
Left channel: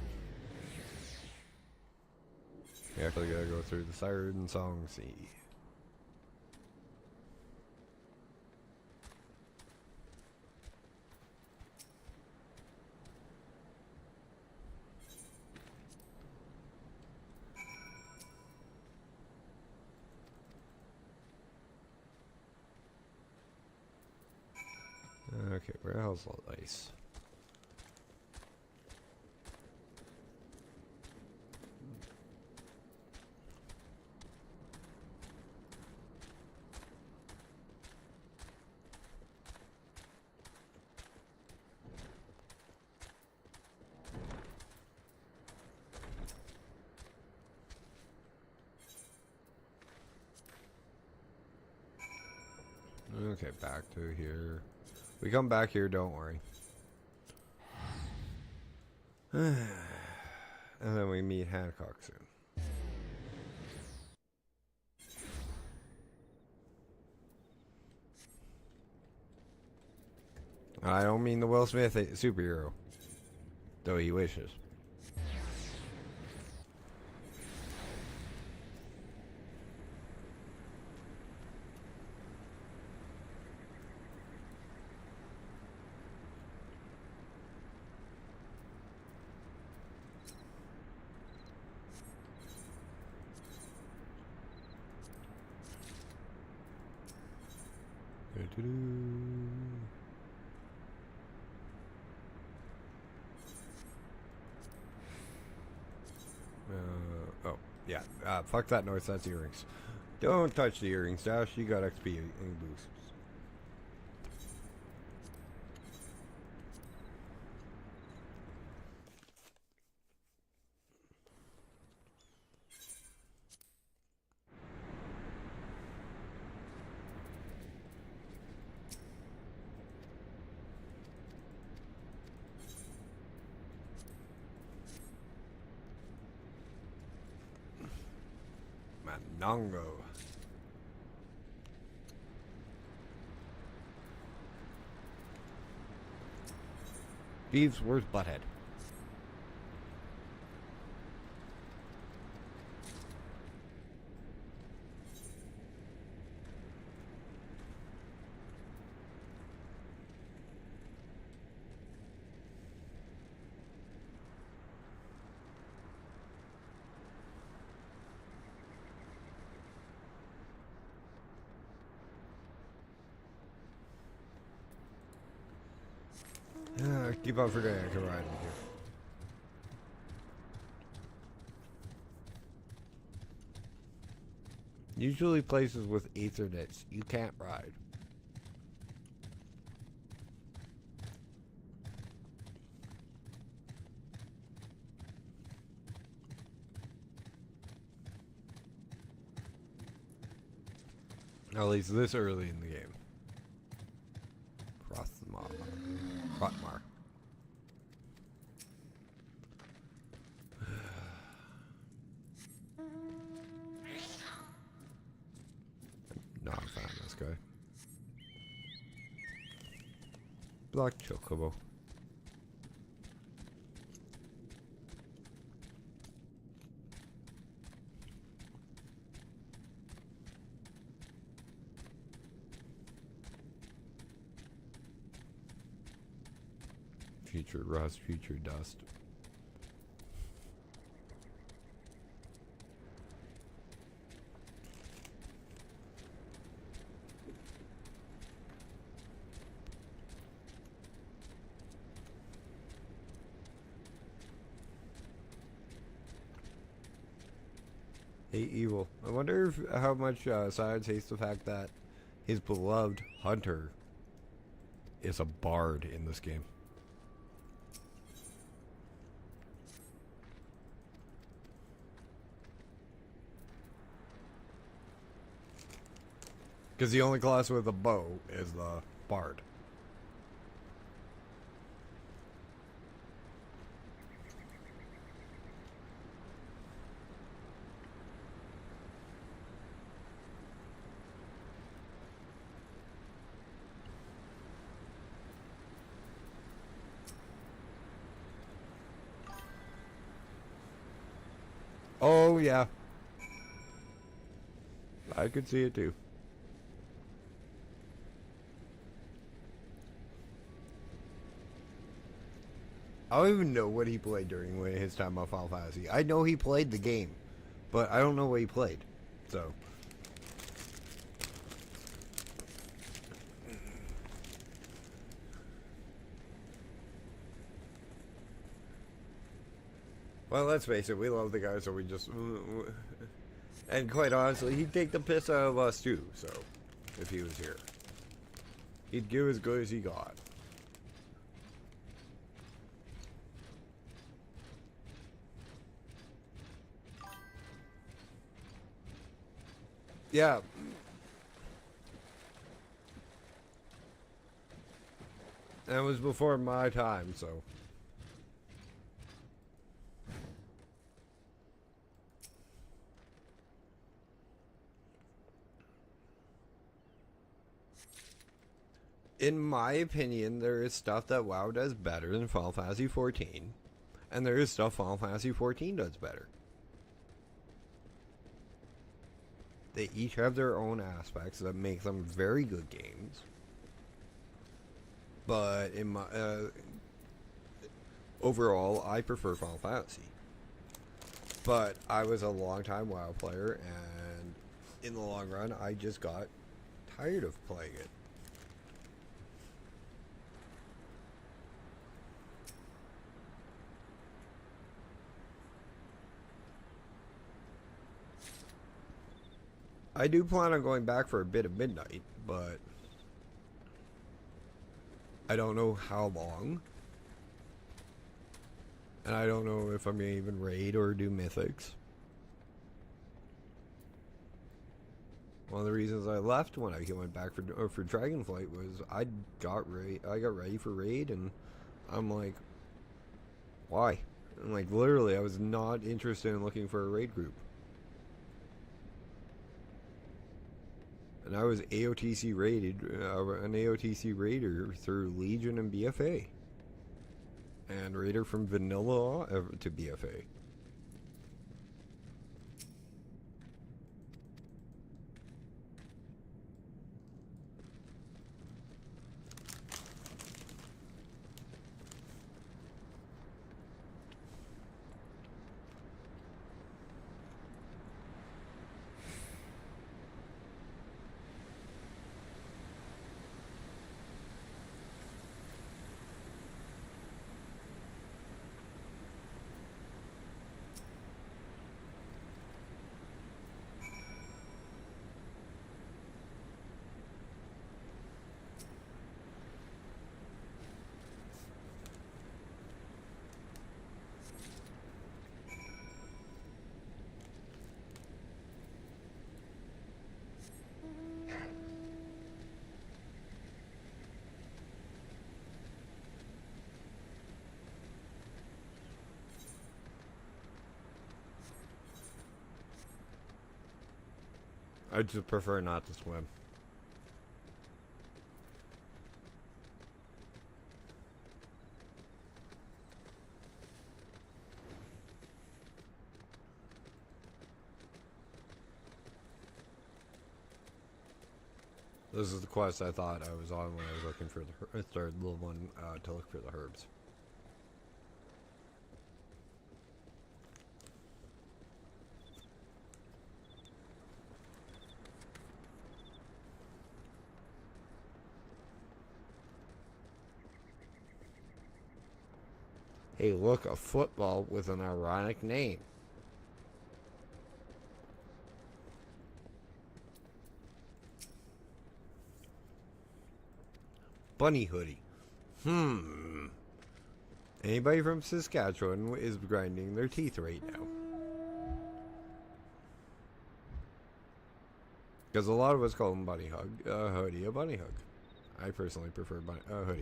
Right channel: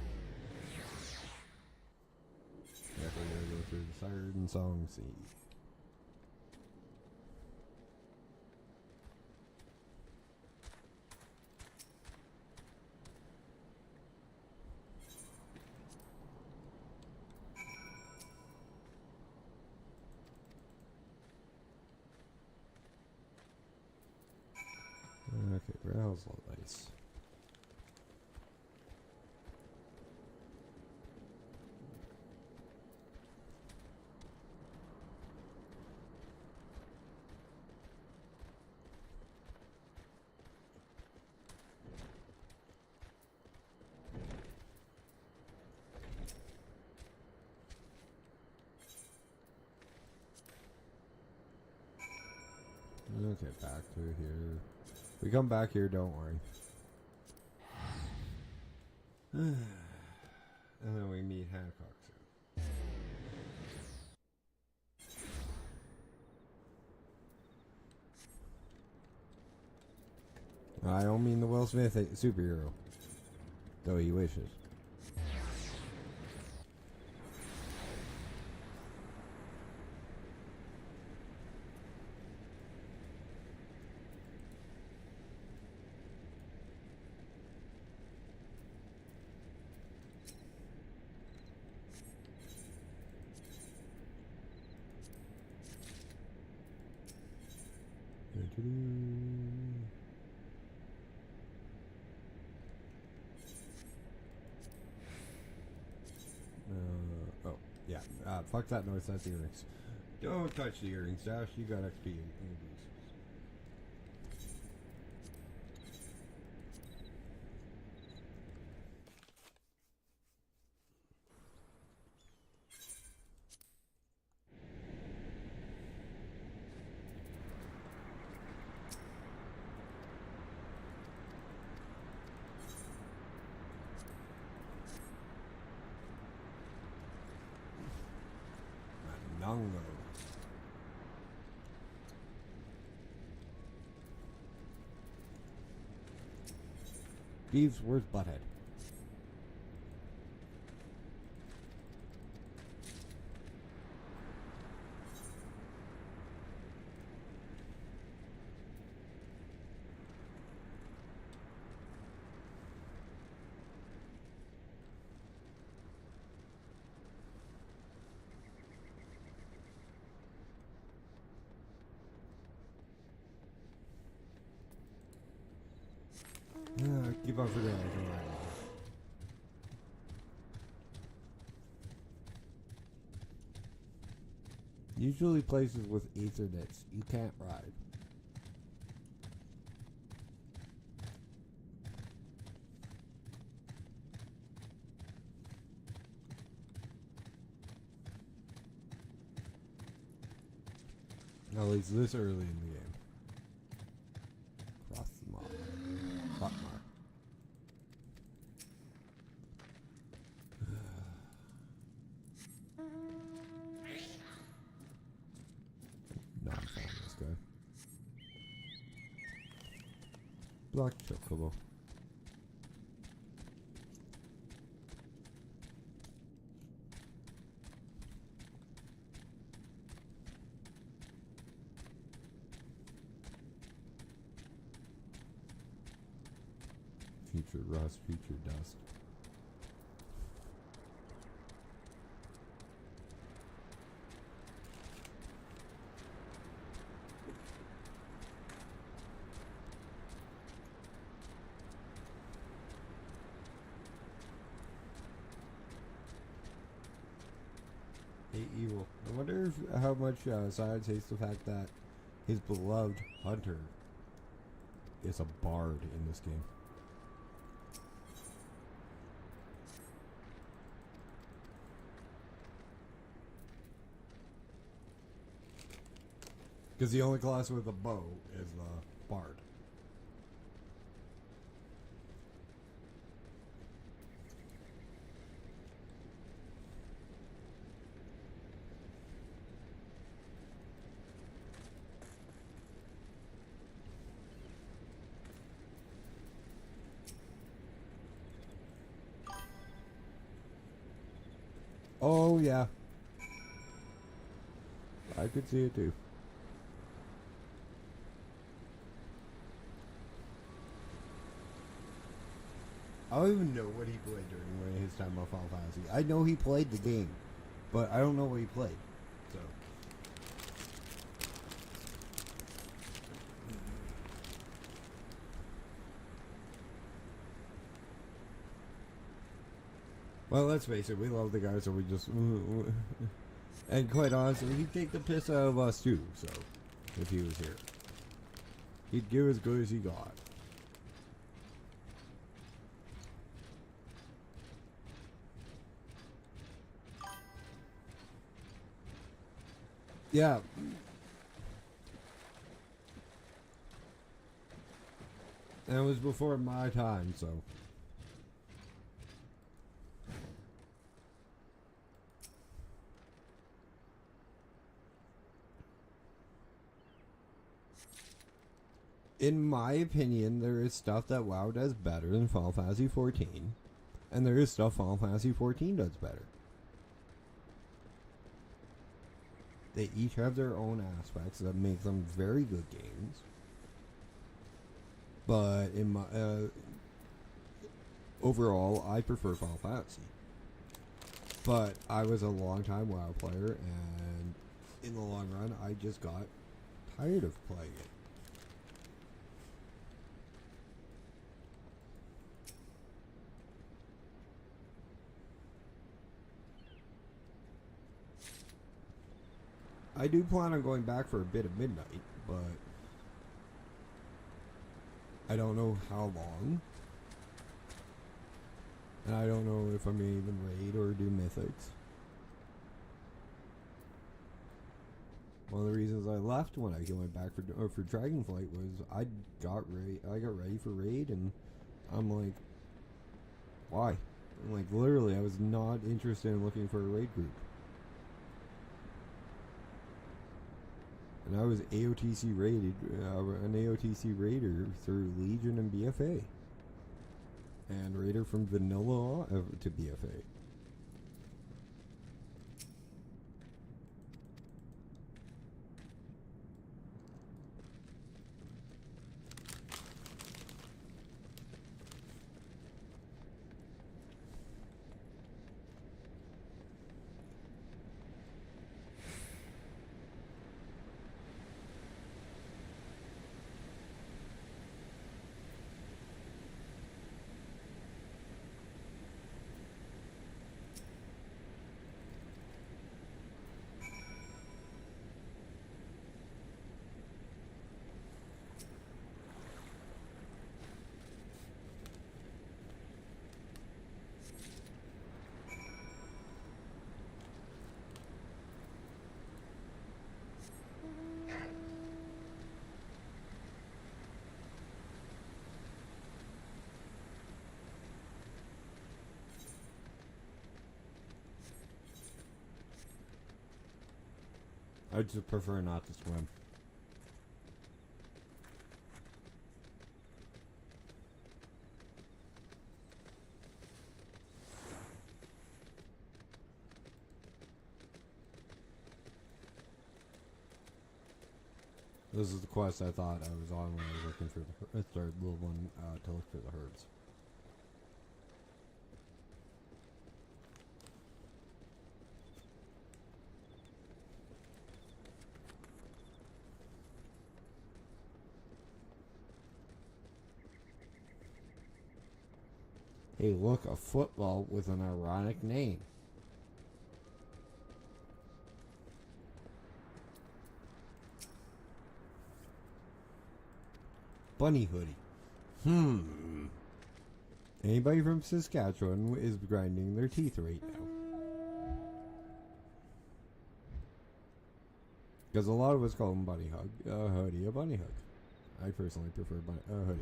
Definitely gotta go through the Siren Song Sea. Okay, where the hell's all the ice? Okay, back to here. We come back here, don't worry. And then we meet Hancock soon. I don't mean the Will Smith superhero, though he wishes. Oh, yeah. Fuck that noise, that's earrings. Don't touch the earrings, Josh. You got XP in boost. Nongo. Thieves, where's Butthead? Keep on forgetting, come on. Usually places with Ethernets you can't ride. At least this early in the game. Cross them off. Cross mark. Not found this guy. Black Chocobo. Future rust, future dust. evil. I wonder if, how much Science hates the fact that his beloved hunter is a bard in this game. Because the only class with a bow is the bard. Oh, yeah. I could see it too. I don't even know what he played during his time on Final Fantasy. I know he played the game, but I don't know what he played. So. Well, let's face it, we love the guy, so we just... And quite honestly, he'd take the piss out of us too, so... If he was here. He'd give as good as he got. Yeah. That was before my time, so... In my opinion, there is stuff that WoW does better than Final Fantasy XIV. And there is stuff Final Fantasy XIV does better. They each have their own aspects that make them very good games. But in my overall, I prefer Final Fantasy. But I was a long time WoW player, and in the long run, I just got tired of playing it. I do plan on going back for a bit of midnight, but I don't know how long. And I don't know if I'm going to even raid or do mythics. One of the reasons I left when I went back for Dragonflight was I got ready for raid, and I'm like, why? And like literally, I was not interested in looking for a raid group. And I was AOTC rated, an AOTC raider through Legion and BFA. And raider from vanilla to BFA. I just prefer not to swim. This is the quest I thought I was on when I was looking for the third little one to look for the herbs. Hey, look, a football with an ironic name. bunny hoodie. Anybody from Saskatchewan is grinding their teeth right now. Because a lot of us call them bunny hug. Hoodie, a bunny hug. I personally prefer hoodie.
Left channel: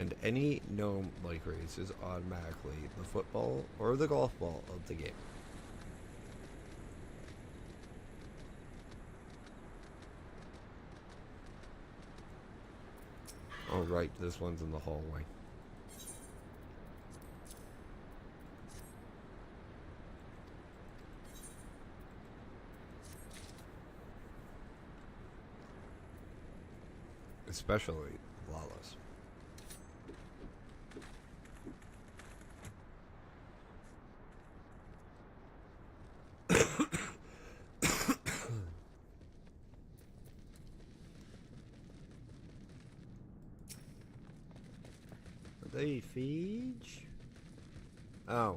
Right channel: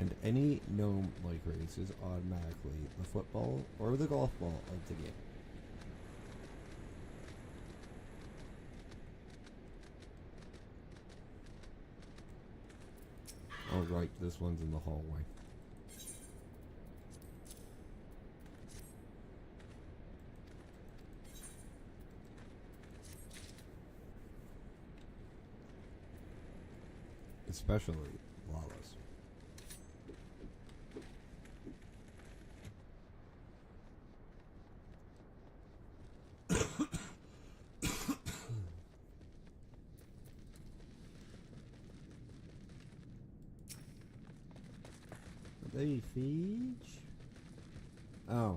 And any gnome like race is automatically the football or the golf ball of the game. Oh right, this one's in the hallway. Especially Lawless. Are they Siege? Oh.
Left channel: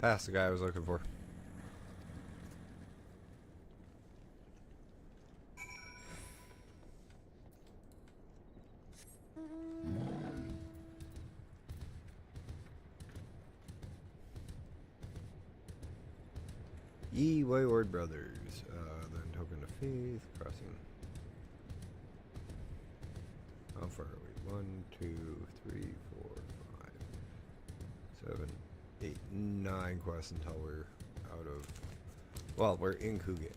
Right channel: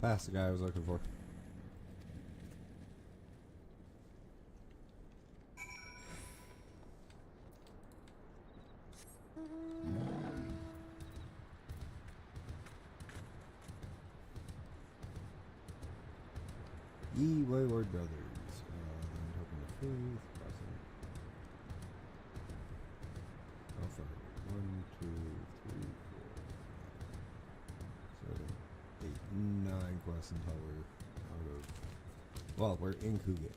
That's the guy I was looking for. Ye Wayward Brothers. That token of faith. Pressing. Offer 1, 2, 3, 4, 5, 7, 8, 9 quests until we're out of. Well, we're in Kugane.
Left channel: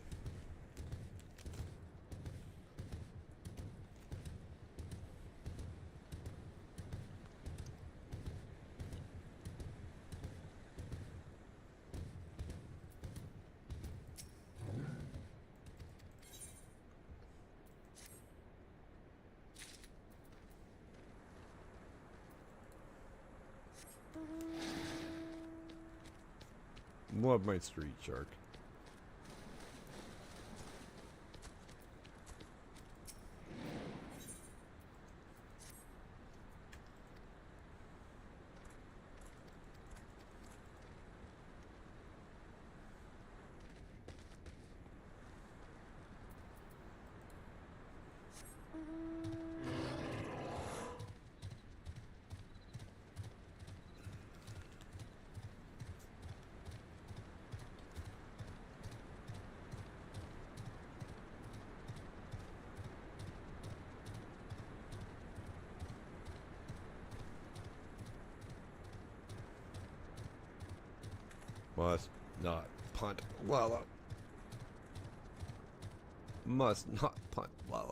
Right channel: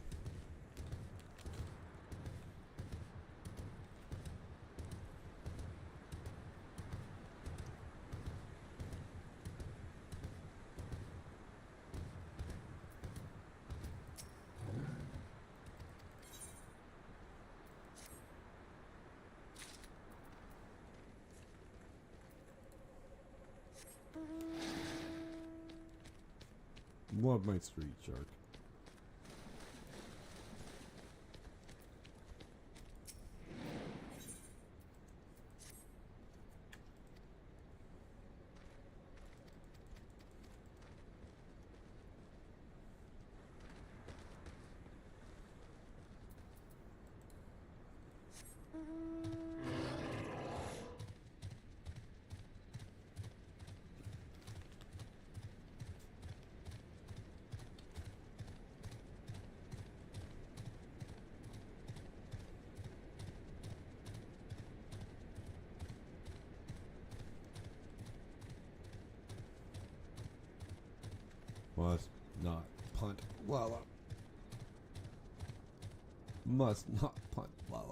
What my street shark? Must not punt Lala. Must not punt Lala.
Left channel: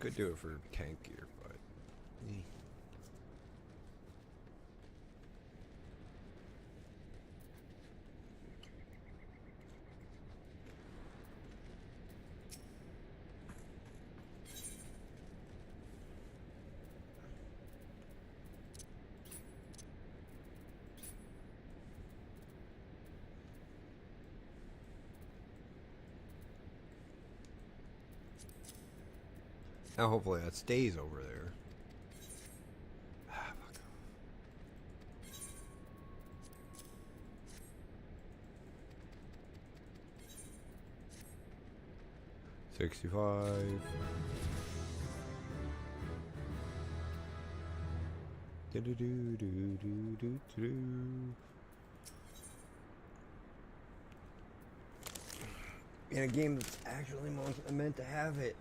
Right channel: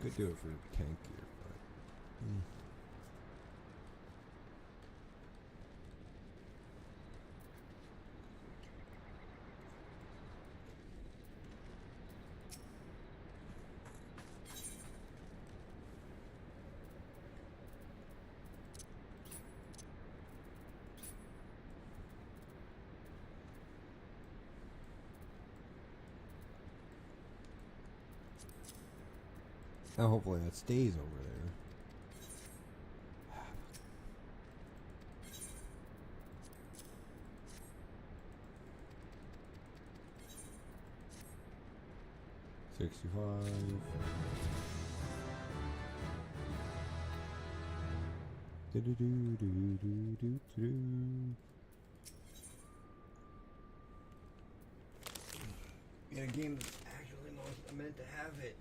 Could do it for tank here, but now hopefully that stays over there. FFXIV. In a game that's actually meant to have it.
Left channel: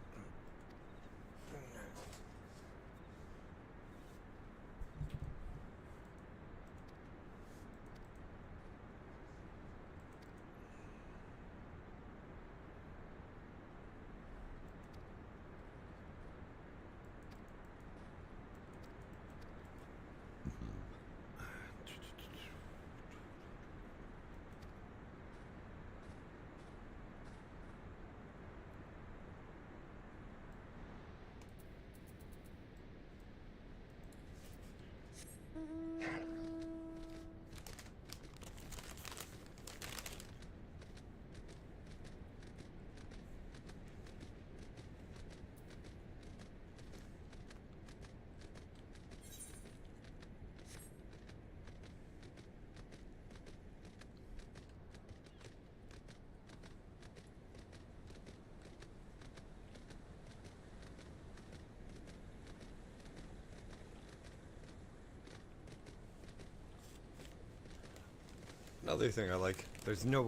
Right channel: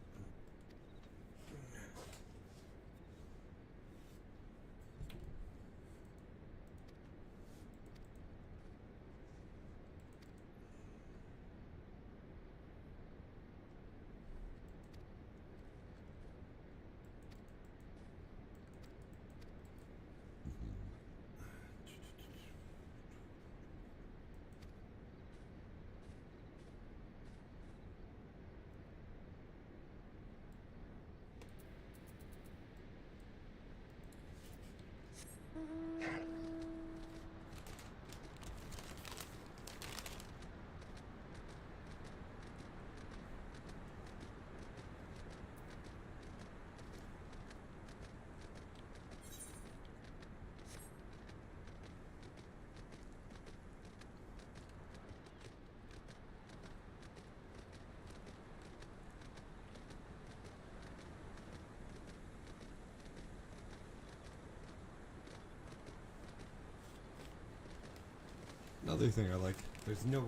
Another thing I like, there's no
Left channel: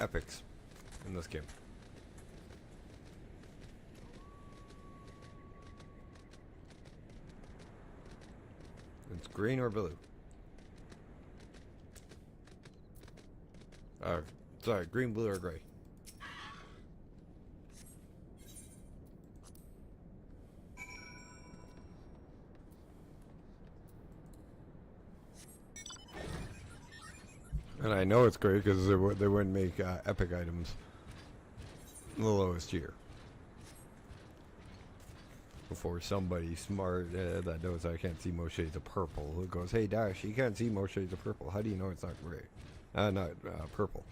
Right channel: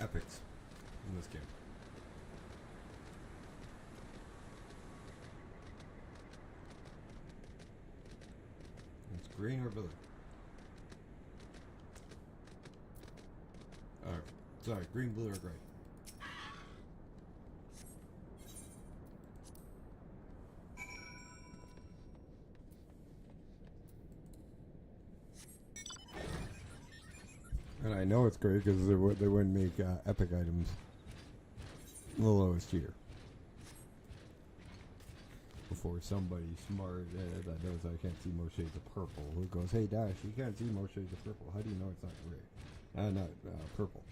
epics in this game. It's green or blue. Sorry, green, blue, or gray. And I know it's great because they wouldn't make epic items the lowest tier. Before somebody smart that knows I can't see most shades of purple goes, hey Dash, you can't see most shades of purple. How do you know it's not gray? Not purple.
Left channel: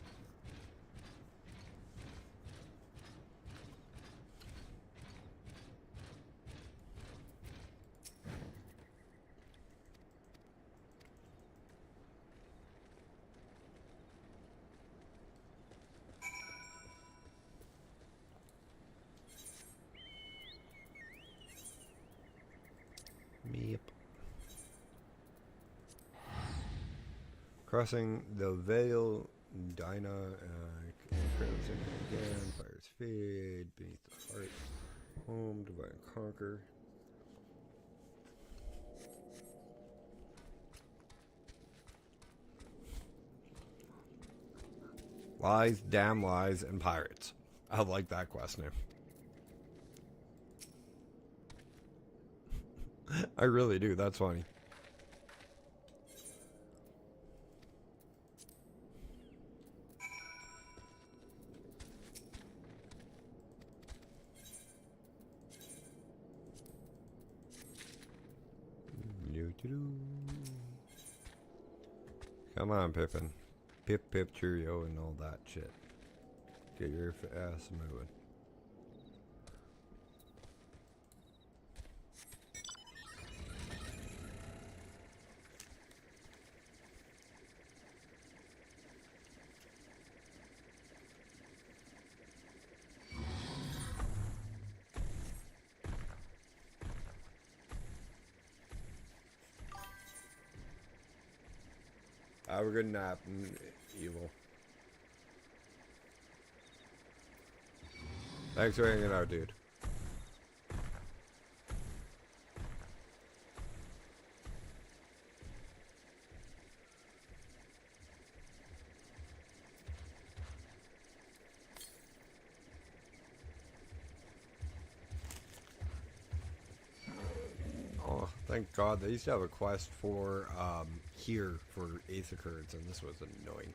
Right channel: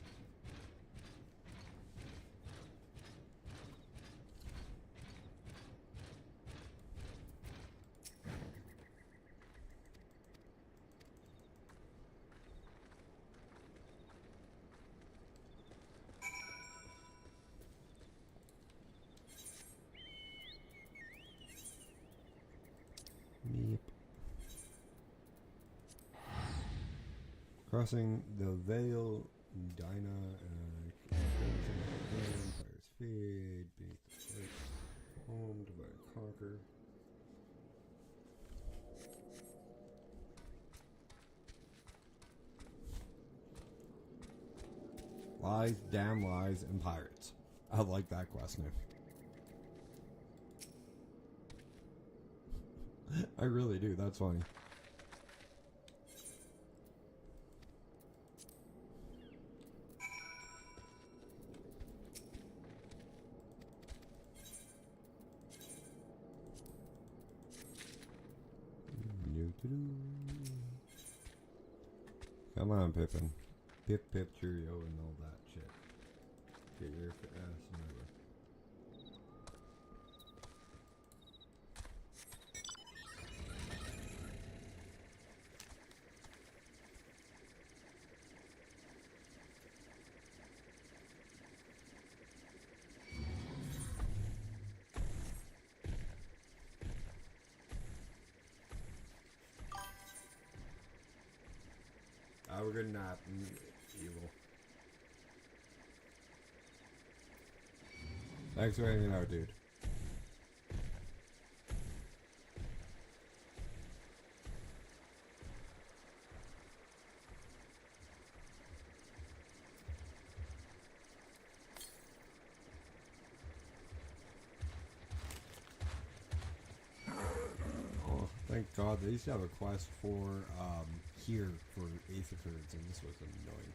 Crossing the Veil, Dinah, Fire's Fade, Beneath the Heart, Home, Divide and Conquer. Lies, Damn Lies, and Pirates. I like that quest name. I really do, that's funny. Come on, Pippin. Pip, pip, cheerio, and all that shit. Get your ass moving. Have a good nap, evil. Thanks for hanging out, dude. Oh, thank God. They used to have a quest for, here for Ace occurrence, and this was annoying.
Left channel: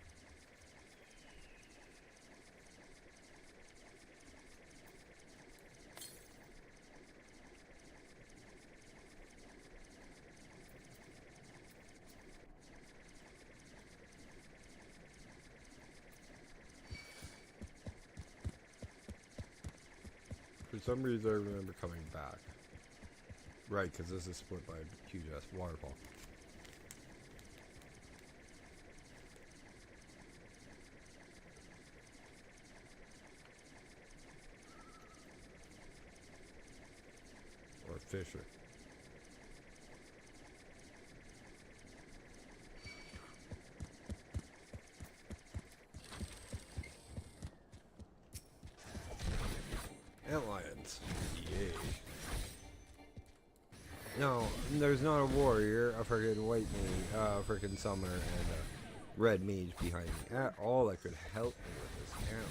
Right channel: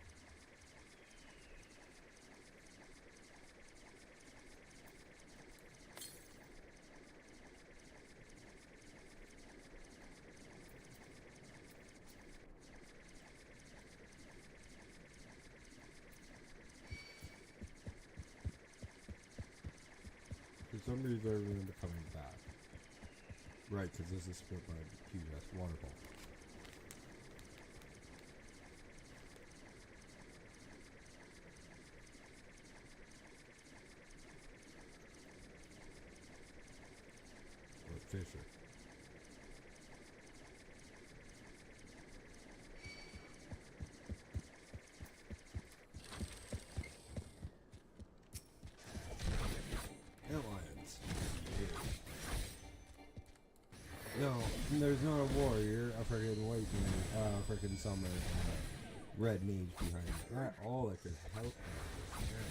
For some reason I remember coming back. Right, because this is split by a huge ass waterfall. Freaking summer. Red mage behind. Yeah, all that could help. Yeah.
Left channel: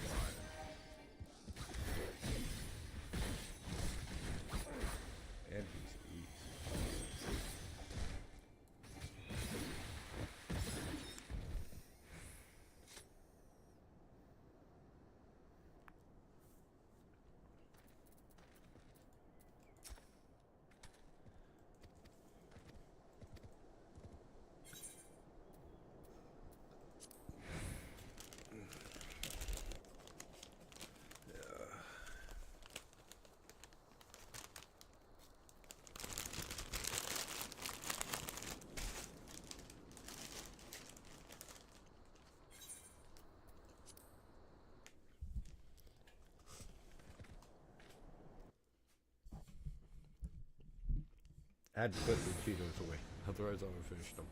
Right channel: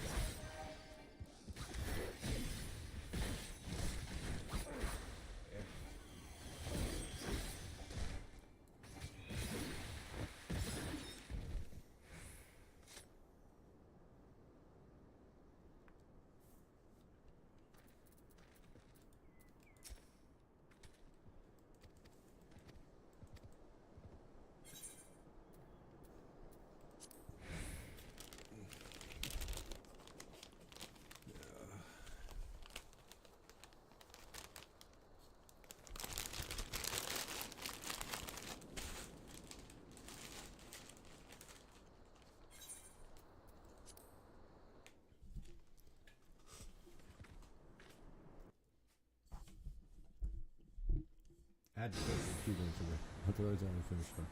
Add to those people to win. Otherwise, I'm gonna finish them.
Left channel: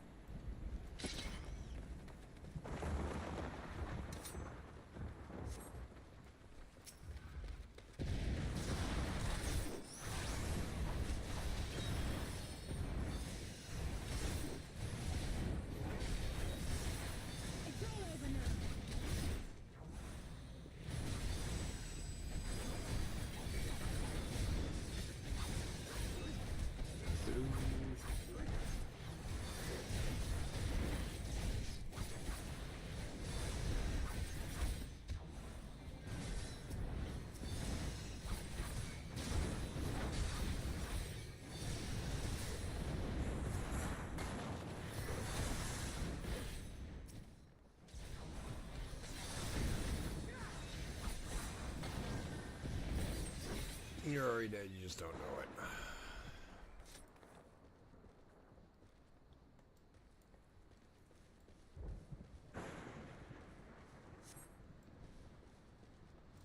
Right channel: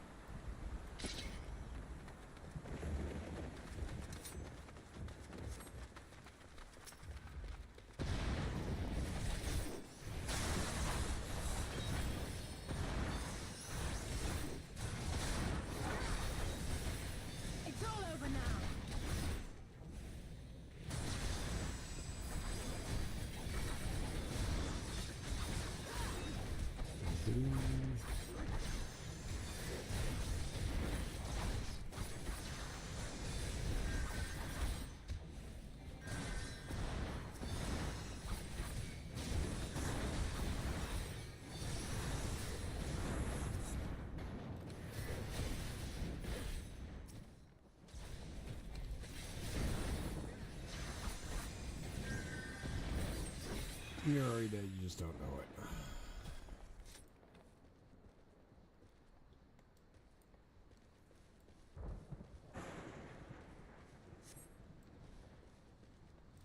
It's all over now. You're already dead, you just don't know it.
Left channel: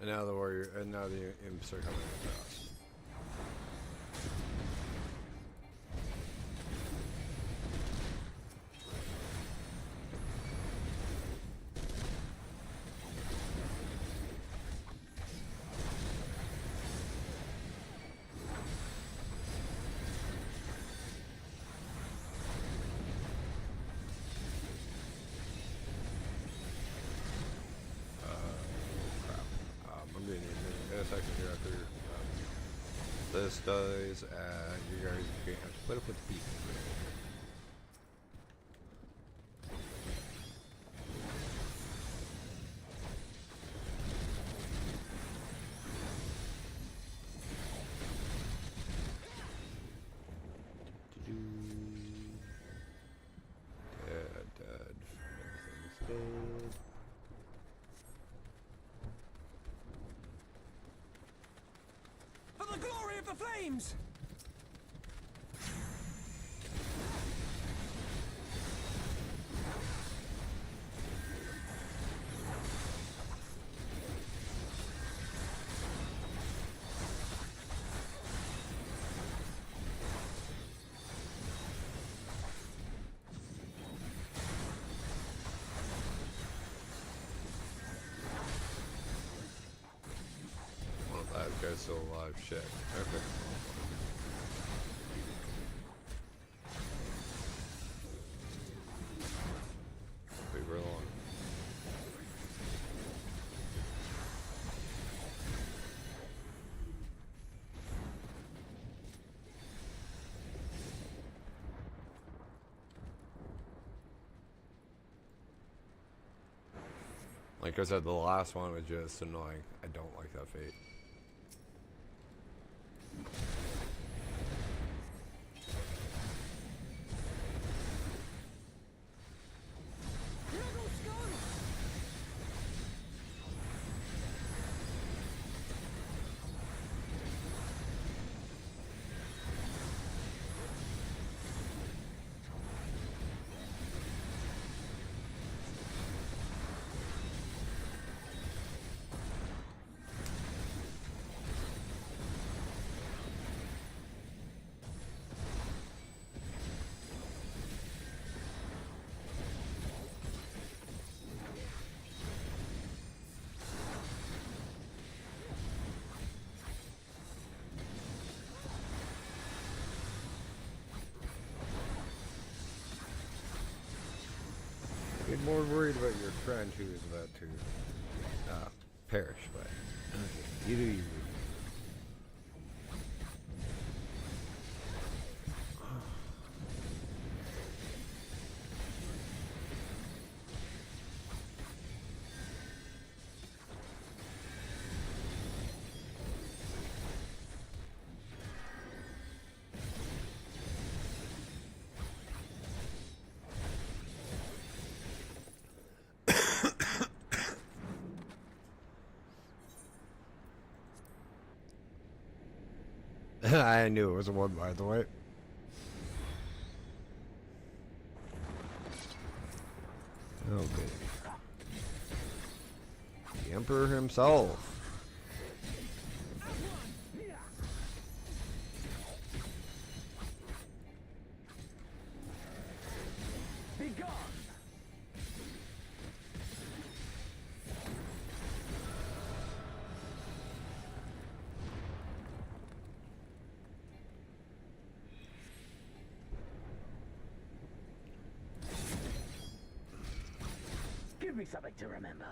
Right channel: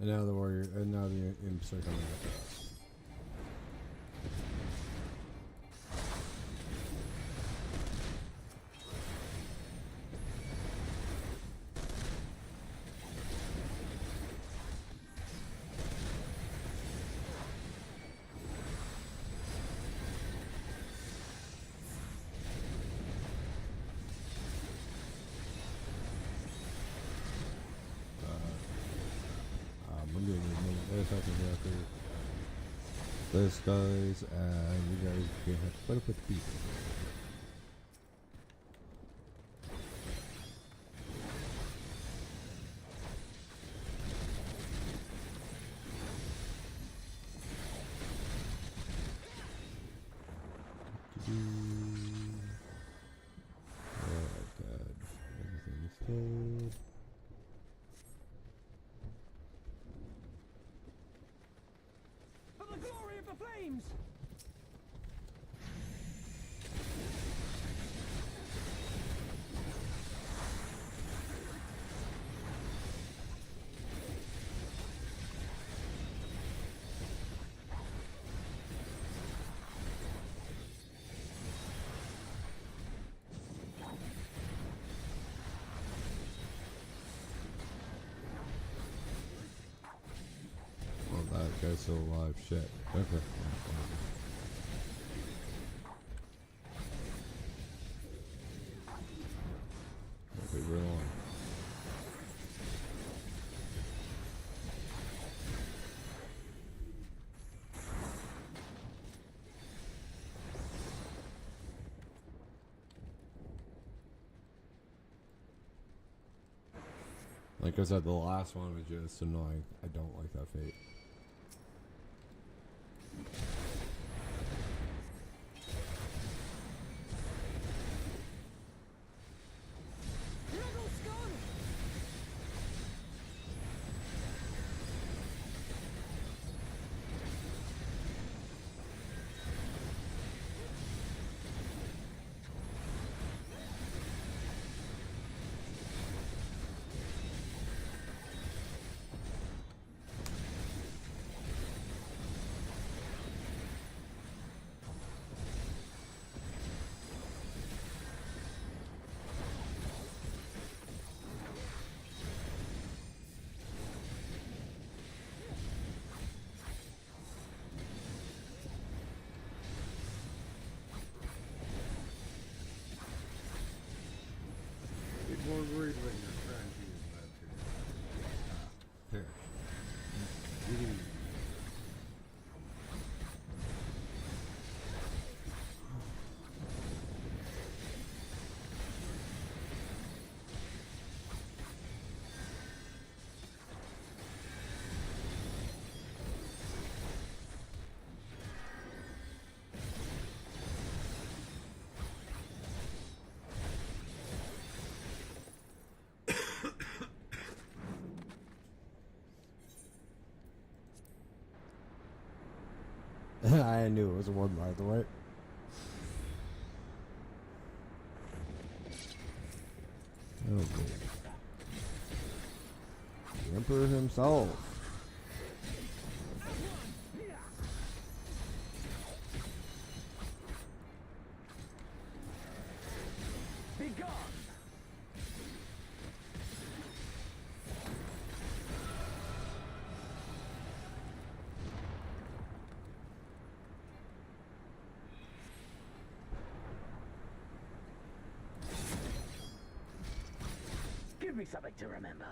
And now the warrior, and now the imps are coming. This dies, and you guys get split up with feet. For the glory of the flames! That guy's still alive. Shit. Okay. Wait, we're on. Like I said, the last one was just annoying. I don't like that fate. Draggle skull! more worried about your friend who is about to perish. But you do. I knew it was a one, by the way. Okay. The Emperor himself. Be gone! Give me something to remember.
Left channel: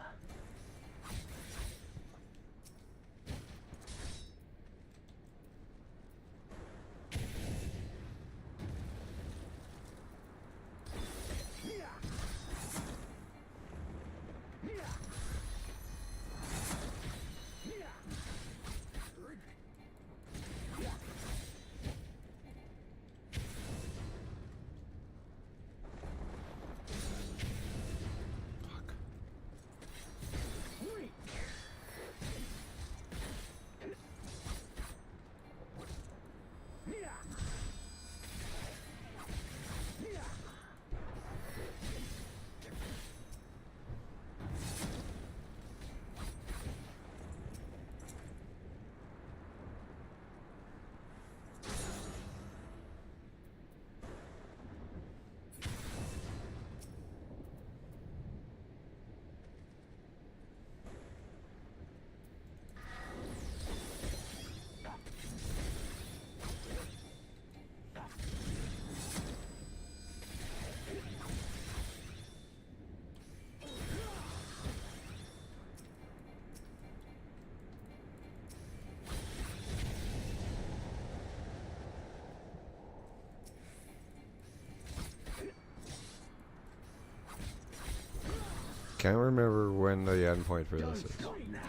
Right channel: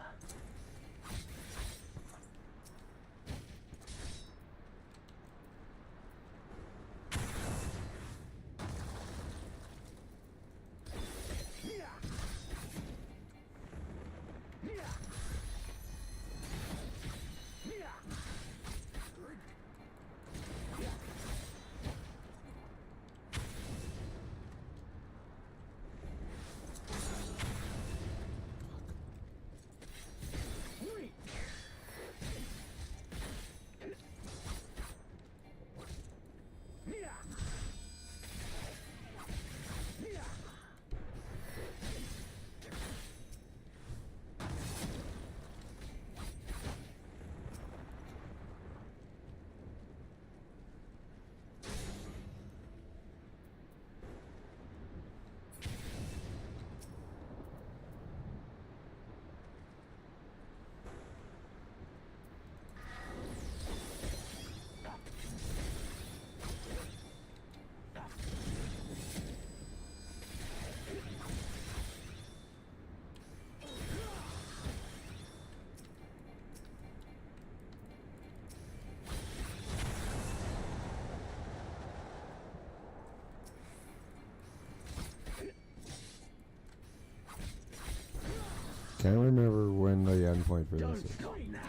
Can't remember when the end point for Don't this is. stop now!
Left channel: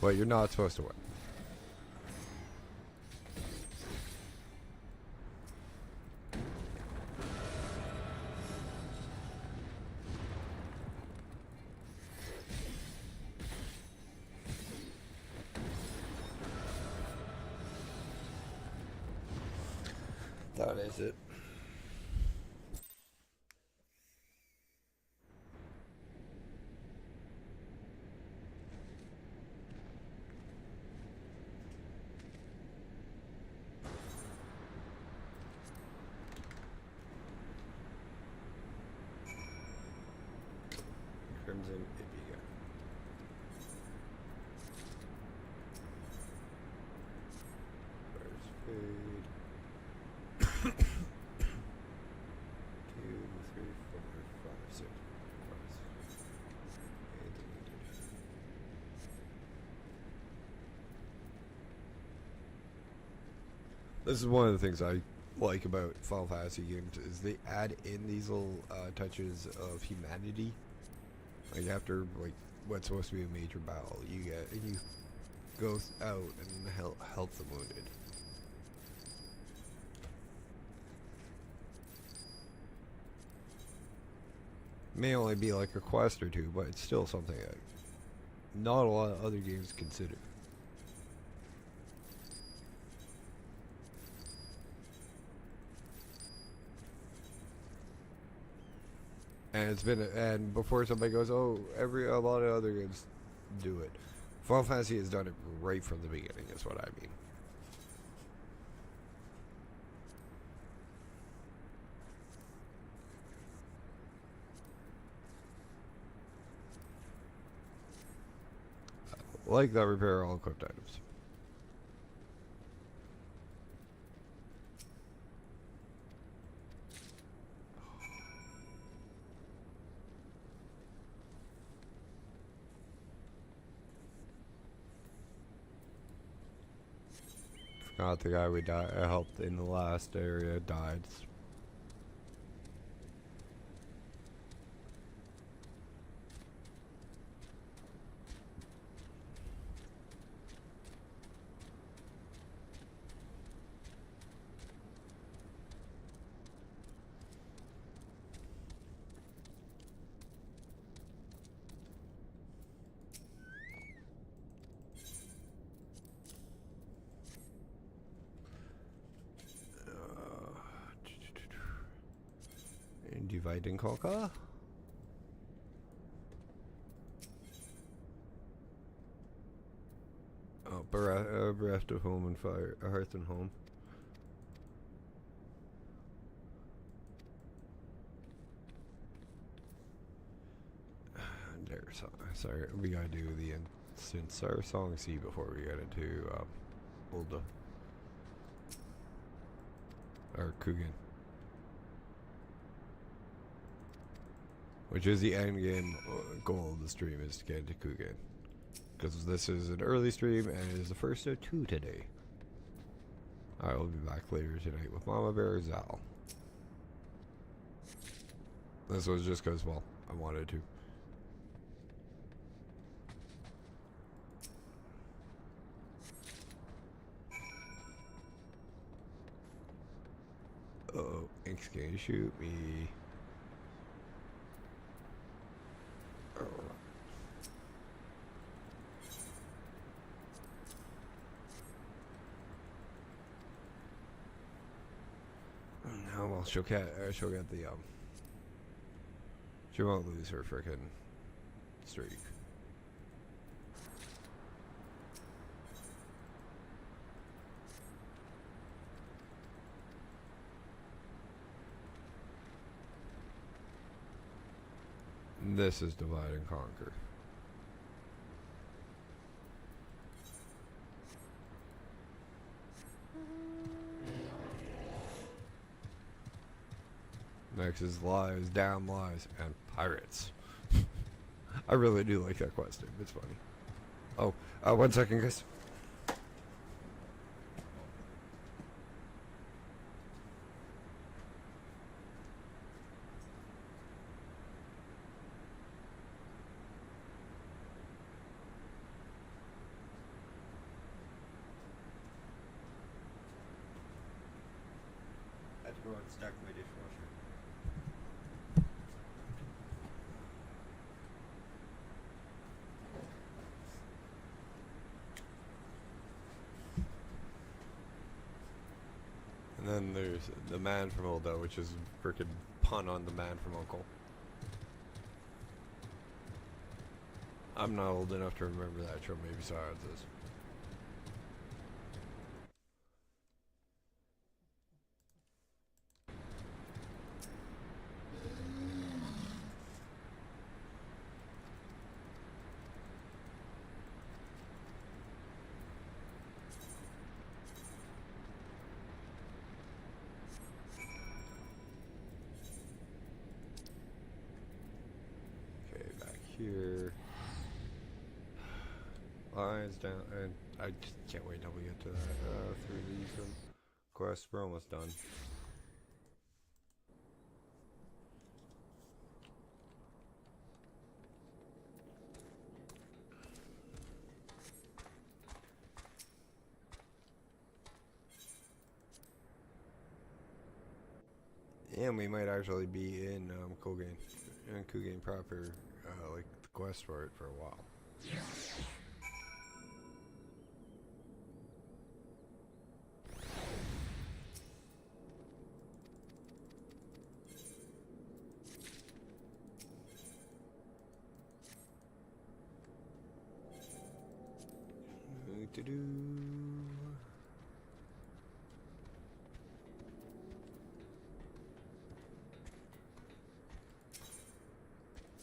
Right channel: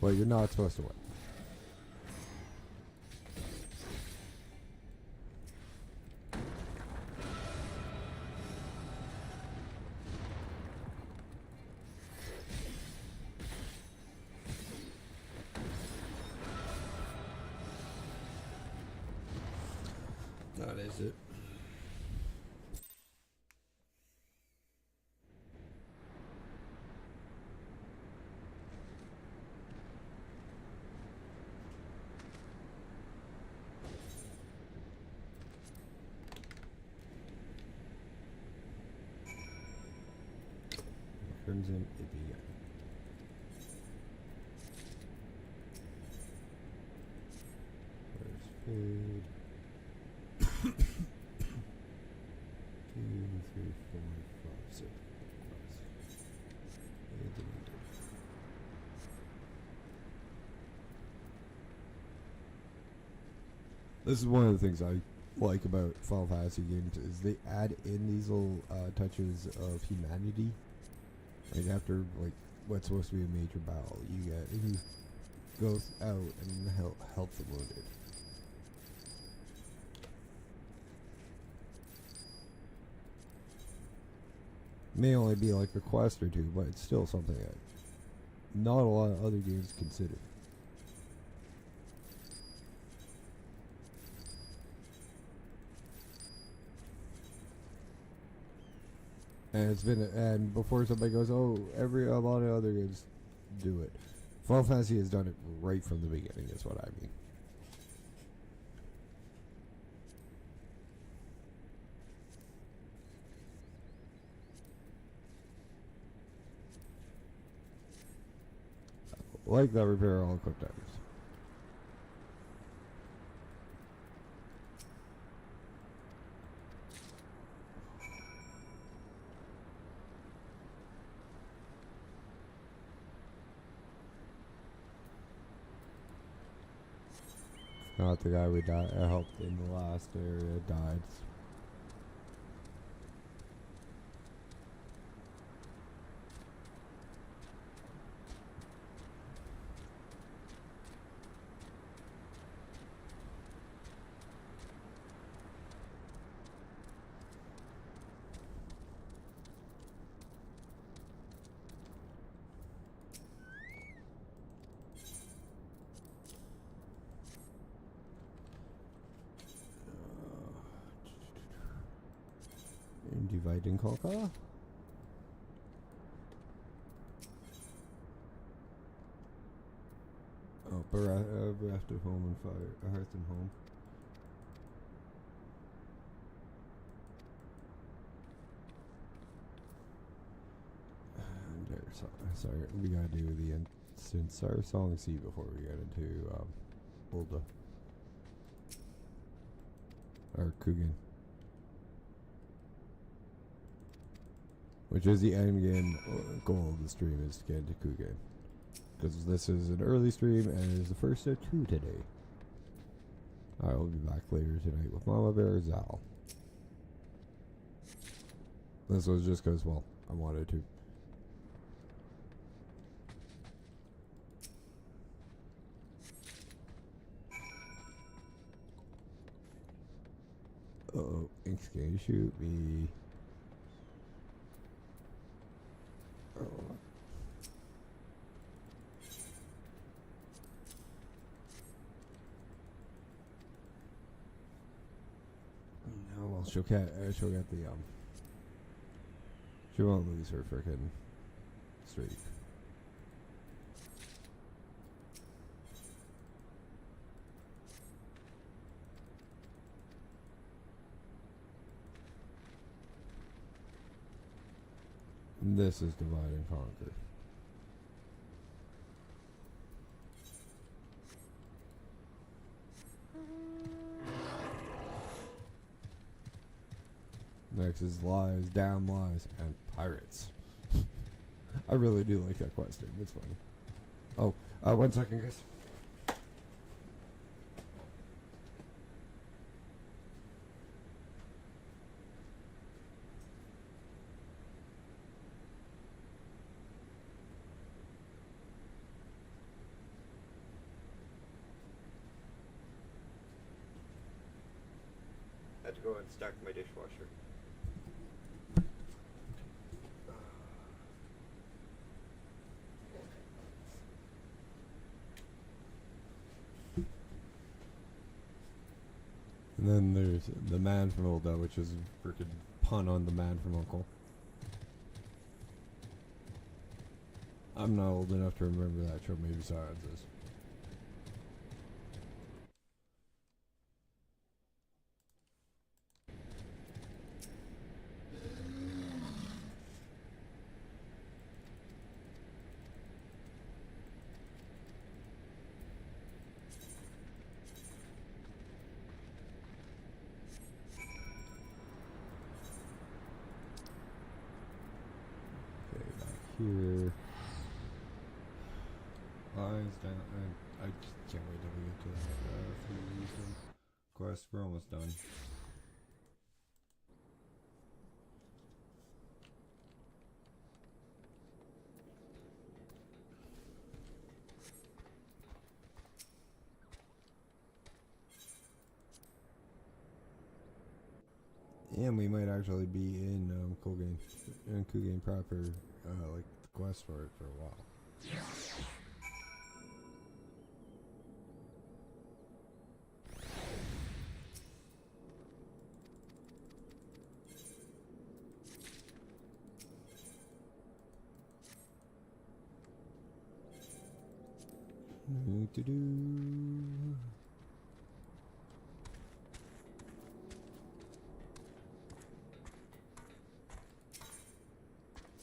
But you're not supposed to win. That is it. Crimson India. This is one of the things I like about Final Fantasy games is they add in these little touches of humanity. Like after like what's supposed to be a major battle, you go out and help the wounded. May only be like a quest or two, but it's still something that not a lot of other games consider. And it's been, and before somebody goes, oh, a lot of other games do it. Final Fantasy has done it right from the beginning, is what I mean. Like that repair all quick times. Not the guy we helped in the last area died. Dividing Coca. Oh, bereft of home and fire, hearth and home. Sorry, we gotta do the instance our song C before we get into Ulda or Kugane. Which is the end game goal of the stream, is to get into Kugane. Because this is an early stream and is the first of 2 today. I will be back later tonight with Mama Bear Zal. This was just because, well, I wanted to. Uh-oh, Ink's gonna shoot me. She'll get the she won't lose her frickin' streak. And this is divide and conquer. Next is lies, damn lies, and pirates. I really do like that quest. It's fun. Oh, 1 second, guys. I had to go and stack my dishwasher. And then there's the man from Ulda, which is a freaking pun on the man from Uncle. I'm not old enough to remember that show, maybe saw it this. Here. Lions down. I just can't wait till we get to this quest. We're almost done. And we might actually be in Kugane proper, like the quest for it for a while.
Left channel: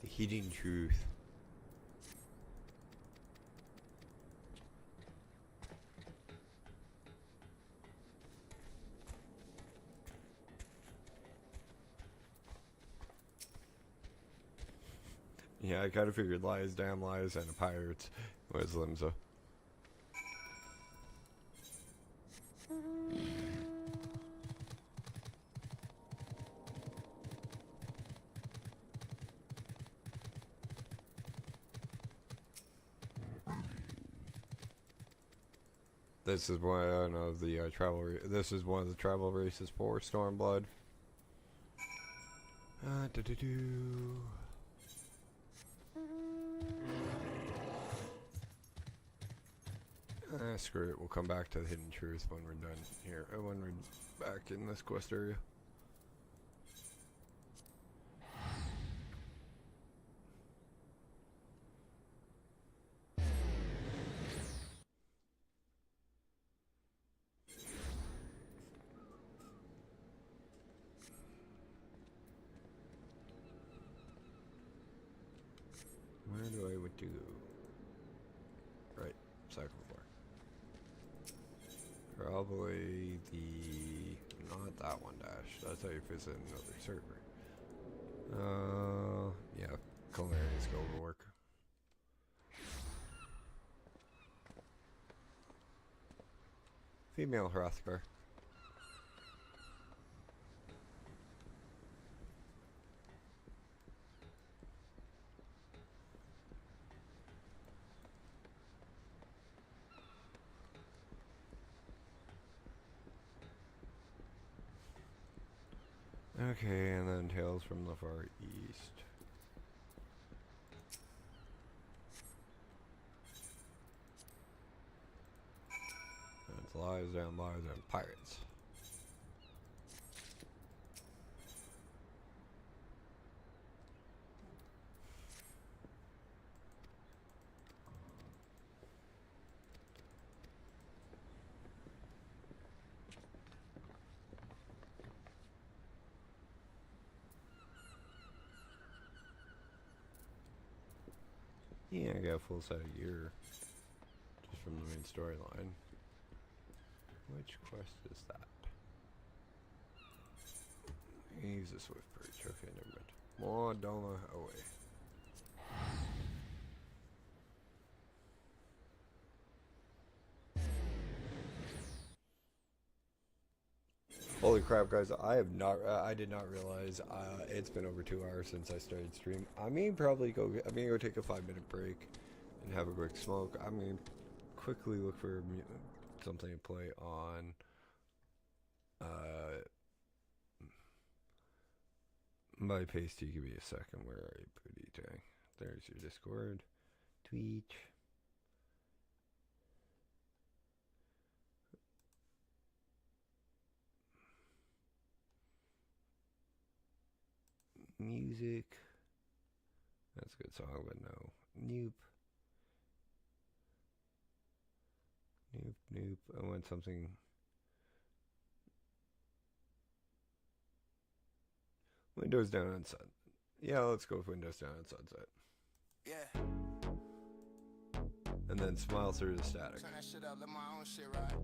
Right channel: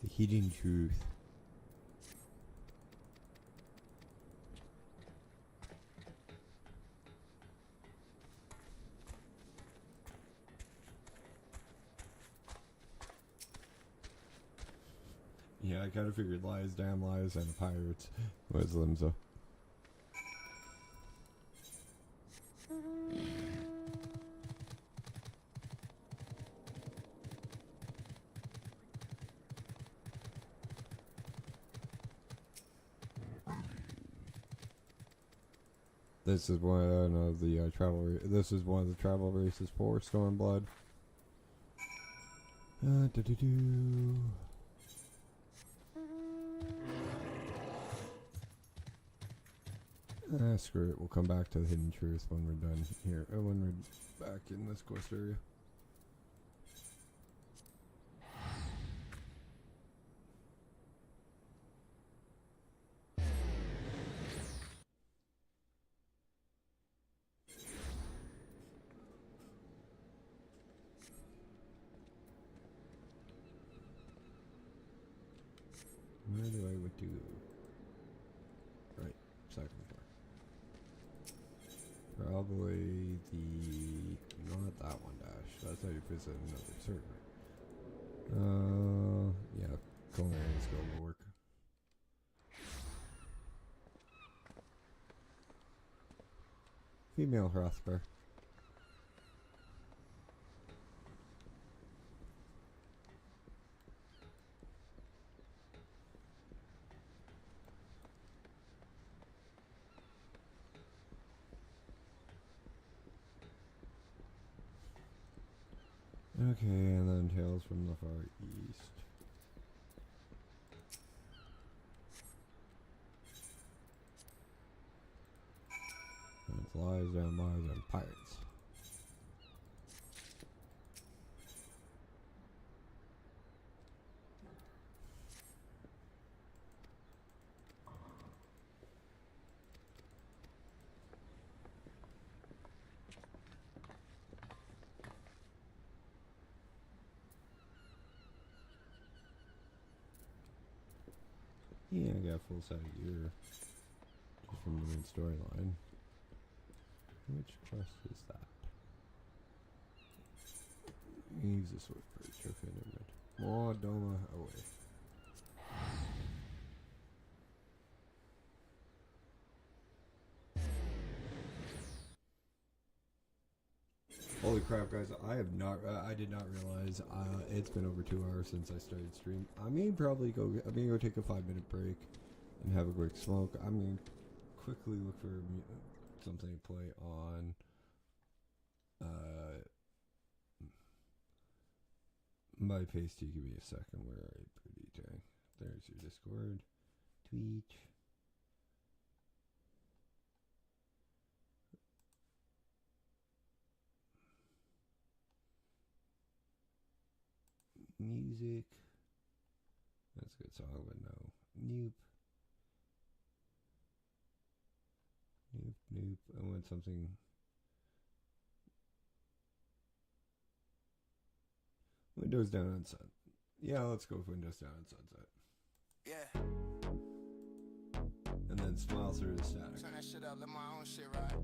The hidden truth. Yeah, I kind of figured lies, damn lies, and pirates was Limsa. This is one of the travel. This is one of the travel races for Stormblood. Screw it. We'll come back to the Hidden Truth when we're done here. When we're back in this quest area. Where do I would do? Right, cycle bar. Probably not that one dash. That's how you visit another server. Yeah, Kugane still will work. Female Hrothgar. Okay, and then Tales from the Far East. It's lies and pirates. Yeah, I got a full set of gear just from the main storyline. Which quest is that? Use the swift bird. Okay, never mind. More dollar away. Holy crap, guys! I did not realize it's been over 2 hours since I started stream. I'm gonna go take a 5-minute break and have a quick smoke. I'm gonna quickly look for something to play on my pasty. Give me a second. Where are you, booty tang? There's your Discord, Twitch. Music. That's a good song, but no. Nope. I want something. Windows down on sun. Yeah, let's go with Windows down on sunset. Yeah. And then smile through the static. Turn that shit up, let my own shit ride.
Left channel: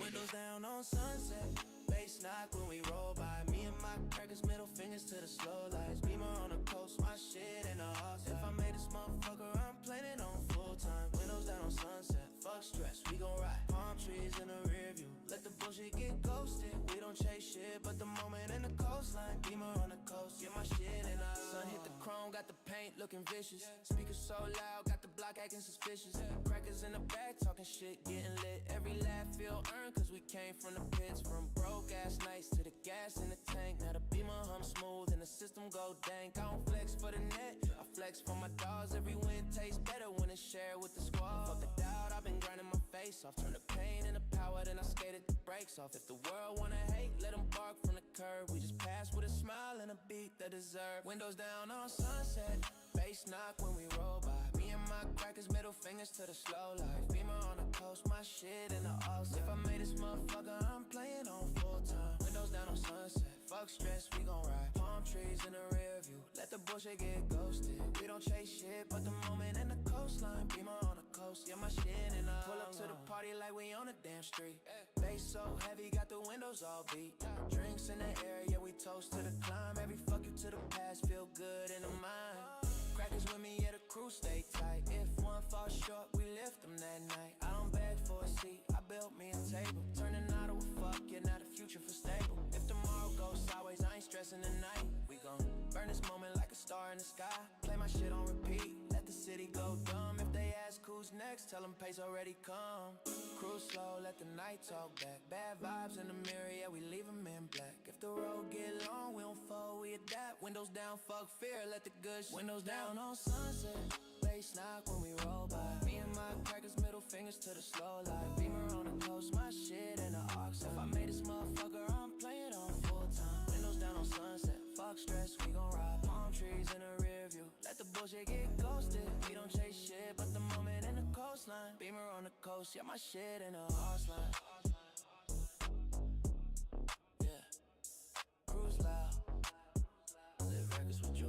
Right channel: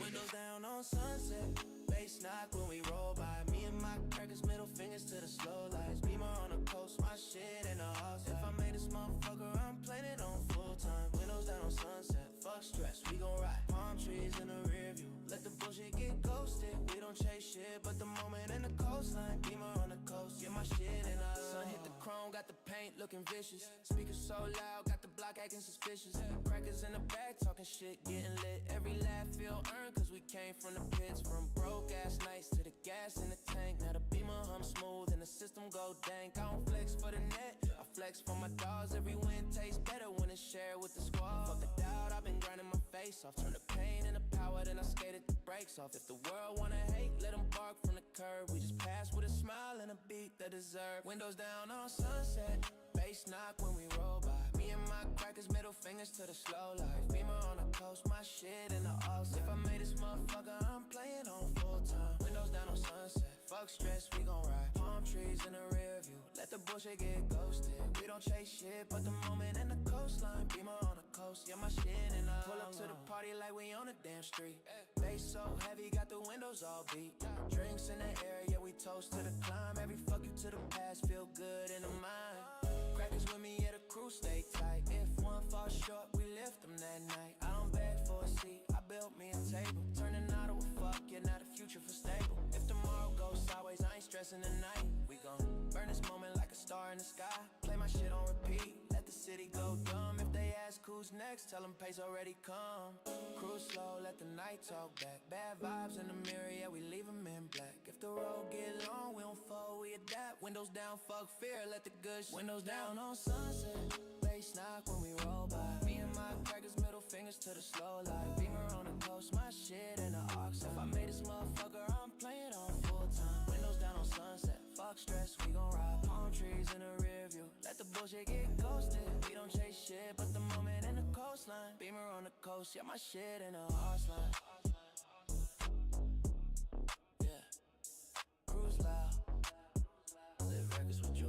Windows down on sunset. Bass knock when we roll by. Me and my crackers, middle fingers to the slow lights. Beamer on the coast, my shit in the offset. If I made this motherfucker, I'm playing it on full time. Windows down on sunset, fuck stress, we gon' ride. Palm trees in the rear view, let the bullshit get ghosted. We don't chase shit, but the moment in the coastline. Beamer on the coast, get my shit in the sun hit the chrome, got the paint looking vicious. Speakers so loud, got the block acting suspicious. Crackers in the back talking shit, getting lit. Every laugh feel earned, cause we came from the pits. From broke ass nights to the gas in the tank. Now the Beamer hum smooth and the system go dank. I don't flex for the net, I flex for my dogs. Every win tastes better when it's shared with the squad. Fuck the doubt, I've been grinding my face off. Turn the pain into power, then I skated the brakes off. If the world wanna hate, let them bark from the curb. We just pass with a smile and a beat that deserve. Windows down on sunset, bass knock when we roll by. Me and my crackers, middle fingers to the slow life. Beamer on the coast, my shit in the offset. If I made this motherfucker, I'm playing on full time. Windows down on sunset, fuck stress, we gon' ride. Palm trees in the rear view, let the bullshit get ghosted. We don't chase shit, but the moment in the coastline. Beamer on the coast, yeah, my shit in the pull up to the party like we on a damn street. Bass so heavy, got the windows all beat. Drinks in the air, yeah, we toast to the climb. Every fuck you to the past, feel good in the mind. Crackers with me, yeah, the crew stay tight. If one falls short, we lift them that night. I don't beg for a seat, I built me a table. Turning out of a fuck, yeah, not a future for stable. If tomorrow goes sideways, I ain't stressing tonight. We gon' burn this moment like a star in the sky. Play my shit on repeat, let the city go dumb if they ask. who's next, tell them pace already come. Cruise slow, let the night talk back. Bad vibes in the mirror, yeah, we leave them in black. If the road get long, we don't fall, we adapt. Windows down, fuck fear, let the good windows down on sunset. Bass knock when we roll by. Me and my crackers, middle fingers to the slow life. Beamer on the coast, my shit in the aux. If I made this motherfucker, I'm playing on full time. Windows down on sunset, fuck stress, we gon' ride. Palm trees in the rear view, let the bullshit get ghosted. We don't chase shit, but the moment in the coastline. Beamer on the coast, yeah, my shit in the arse line. Yeah, cruise loud, live records with joy.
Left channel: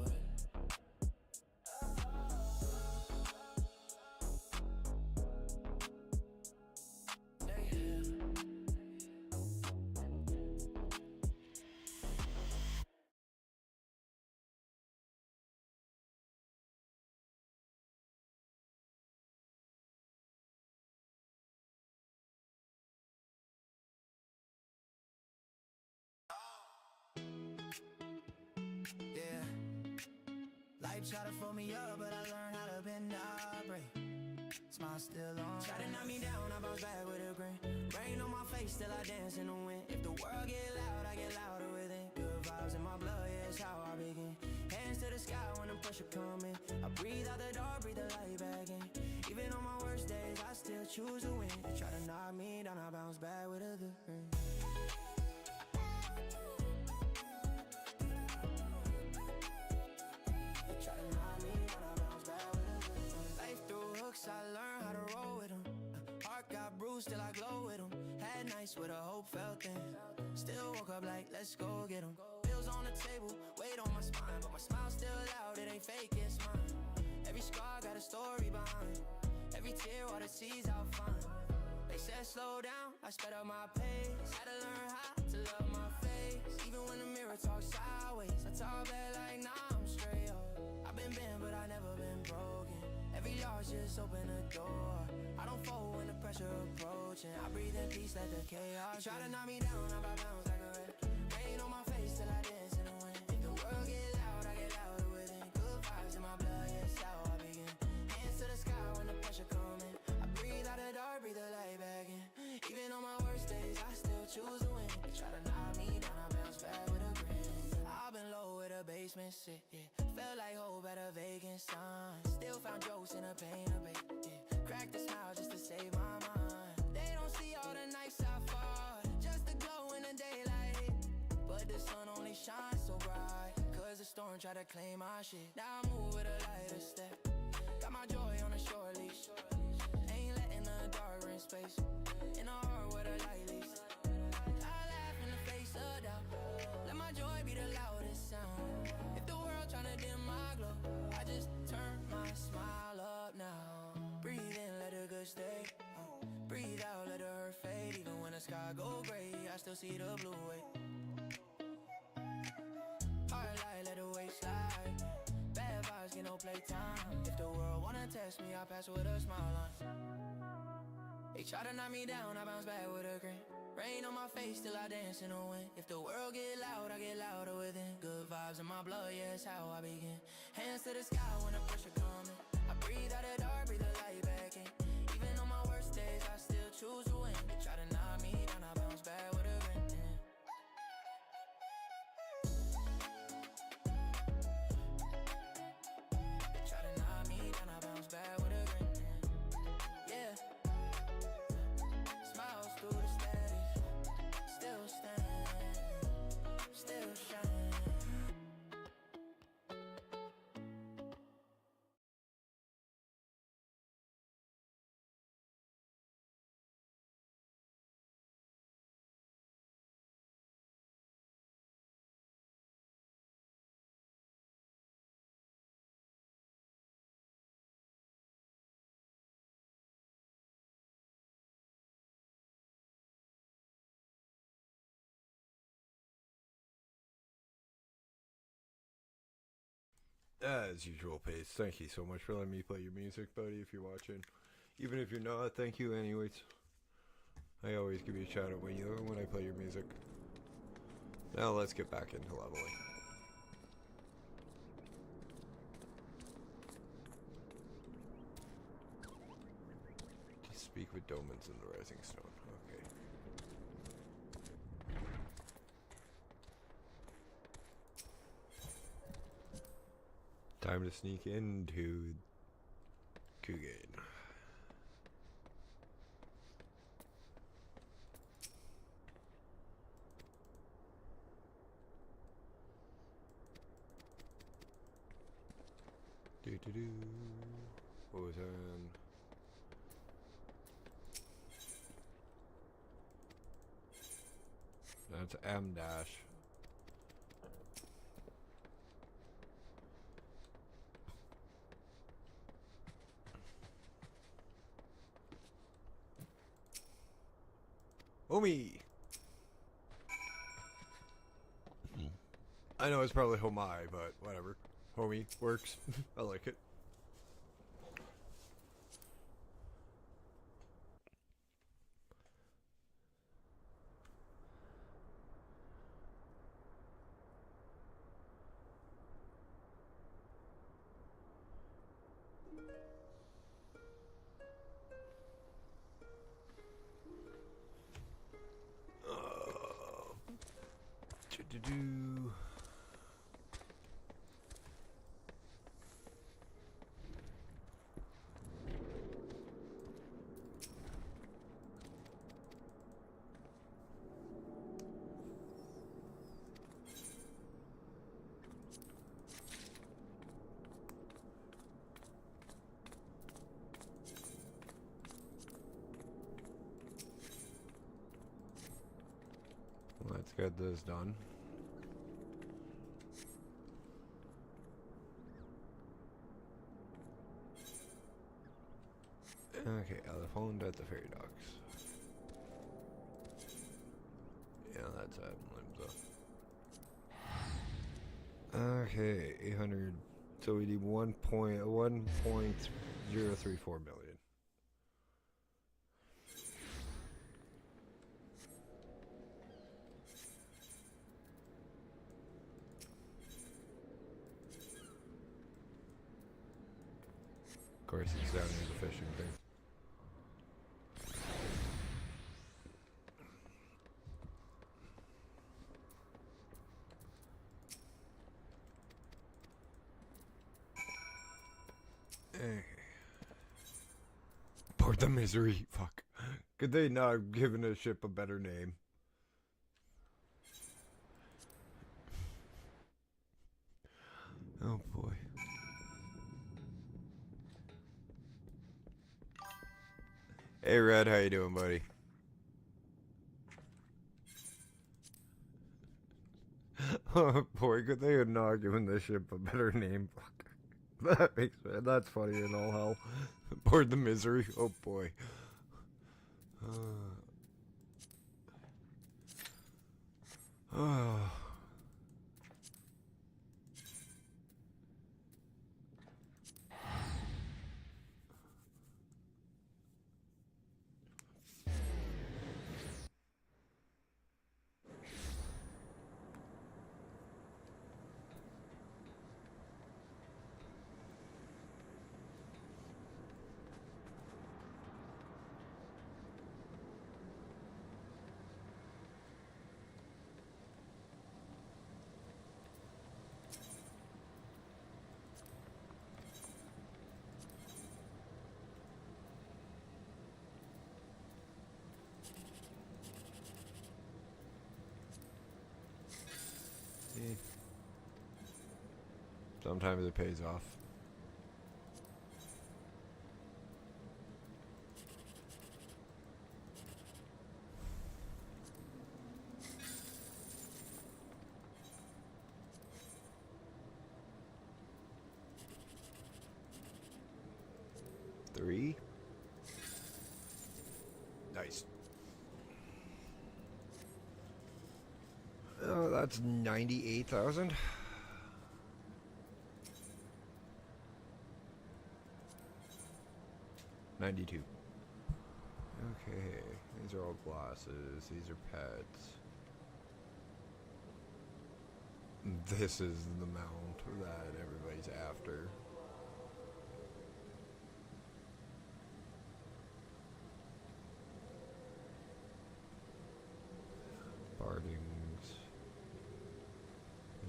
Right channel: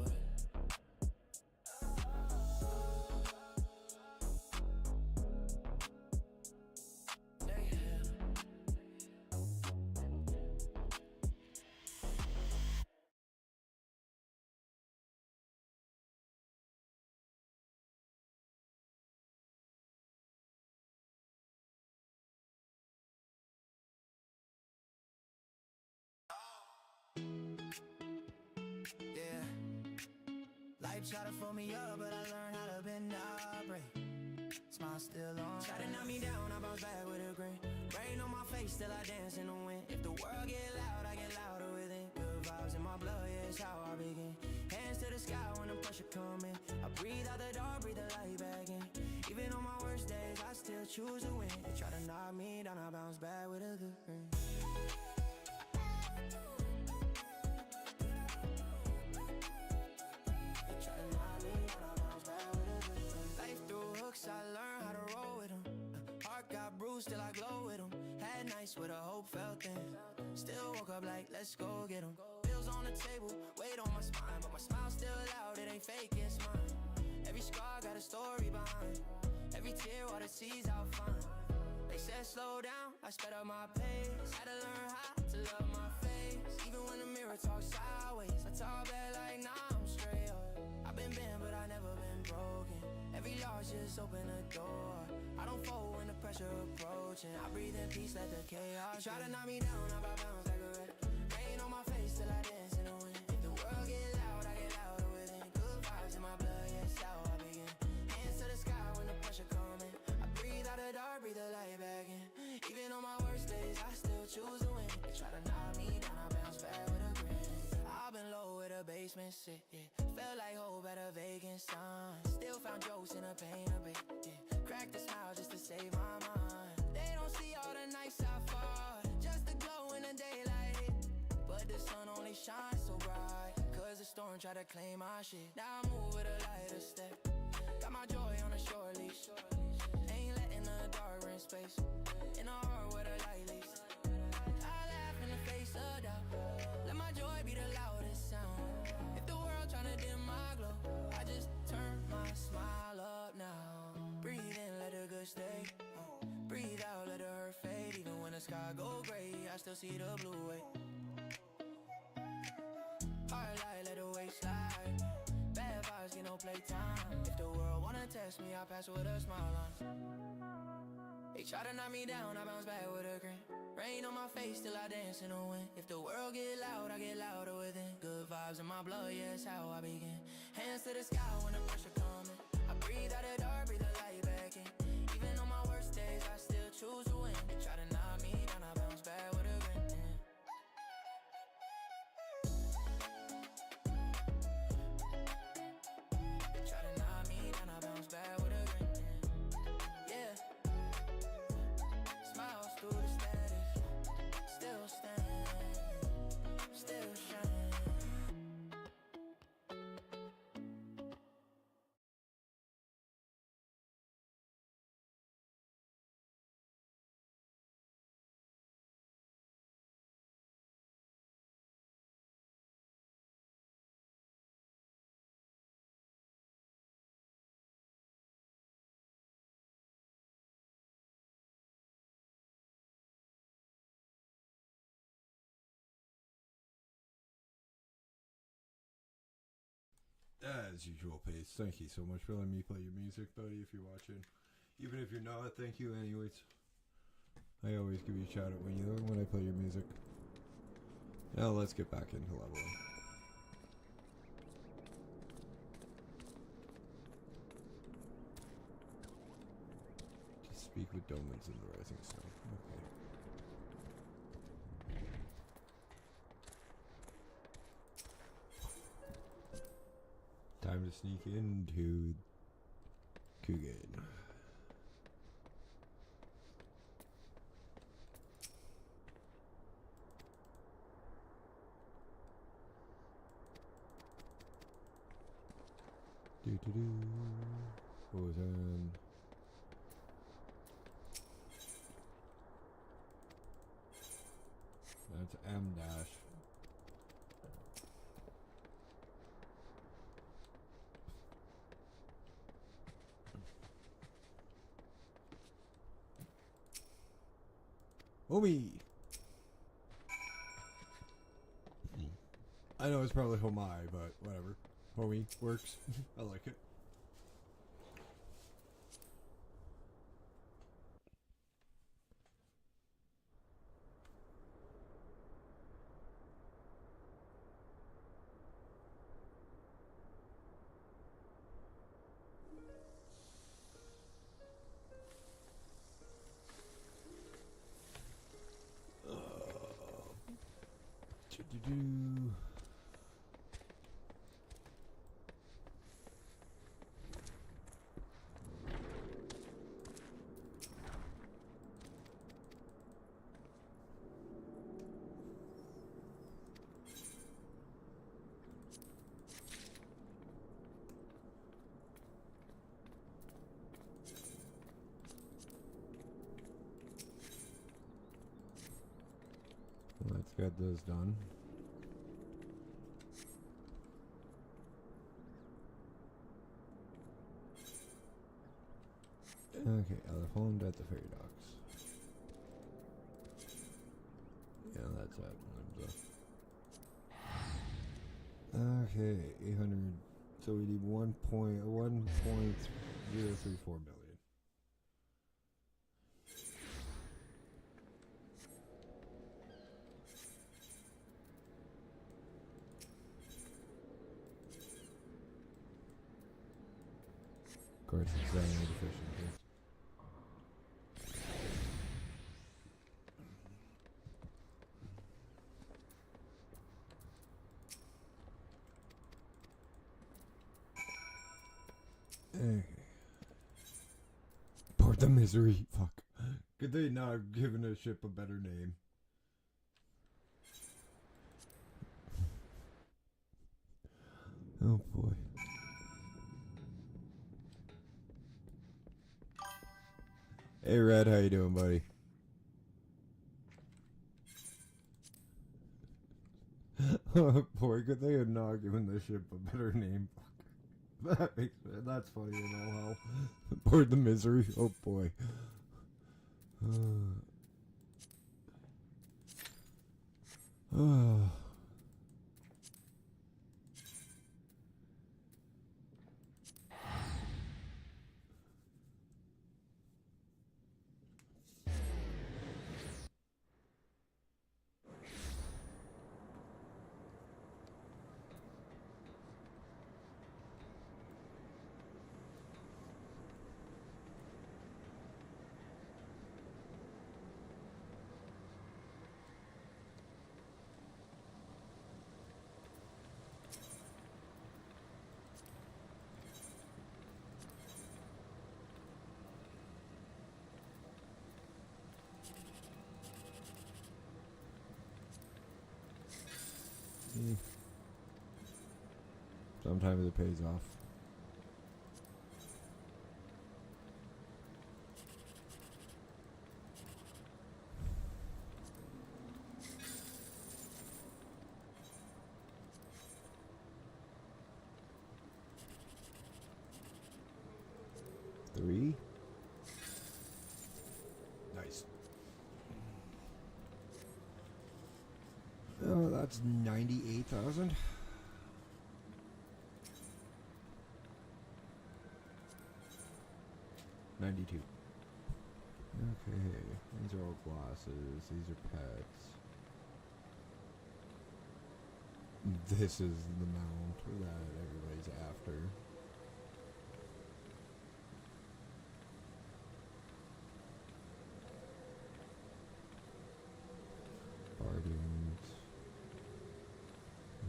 Yeah, life tried to fold me up, but I learned how to bend, not break. Smile still on. Try to knock me down, I bounce back with a grin. Rain on my face, still I dance in the wind. If the world get loud, I get louder within. Good vibes in my blood, yeah, it's how I begin. Hands to the sky when the pressure come in. I breathe out the dark, breathe the light back in. Even on my worst days, I still choose to win. They try to knock me down, I bounce back with a good grin. I learned how to roll with them. Heart got bruised, still I glow with them. Had nights with a hope felt thin. Still woke up like, let's go get them. Bills on the table, weight on my spine, but my smile still loud, it ain't fake, it's mine. Every scar got a story behind. Every tear, all the seas I'll find. They said slow down, I sped up my pace. Had to learn how to love my face. Even when the mirror talks sideways, I talk back like, nah, I'm straight up. I've been bent, but I never been broken. Every loss just open the door. I don't fold when the pressure approaching. I breathe in peace, let the chaos. You try to knock me down, I bounce like a wreck. Rain on my face till I dance in the wind. If the world get loud, I get louder within. Good vibes in my blood, yeah, it's how I begin. Hands to the sky when the pressure coming. I breathe out the dark, breathe the light back in. Even on my worst days, I still choose to win. They try to knock me down, I bounce back with a grin. I've been low with a basement sit, yeah. Felt like hope at a vacant sign. Still found jokes in the pain a bit, yeah. Cracked a smile just to save my mind. They don't see all the nights I fought, just the glow in the daylight hit. But the sun only shines so bright, cause the storm tried to claim my shit. Now I move with a lighter step. Got my joy on a short leash. Ain't letting the dark rent space. In a heart with a light leash. I laugh in the face of doubt. Let my joy be the loudest sound. If the world tryna dim my glow, I just turn my smile up now. Breathe in, let the good stay. Breathe out, let the hurt fade. Even when the sky go gray, I still see the blue wave. Heart light, let the weight slide. Bad vibes, get no playtime. If the world wanna test me, I pass with a smile on. They try to knock me down, I bounce back with a grin. Rain on my face, still I dance in the wind. If the world get loud, I get louder within. Good vibes in my blood, yeah, it's how I begin. Hands to the sky when the pressure coming. I breathe out the dark, breathe the light back in. Even on my worst days, I still choose to win. They try to knock me down, I bounce back with a grin. They try to knock me down, I bounce back with a grin. Yeah. Smiles through the static. Still stand, still shine. As usual, Pace, thank you so much for letting me play your music, buddy, if you're watching. Even if you're not, thank you anyways. I always give you a shout out when I play your music. Now let's get back into leveling. time to sneak into Kugane. Do. What was that? That's M dash. Homie! I know it's probably Homai, but whatever. Homie works. I like it. Do-do-do. Let's get this done. Okay, elephant at the fairy dogs. Yeah, that's that. Limbs up. Okay, 800. So we need 1.034 million. Of course, it's that efficient. Port the misery. Fuck. Could they not have given a ship a better name? Oh boy. Hey Red, how you doing, buddy? Oh boy, could they have not given this ship a better name? Fuck. That's funny in all hell. Port the misery. Oh boy. Oh. Sometimes it pays off. Three. Nice. Oh, that's 98,000. $92. Okay, these are all classes. These are pets. This is the mount that everybody's after. Party wings.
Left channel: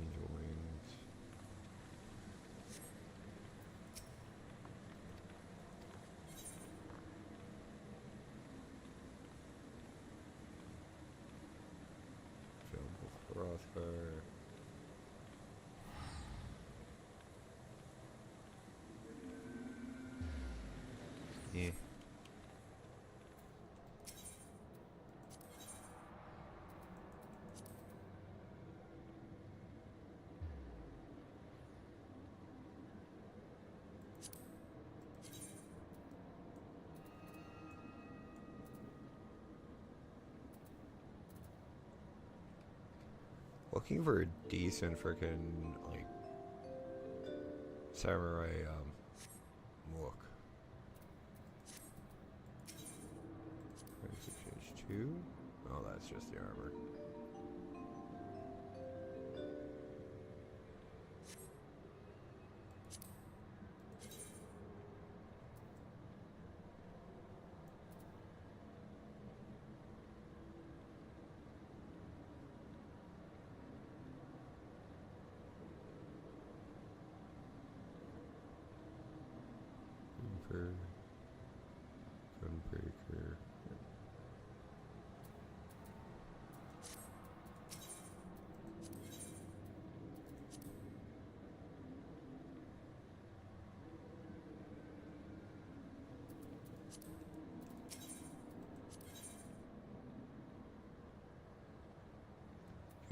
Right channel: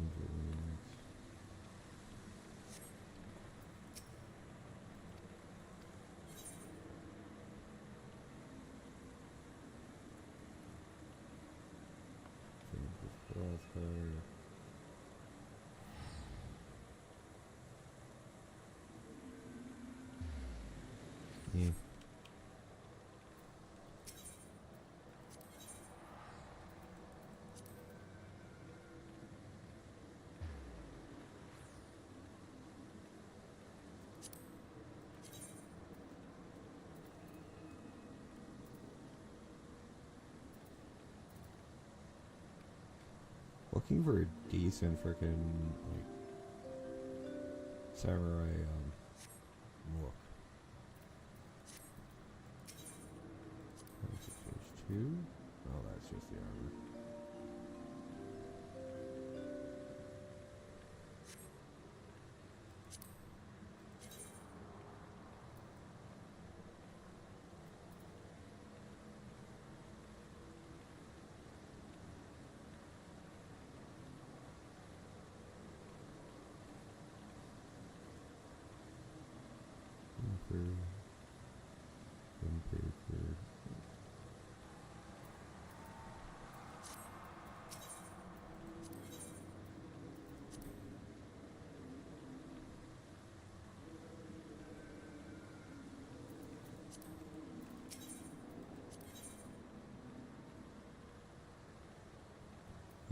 Angel wings. Looking for a decent freaking like samurai look. Page 2? No, that's just the armor.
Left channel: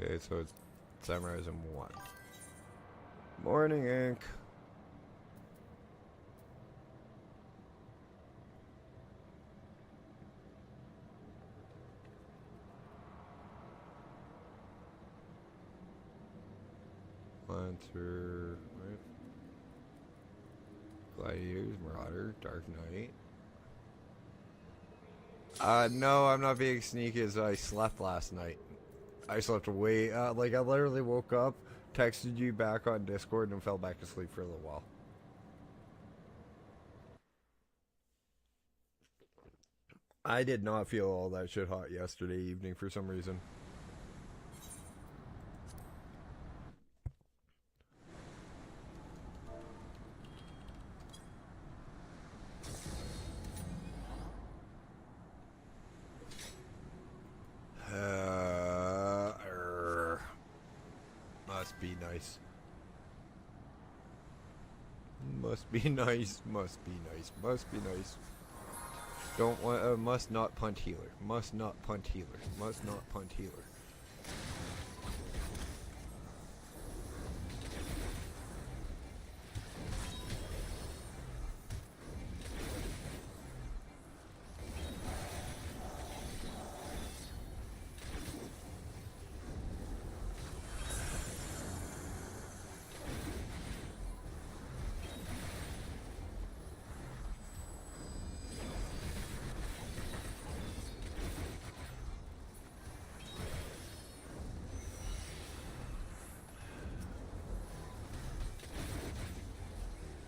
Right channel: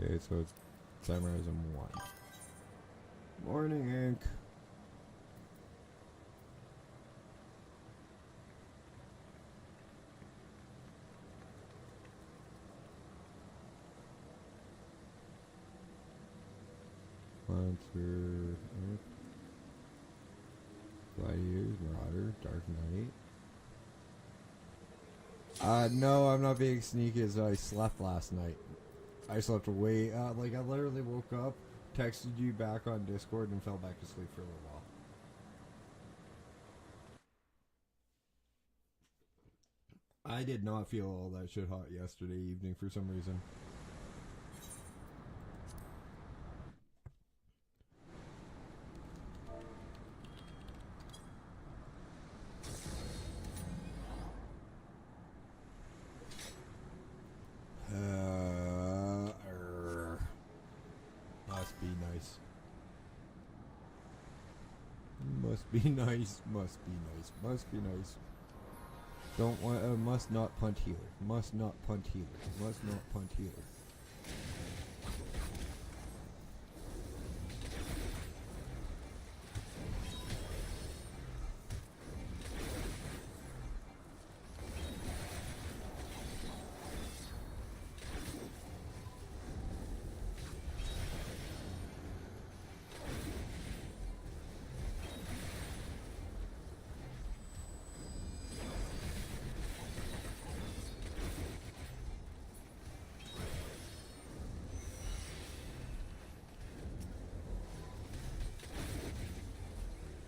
Okay, so it's Samurais in 1. Morning, Ink. Lancer, right? Gladiators, Marauder, Dark Knight. No, I'm not being sneaky as I slept last night. I slept way, like I literally woke up, texted you back on Discord, and fell back to sleep for a little while. I did not feel all that shit hot yesterday evening for some reason. Must be nice. Must be nice. Must be nice. Must be nice. Don't want. Must not punt healer. Must not punt healer. Must not punt healer.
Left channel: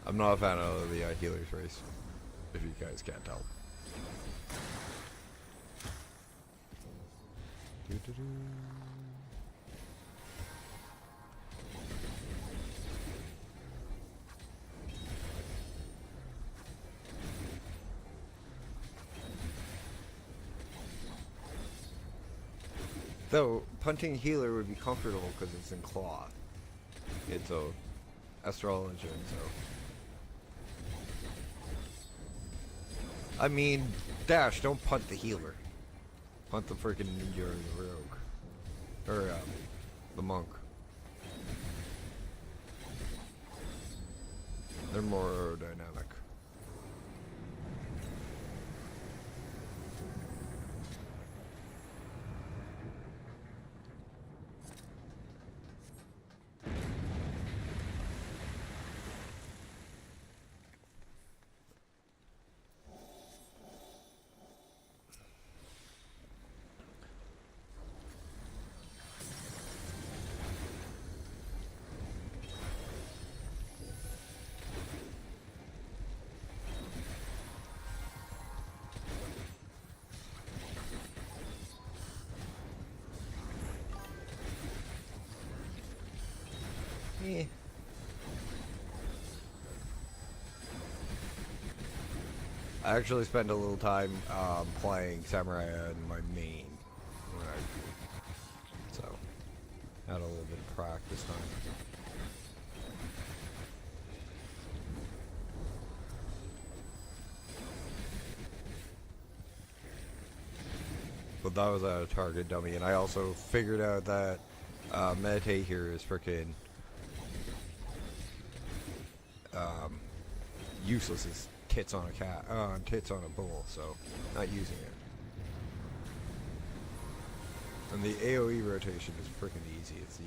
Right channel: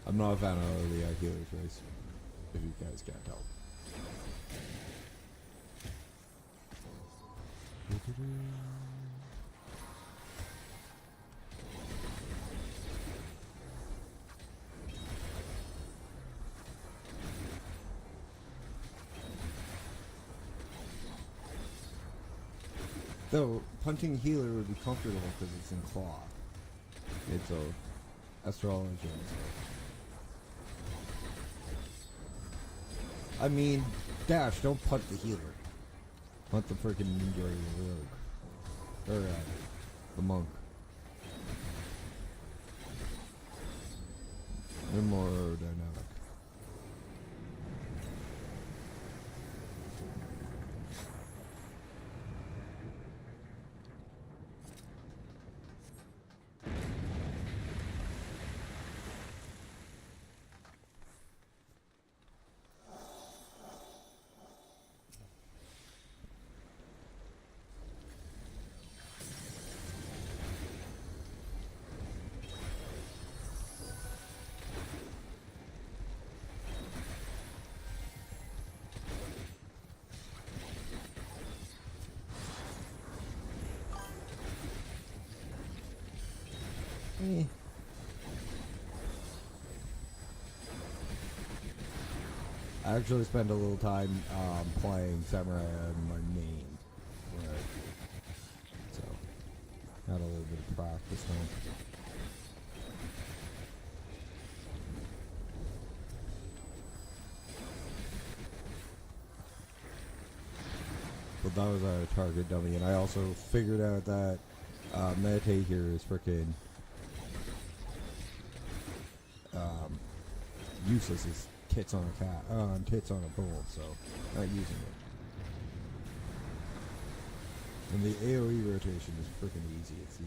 I'm not a fan of the healer's race, if you guys can't tell. Though, punting healer would be comfortable because it's in claw. It's a astrology. I mean, Dash, don't punt the healer. Punt the freaking rogue. Or, the monk. They're more aerodynamic. I actually spent a little time playing Samurai in my main. So, had a little bit of practice on it. But that was a target dummy, and I also figured out that meditate here is freaking useless. It's tits on a cat, tits on a pole, so not using it. And the AoE rotation is freaking easy. It's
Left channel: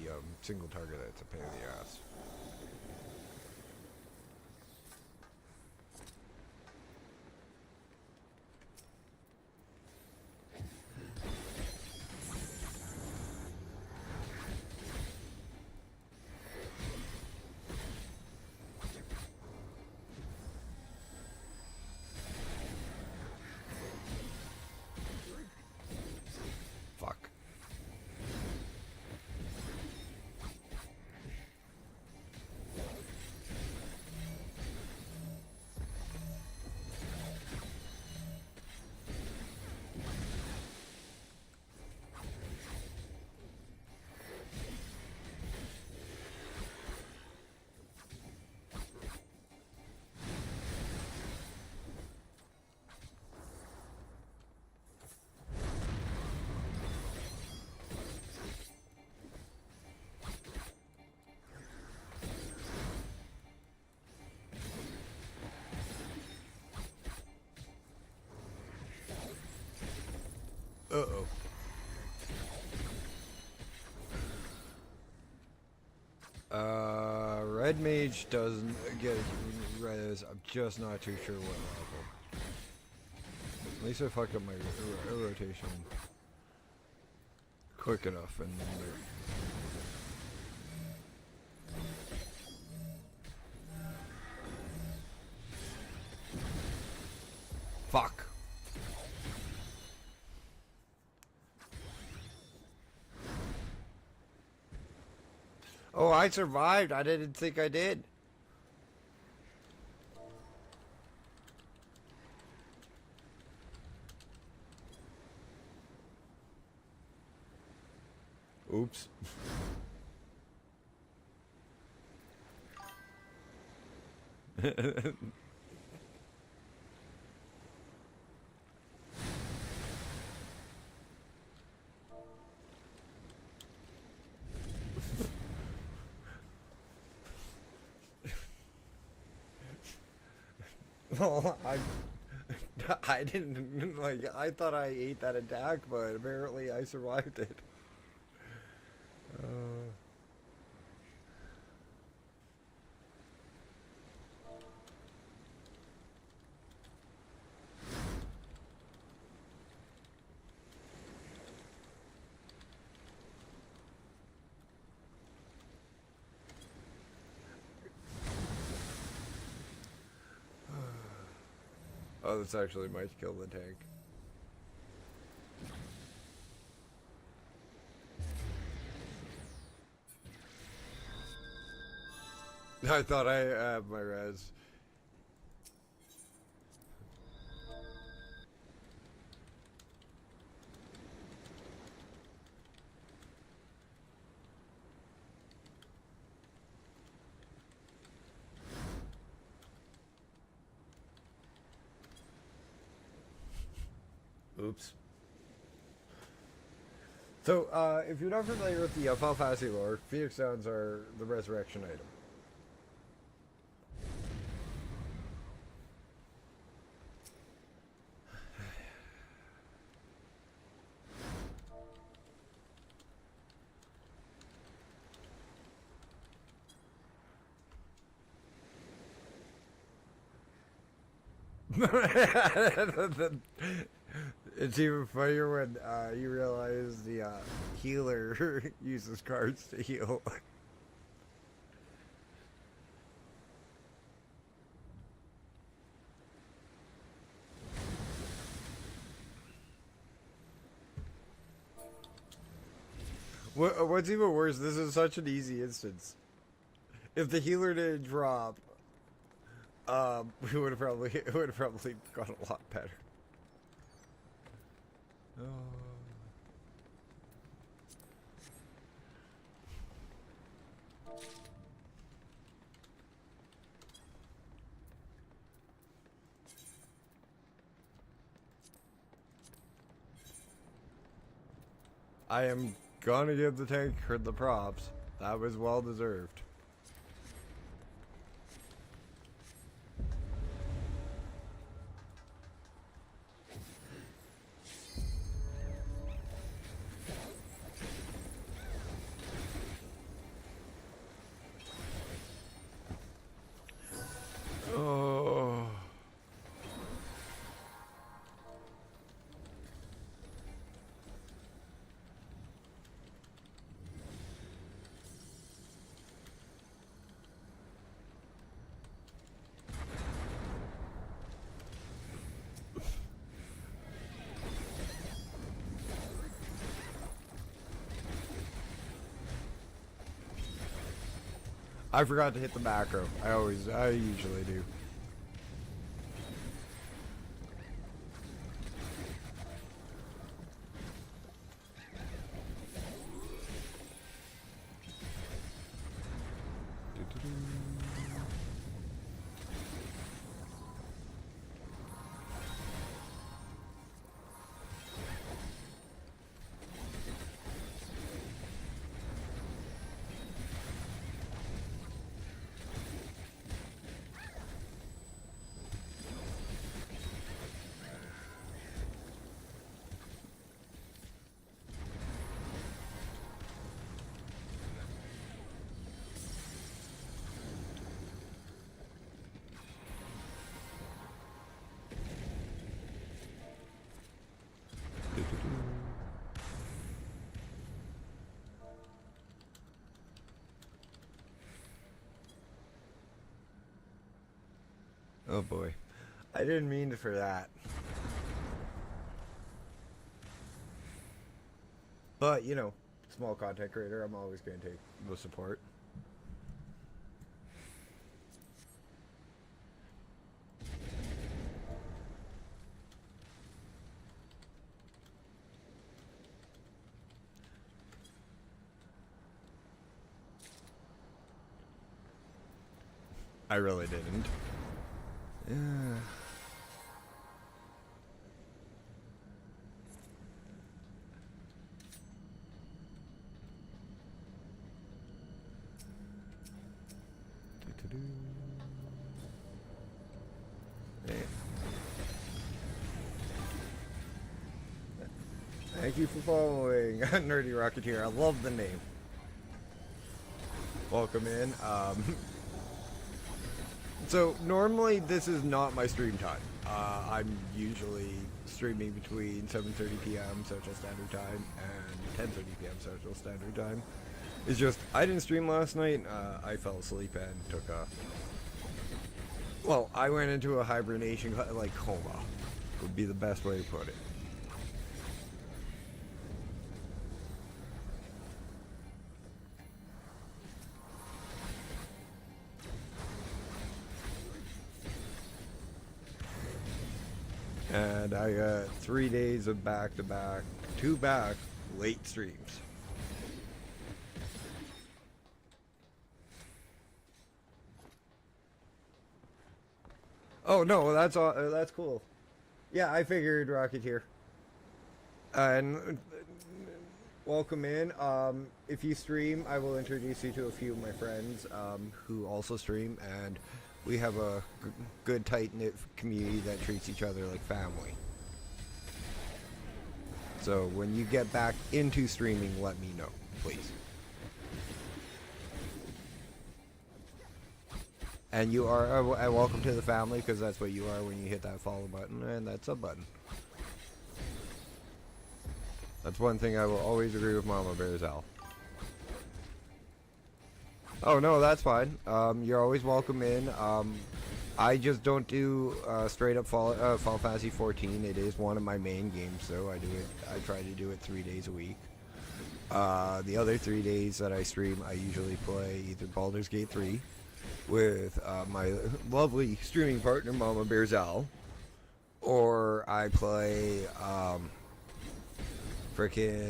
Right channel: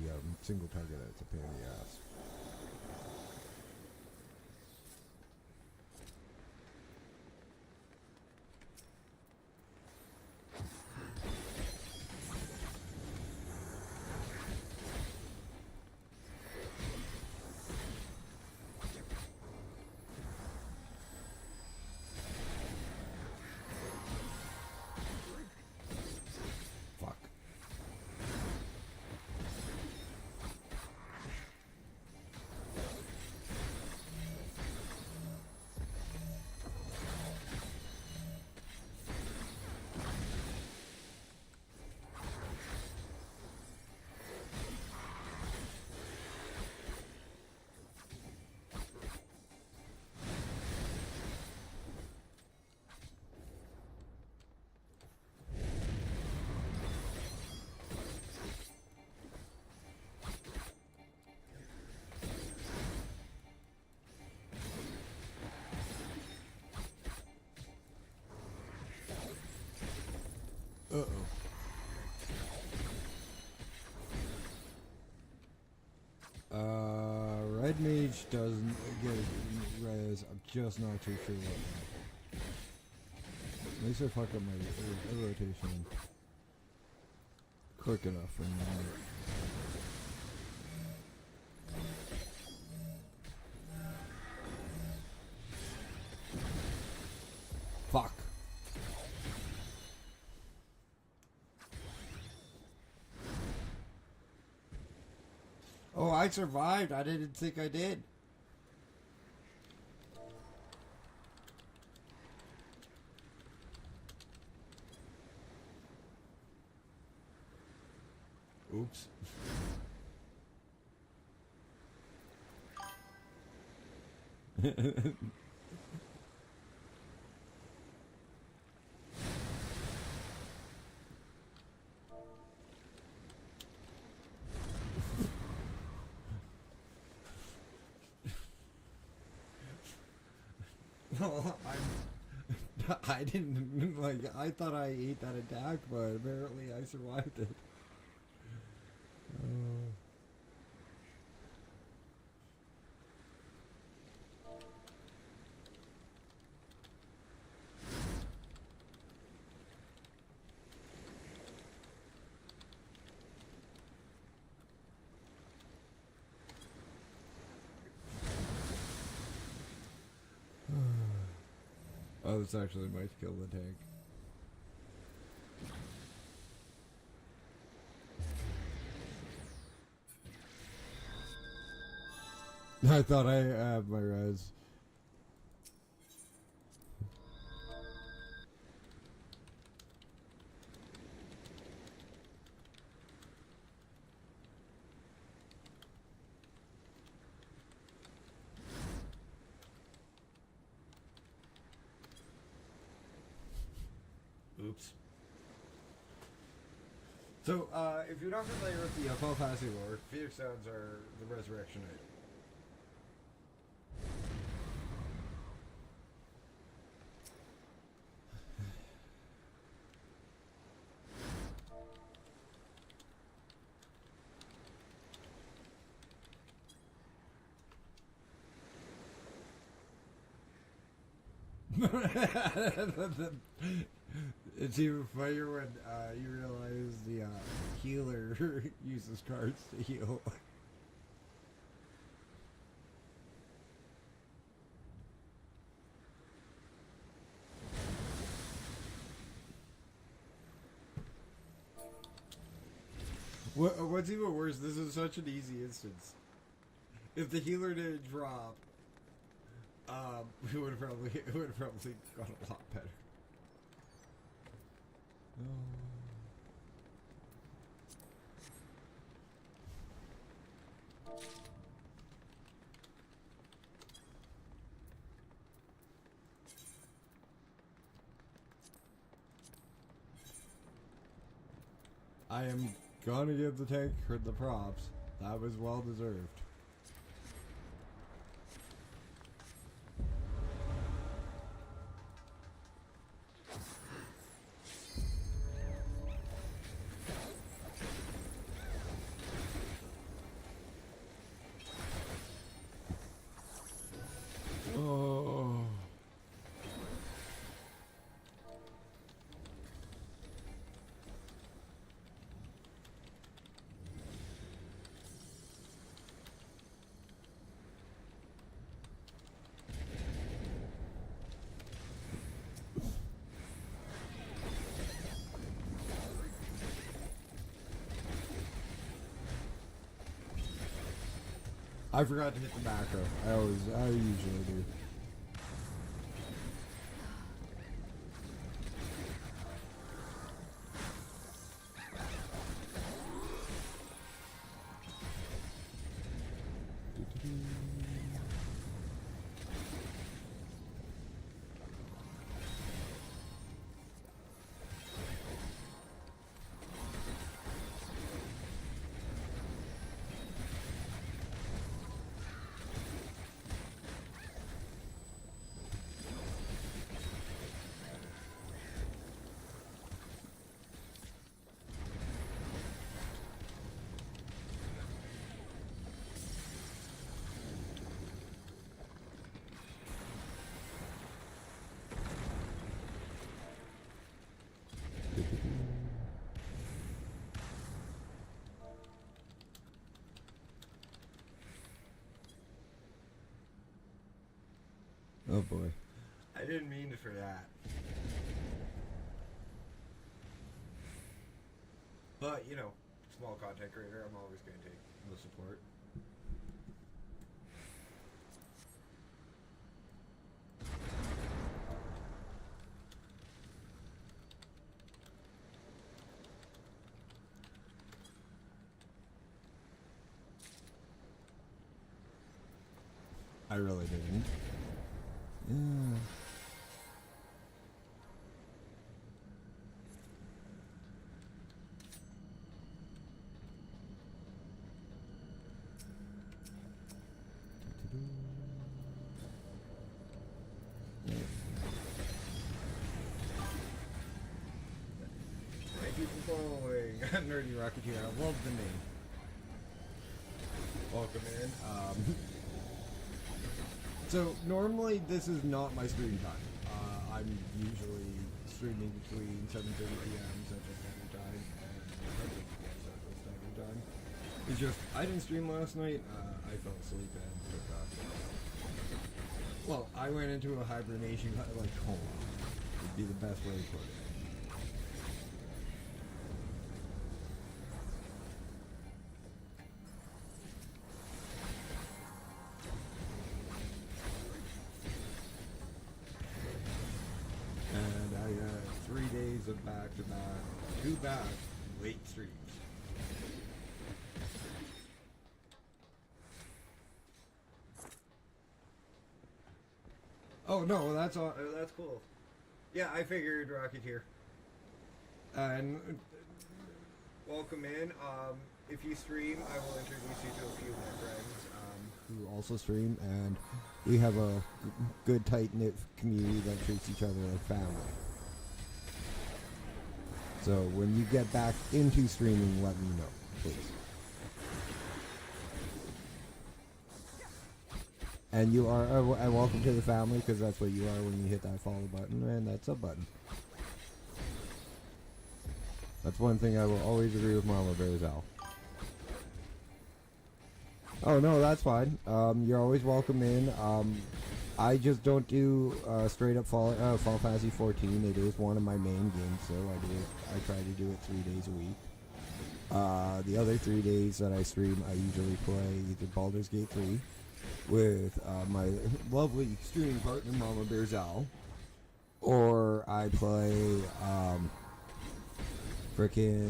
Red Mage doesn't get res, I'm just not too sure what. At least I fucked up my rotation quick enough and fuck. Oh, I survived. I didn't think I did. Oops. Well, I didn't, like, I thought I ate that attack, but apparently I survived it. Oh, this actually might kill the tank. I thought I had my res. Oops. So, if you're not familiar with the Final Fantasy lore, Phoenix Downs are the resurrection item. It's even funnier when you realize the healer uses cards to heal. What's even worse, this is such an easy instance. If the healer didn't drop, it would have probably gone a lot better. I am gonna give the tank the props. That was well deserved. I forgot to hit the macro. I usually do. Oh boy. I didn't mean for that. But, you know, small content creator, I'm always going to take the support. I really didn't. Thank you for following Nerdy Rocketeer. I love the name. Welcome in. So normally this is not my stream time. I'm usually streaming between 7:30 p.m. Central Standard Time and 10:30 p.m. Central Standard Time. It's just I didn't stream last night. I fell asleep and took a. Well, I went into a hibernation, like coma. Would be the best way to put it. And I got 3 days of back-to-back, late streams. Oh no, that's all. That's cool. Yeah, I figured Rocketeer. And welcome in. If you stream, I will introduce you to a few of my friends who also stream, and we have a good tight-knit community that treats each other like family. So when you get back into streaming, let me know, please. And you are welcome to the family, because that's what you are when you hit that follow button and that sub button. That's one thing I will always agree with Mama Bearzell. Oh no, that's fine. You're always welcome in. I just don't do straight up Final Fantasy 14. It is one of my main games, so I try to do it 3 days a week. The other 3 days that I stream, I usually play either Baldur's Gate 3 with my lovely streaming partner Mama Bearzell, or I play frickin'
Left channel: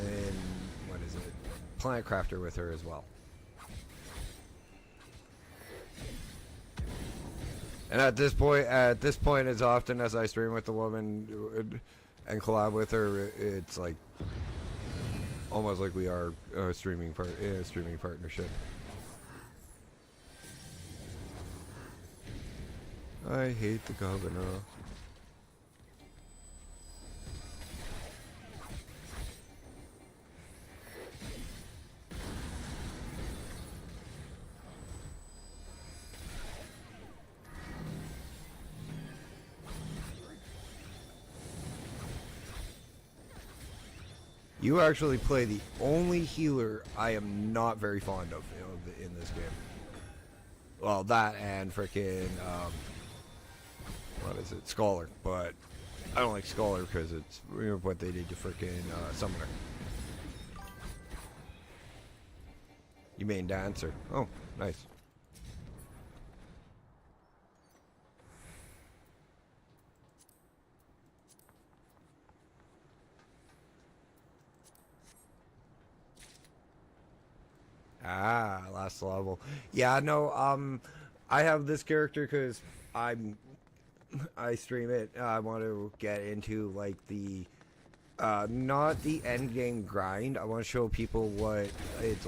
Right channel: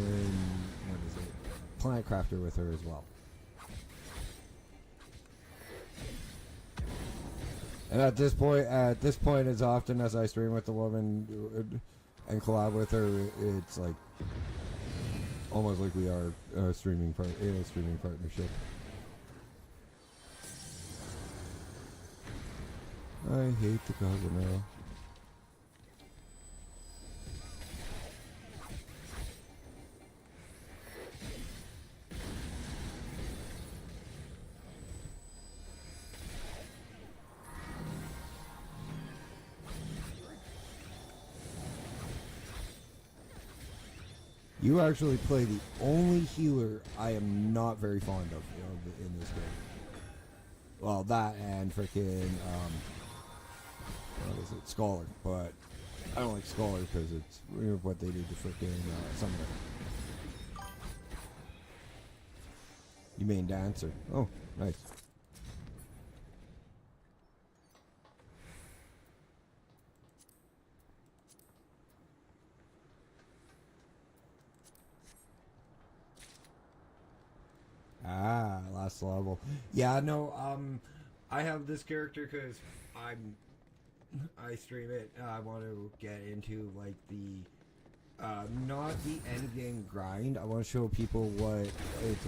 Planet Crafter with her as well. And at this point, as often as I stream with the woman and collab with her, it's like almost like we are a streaming partnership. I hate the governor. You actually play the only healer I am not very fond of in this game. Well, that and frickin' what is it, Scholar, but I don't like Scholar because it's what they do to frickin' something. You mean Dancer? Oh, nice. Ah, last level. Yeah, no, I have this character because I stream it. I want to get into, like, the, not the end game grind. I want to show people what it's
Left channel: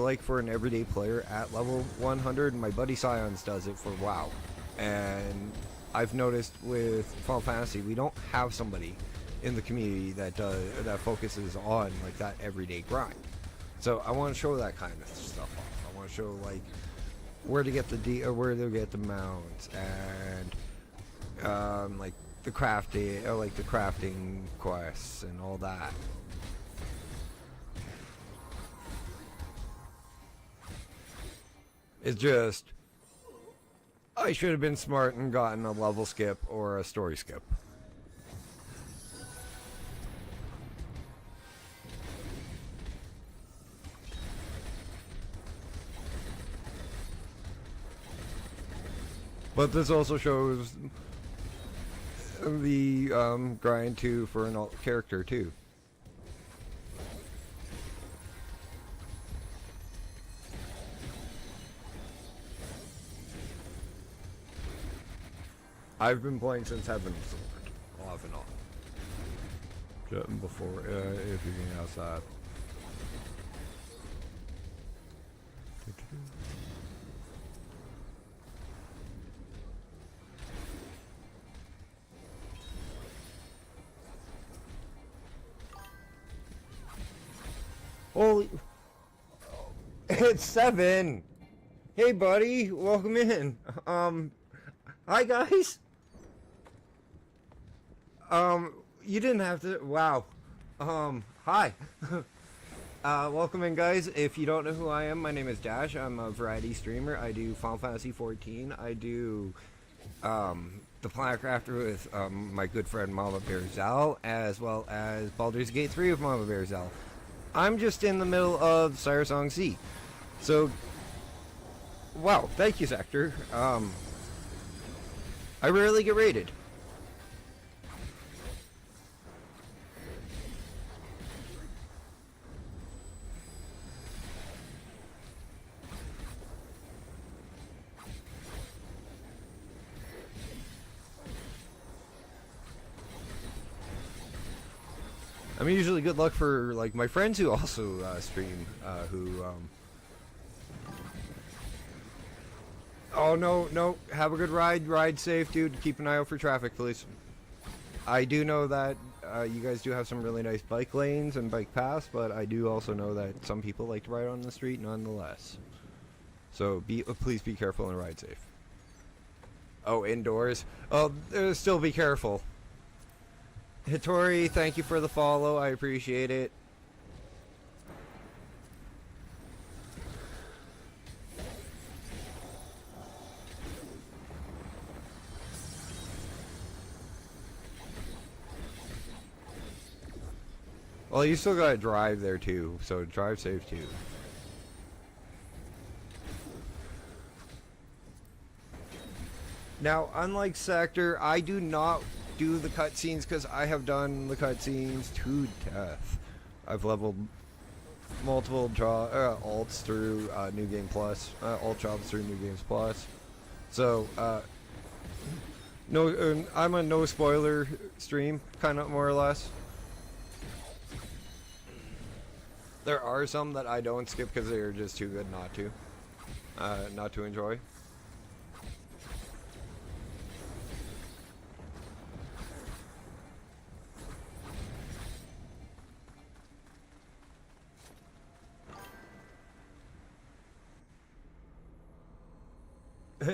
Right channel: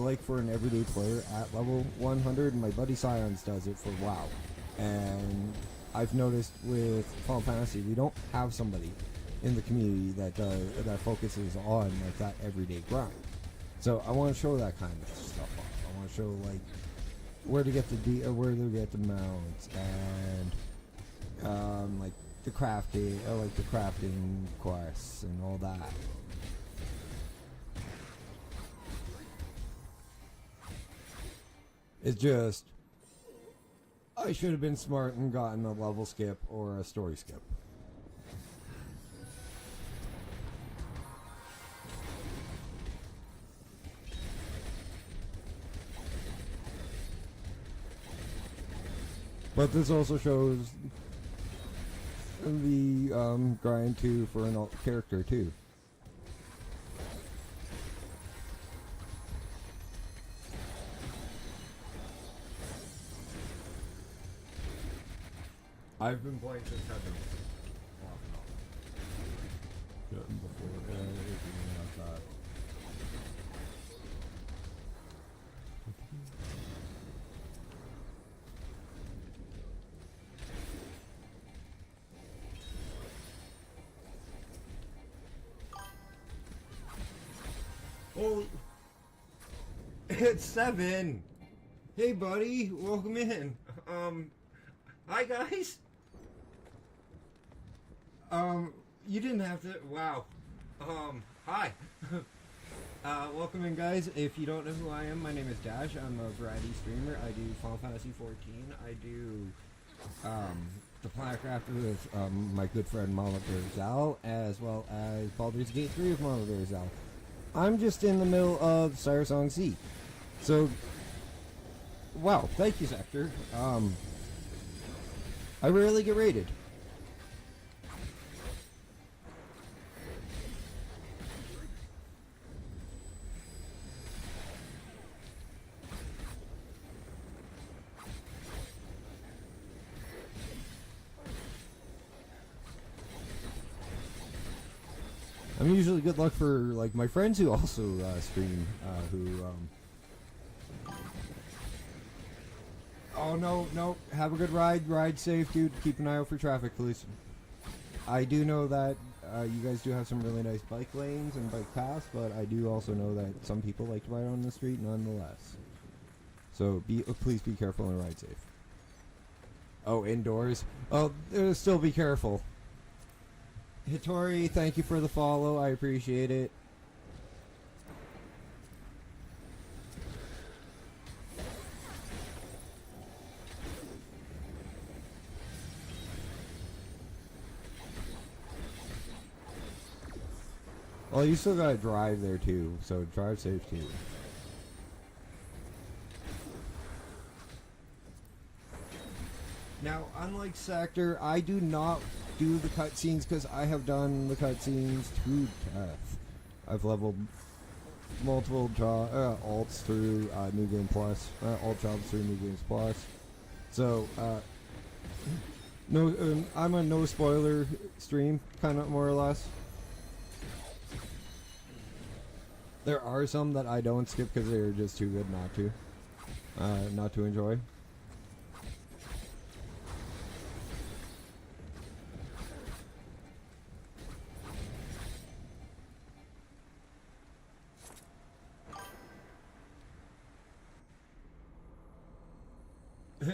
like for an everyday player at level 100. My buddy Scions does it for WoW. And I've noticed with Final Fantasy, we don't have somebody in the community that focuses on like that everyday grind. So I want to show that kind of stuff. I want to show like where to get the mounts and like the crafting quests and all that. It's just I should have been smart and gotten a level skip or a story skip. But this also shows the grind too for an alt character too. I've been playing since Heaven, off and on. Just before everything else that. Holy, it's 7. Hey, buddy, welcome in. Hi, guys. You didn't have to. Wow. Hi. Welcome in, guys. If you don't know who I am, my name is Dash. I'm a variety streamer. I do Final Fantasy 14. I do the Planet Crafter with my good friend Mama Bear Zal, as well as Baldur's Gate 3 with Mama Bear Zal. I'm just in the middle of Sire Song C. So, wow, thank you, Sector. I rarely get rated. I'm usually good luck for like my friends who also stream. Oh no! Have a good ride. Ride safe, dude. Keep an eye out for traffic, please. I do know that you guys do have some really nice bike lanes and bike paths, but I do also know that some people like to ride on the street nonetheless. So please be careful and ride safe. Oh, indoors. Oh, still be careful. Hitori, thank you for the follow. I appreciate it. Well, you still gotta drive there too, so drive safe too. Now, unlike Sector, I do not do the cutscenes because I have done the cutscenes to death. I've leveled multiple alts through New Game Plus, alt jobs through New Games Plus. So, no, I'm a no spoiler stream, kind of more or less. There are some that I don't skip because they're just too good not to enjoy.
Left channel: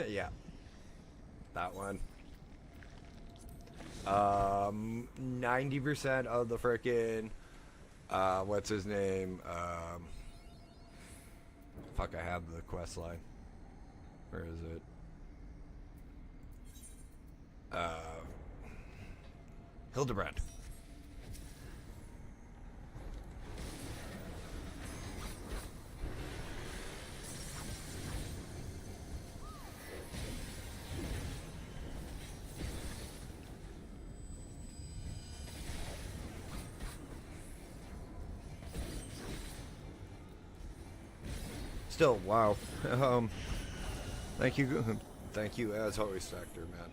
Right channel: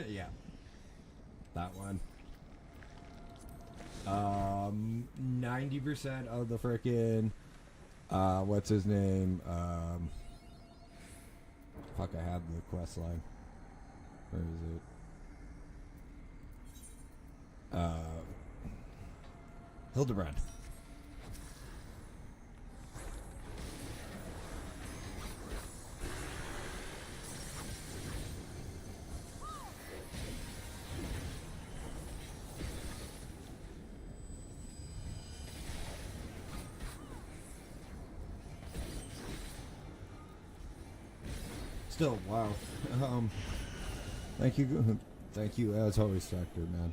Yeah, that one. 90% of the frickin' what's his name? Fuck, I have the quest line. Where is it? Hildebrand. Still, wow. Thank you as always, Factor, man.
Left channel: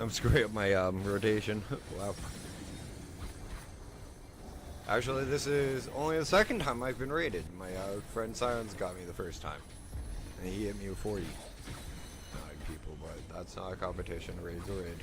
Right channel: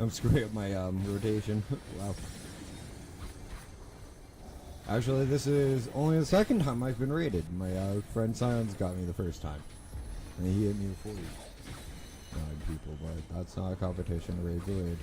I'm screwing up my rotation. Wow. Actually, this is only the second time I've been raided. My friend Sans got me the first time. And he gave me a 40. People, but that's not a competition, raid to raid.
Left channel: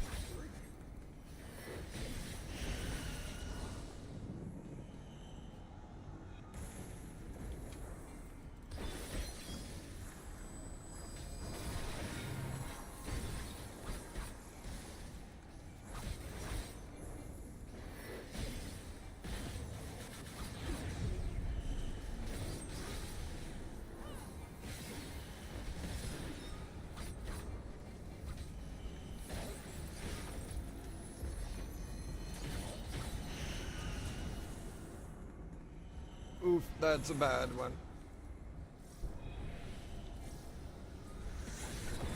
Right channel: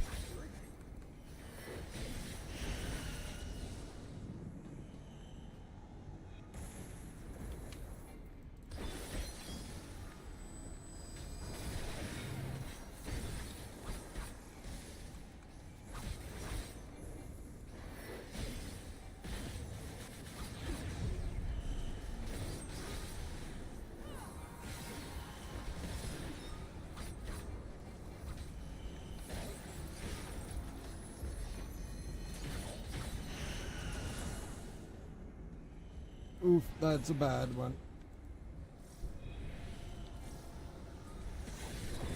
Oof, that's a bad one.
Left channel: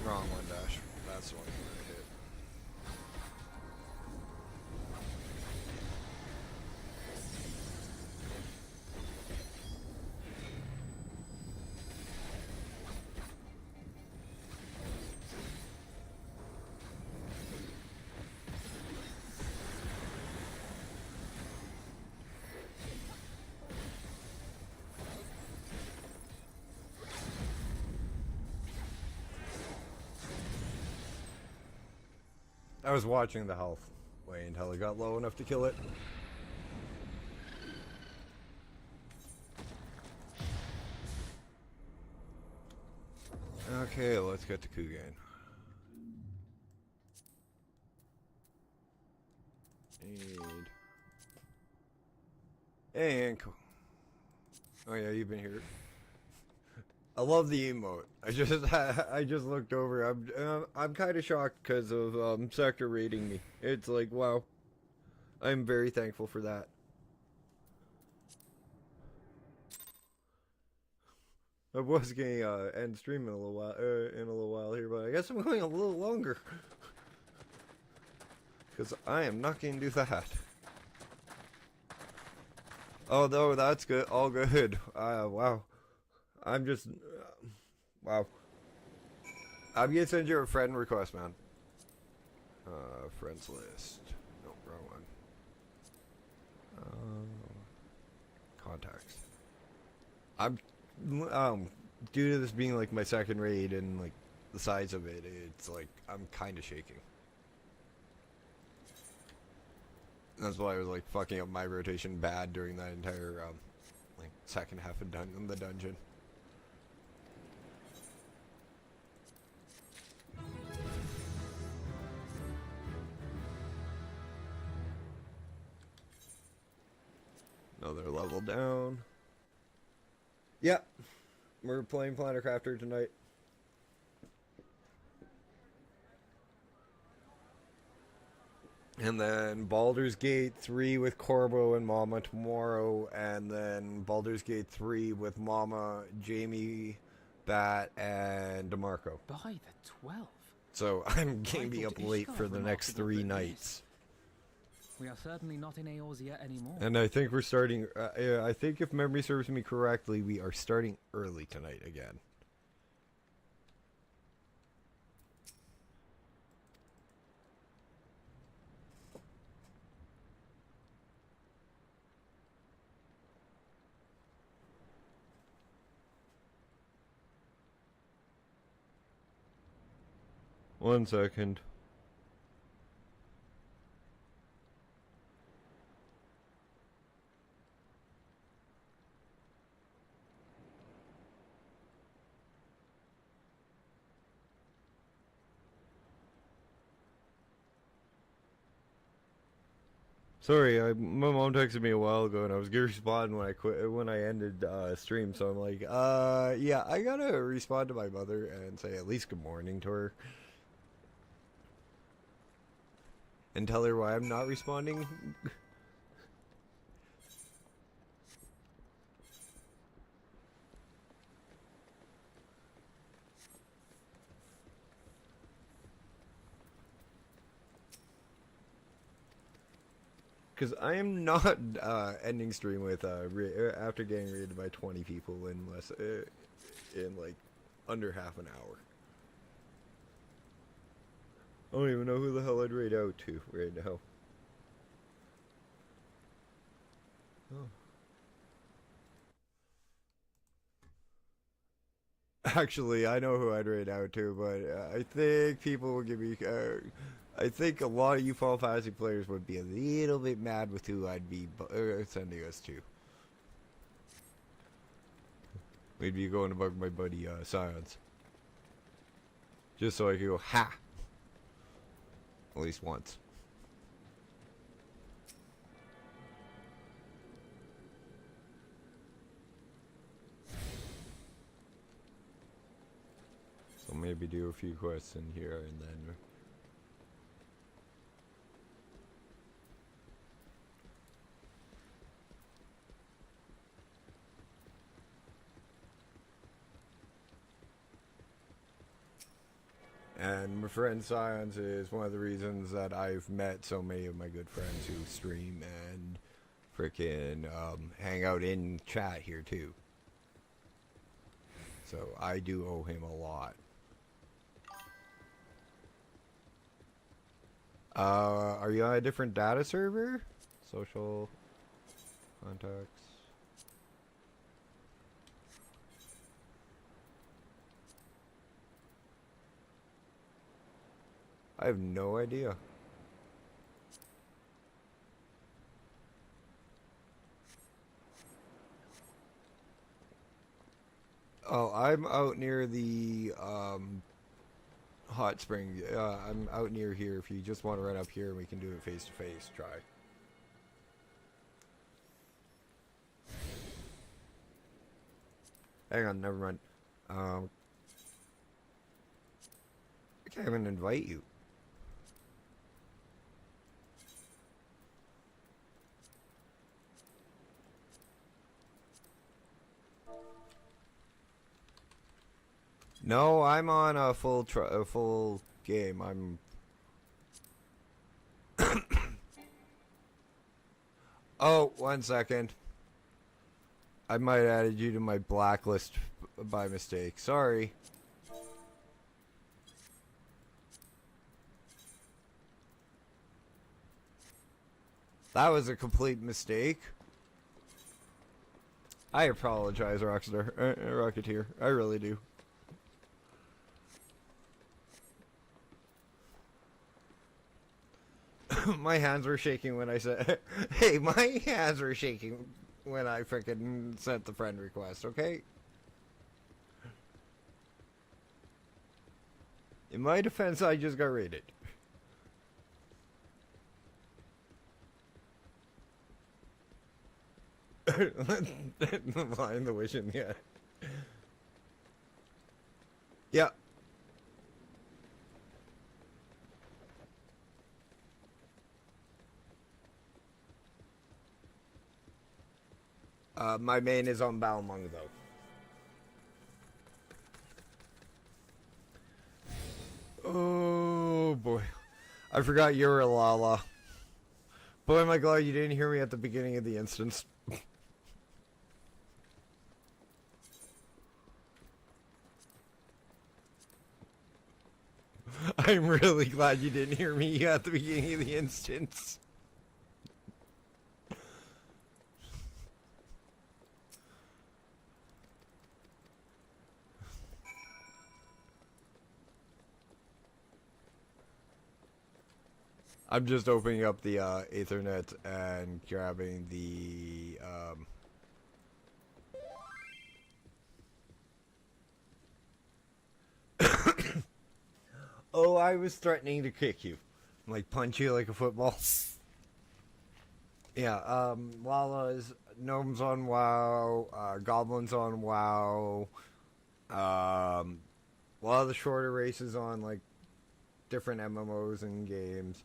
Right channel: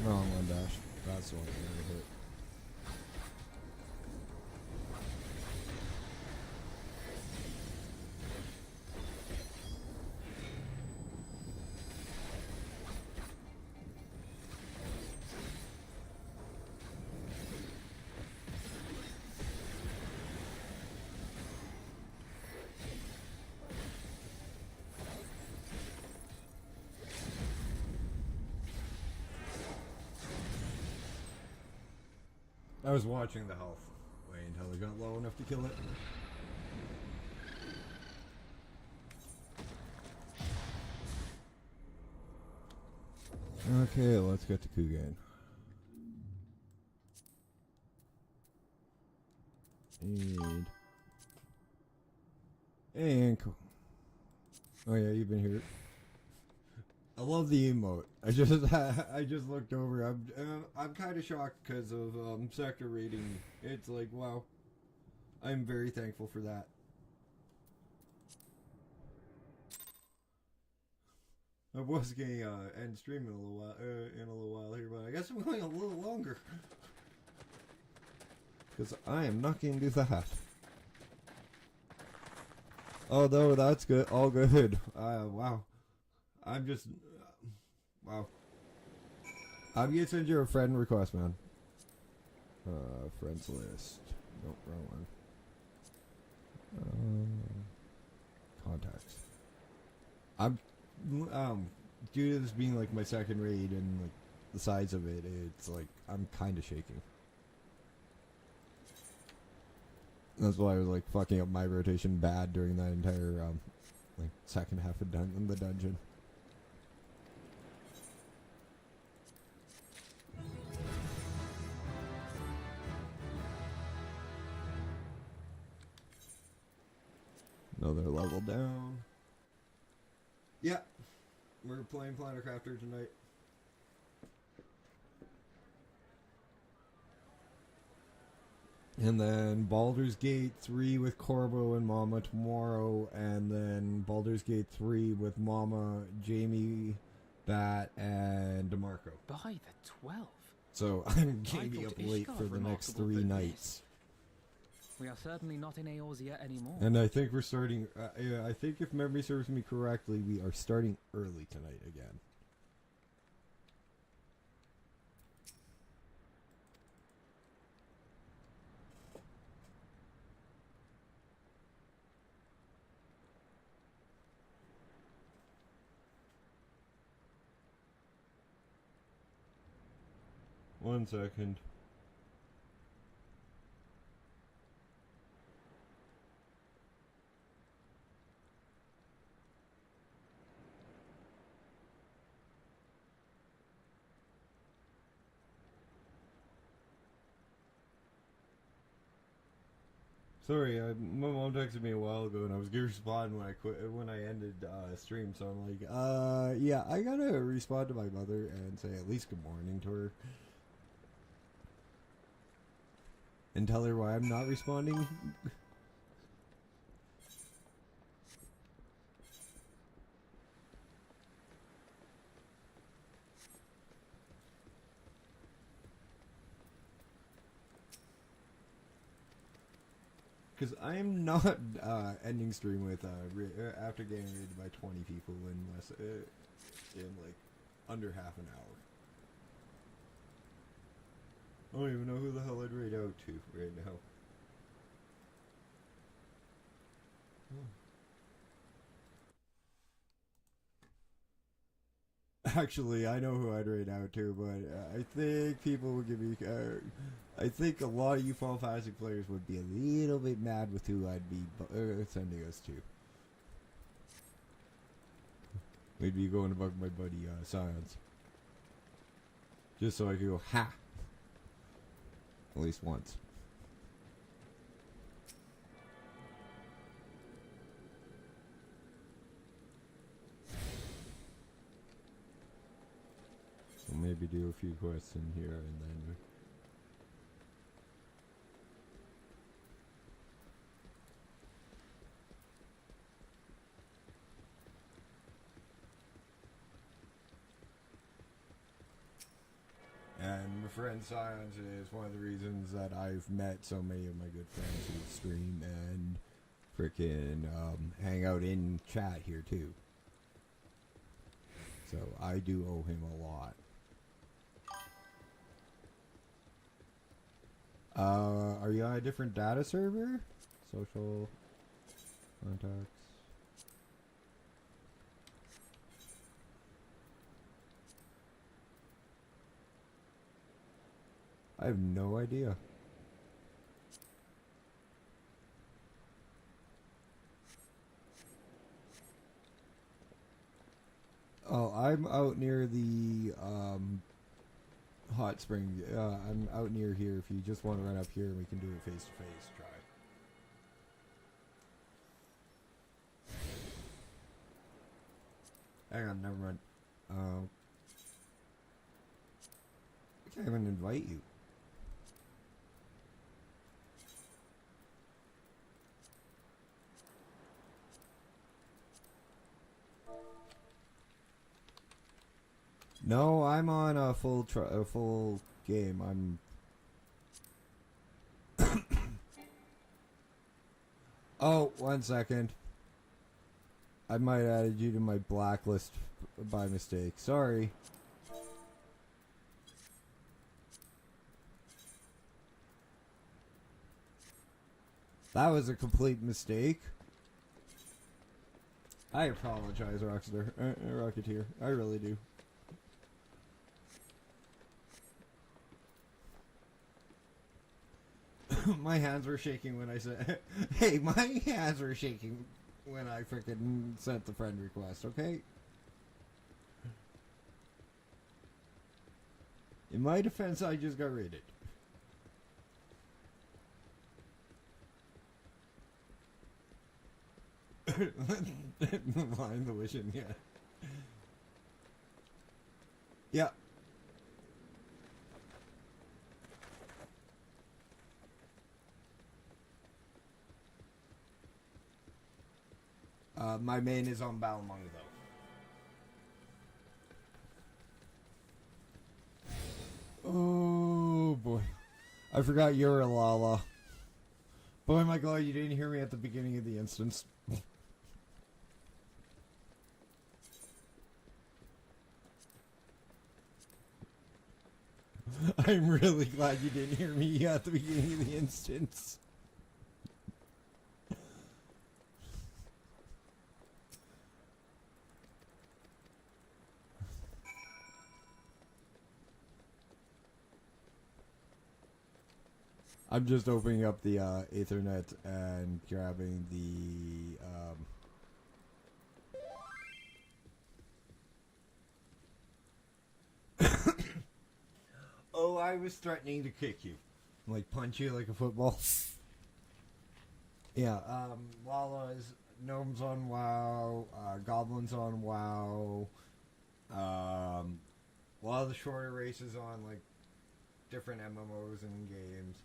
Wrong one, Dash. That's the one I'm gonna hit. I was watching the health wait until it got low enough to kill it. Okay, let's get to Kugane. And cool. Oh yeah, you've been here. I love the emote. I just looked over. I'm kind of shocked because of Sector rating me. It's like, wow. I'm very thankful for that. I was going to end stream in a little while here, but I guess I'm going a little longer because I am not going to do that. Oh no, that's good. All good. Wow. I'm just wow. I'm gonna send you a friend request, man. Friends list. Nope, wrong one. Contacts. I'm due to this being like my second raid and like the size of it, it's like I'm kind of shaking. That's why I was like fucking up my rotation bad during that entire like second half of the dungeon. Another level down. Yeah, we're playing Planet Crafter tonight. And then Baldur's Gate 3 with Corbo and Mama tomorrow, and then Baldur's Gate 3 with Mama, Jamie, Bat, and DeMarco. By the 12. So I'm gonna be up late for the next 3 nights. We are certainly not in Eorzea anymore. And I think we're starting, I think if memory serves me correctly, we are starting early tonight again. One second. Sorry, my mom texted me a while ago and I was gonna respond when I ended stream, so I'm like, yeah, I gotta respond to my mother and say at least good morning to her. And tell her why I'm not responding. Because I am not ending stream with after getting raided by 20 people in like under half an hour. I don't even know who the hell I'd raid out to right now. Oh. Actually, I know who I'd rate out to, but I think people will give me. I think a lot of you Final Fantasy players would be a little bit mad with who I'd be sending us to. Maybe you go and bug my buddy Science. Just so I can go, ha! At least once. So maybe do a few quests in here and then. And my friend Science is one of the reasons that I've met so many of my good friends who stream and frickin' hang out in chat here too. So I do owe him a lot. Are you on a different data server? Social contacts. I have no idea. Oh, I'm out near the hot spring. I'm out near here. If you just want to run up here, we can do a face-to-face try. Hang on, never mind. I can't even invite you. No, I'm on a full game. I'm. Oh, 1 second. I might have added you to my blacklist by mistake. Sorry. That was a complete mistake. I apologize, Rocketeer. I really do. My hands were shaking when I said, hey, my hands were shaking when I frickin' sent the friend request, okay? In my defense, I just got raided. Blind the wishing, yeah. Yeah. My main is on Balmung, though. Oh, boy. I forgot you were a Lala. Boy, am I glad you didn't hear me at the beginning of the instance. I'm really glad you didn't hear me at the beginning of the instance. I'm just opening up the Ethernet and grabbing the Oh, I was threatening to kick you. Like punch you like a football. Yeah, Lala's gnomes on WoW, goblins on WoW, a lot of the shorter races on like different MMOs and games.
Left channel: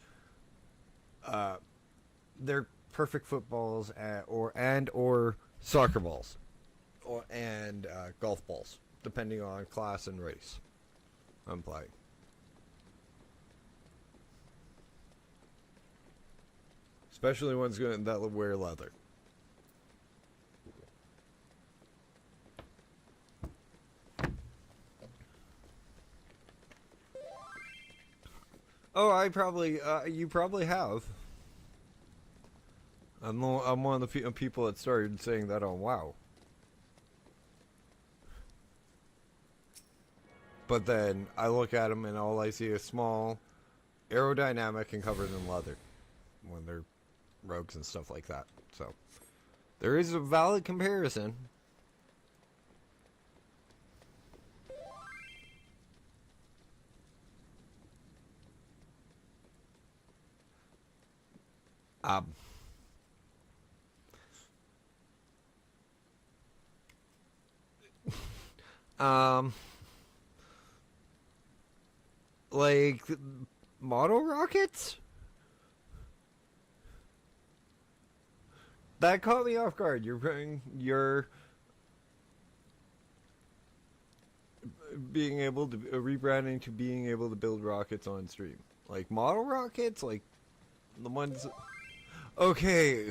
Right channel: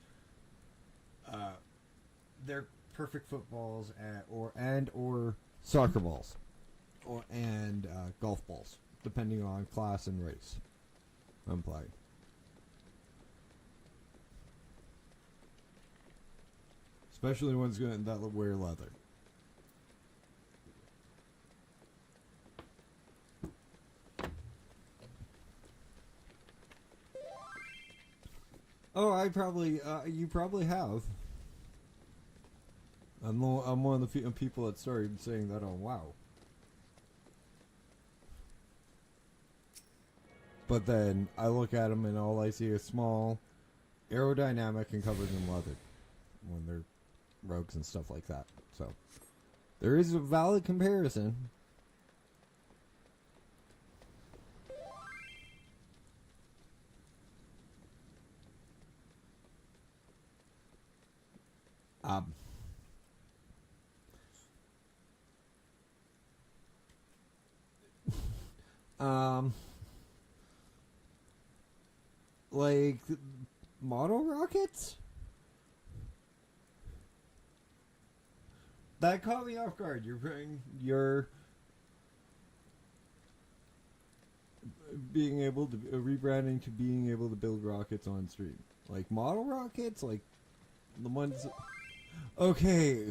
They're perfect footballs or soccer balls, and golf balls, depending on class and race I'm playing. Especially ones that wear leather. Oh, you probably have. I'm one of the people that started saying that on WoW. But then I look at them and all I see is small, aerodynamic, and covered in leather when they're rogues and stuff like that. So there is a valid comparison. Um, like model rockets? That caught me off guard. You're being able to rebranding to being able to build rockets on stream. Like model rockets, like the ones. Okay,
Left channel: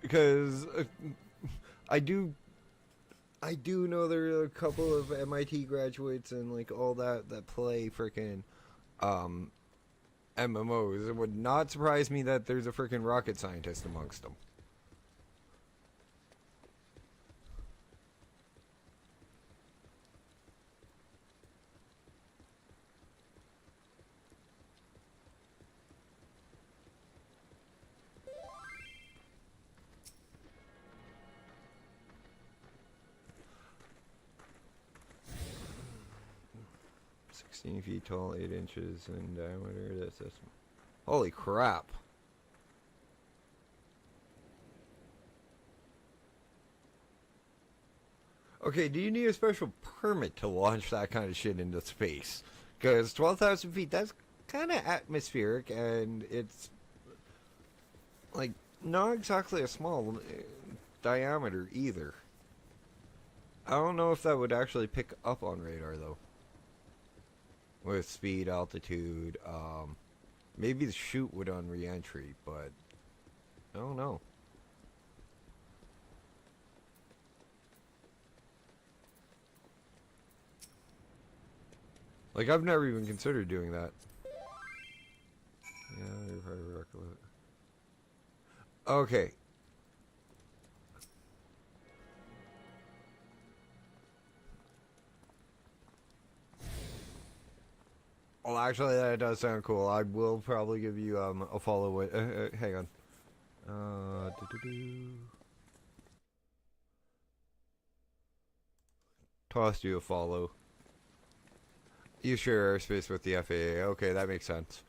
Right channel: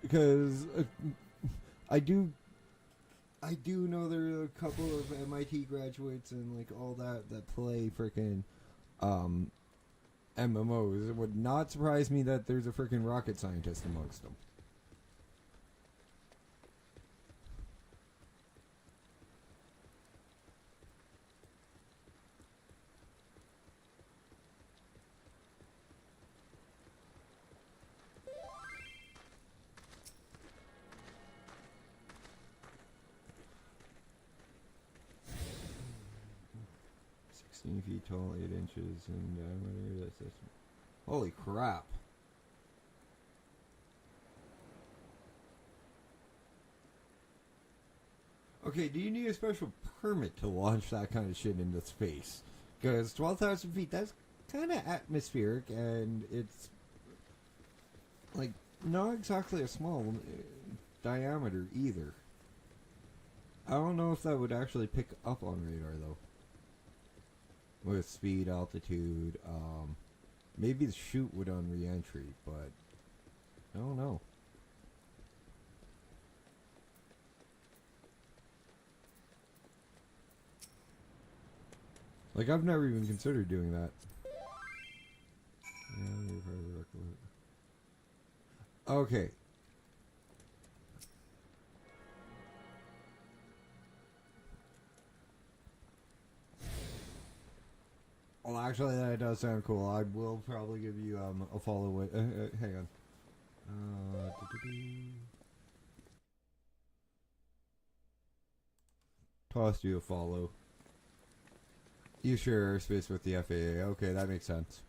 because I do know there are a couple of MIT graduates and like all that play frickin' MMOs. It would not surprise me that there's a frickin' rocket scientist amongst them. Feet tall, 8 inches in diameter. That's holy crap. Okay, do you need a special permit to launch that kind of shit into space? Because 12,000 feet, that's kind of atmospheric, and it's like not exactly a small diameter either. I don't know if that would actually pick up on radar though. With speed, altitude, maybe the chute would on re-entry, but I don't know. Like, I've never even considered doing that. Okay. Well, actually, that does sound cool. I will probably give you a follow. Hang on. Tossed you a follow. You share airspace with the FAA. Okay, that makes sense.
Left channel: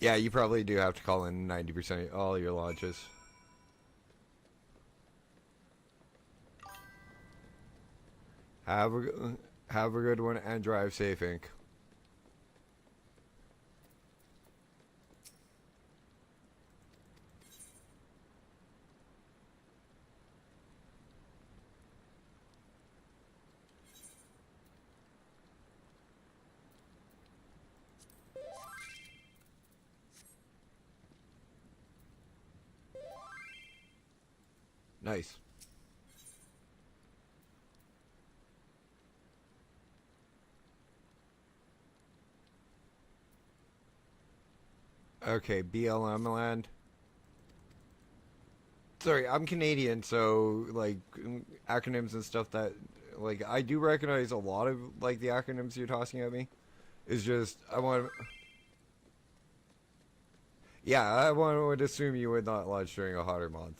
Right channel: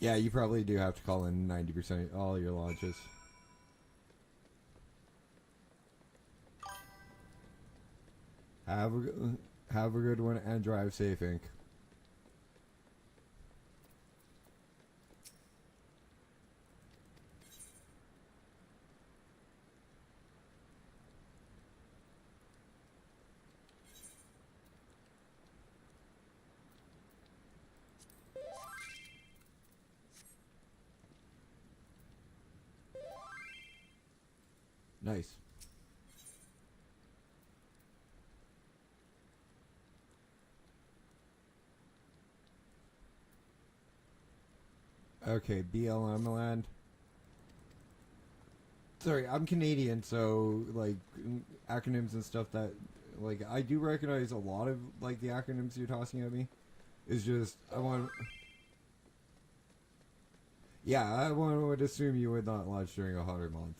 Yeah, you probably do have to call in 90% of all your launches. Have a good one and drive safe, Inc. Nice. Okay, BLM land. Sorry, I'm Canadian, so like acronyms and stuff that like I do recognize a lot of like the acronyms you're tossing at me. It's just I want. Yeah, I would assume you would not launch during a hotter month.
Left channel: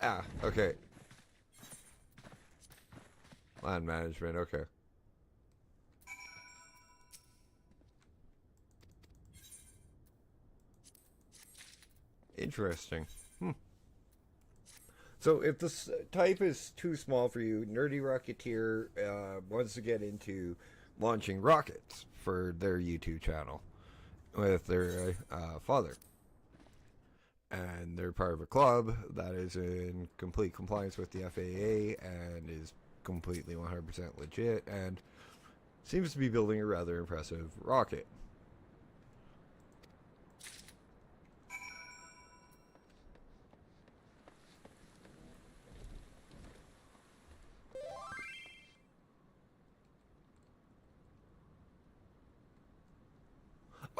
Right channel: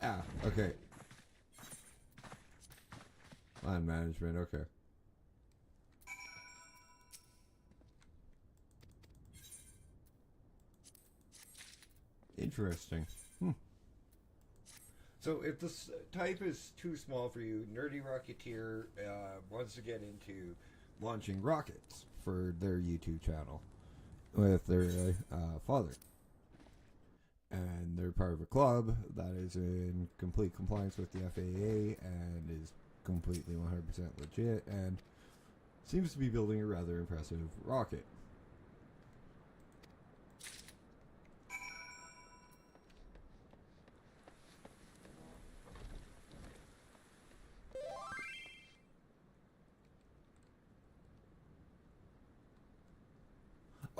Ah, okay. Land management, okay. Interesting. So if the type is too small for you, Nerdy Rocketeer wants to get into launching rockets for their YouTube channel with their father. And they're part of a club that is in complete compliance with the FAA and is completely 100% legit and seems to be building a rather impressive rocket.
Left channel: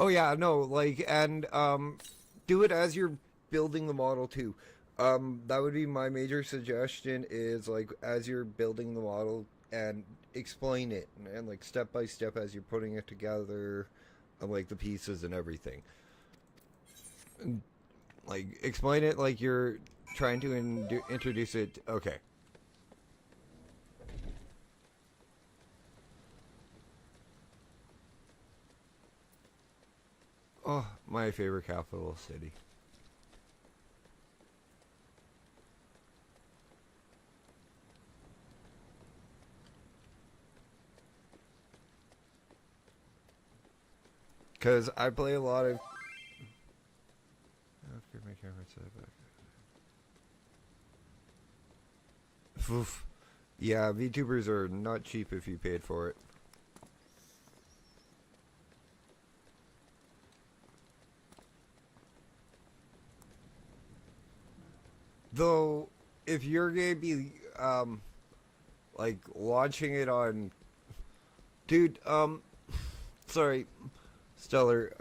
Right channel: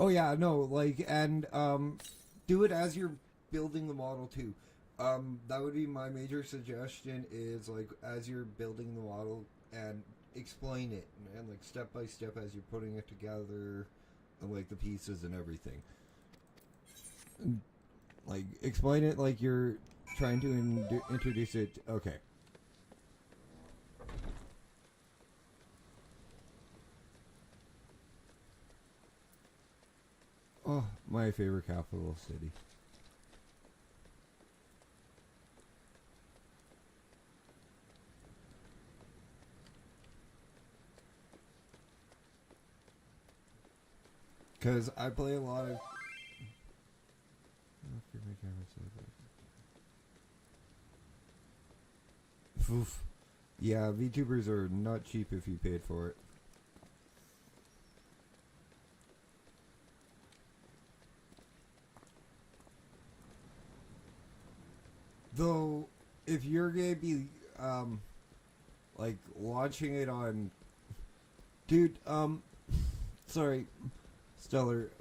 Oh yeah, no, like, and do it as you're building the model too. That would be my major suggestion. Is like as you're building the model and explain it and like step by step as you're putting it together, like the pieces and everything. And, like explain it like you're trying to introduce it. Okay. Oh, my favorite capital city. Because I play a lot of... Oof. Yeah, VTubers are not cheap if you paid for it. Though, if you're going to be, like, launching it on... Dude, sorry, Stellar,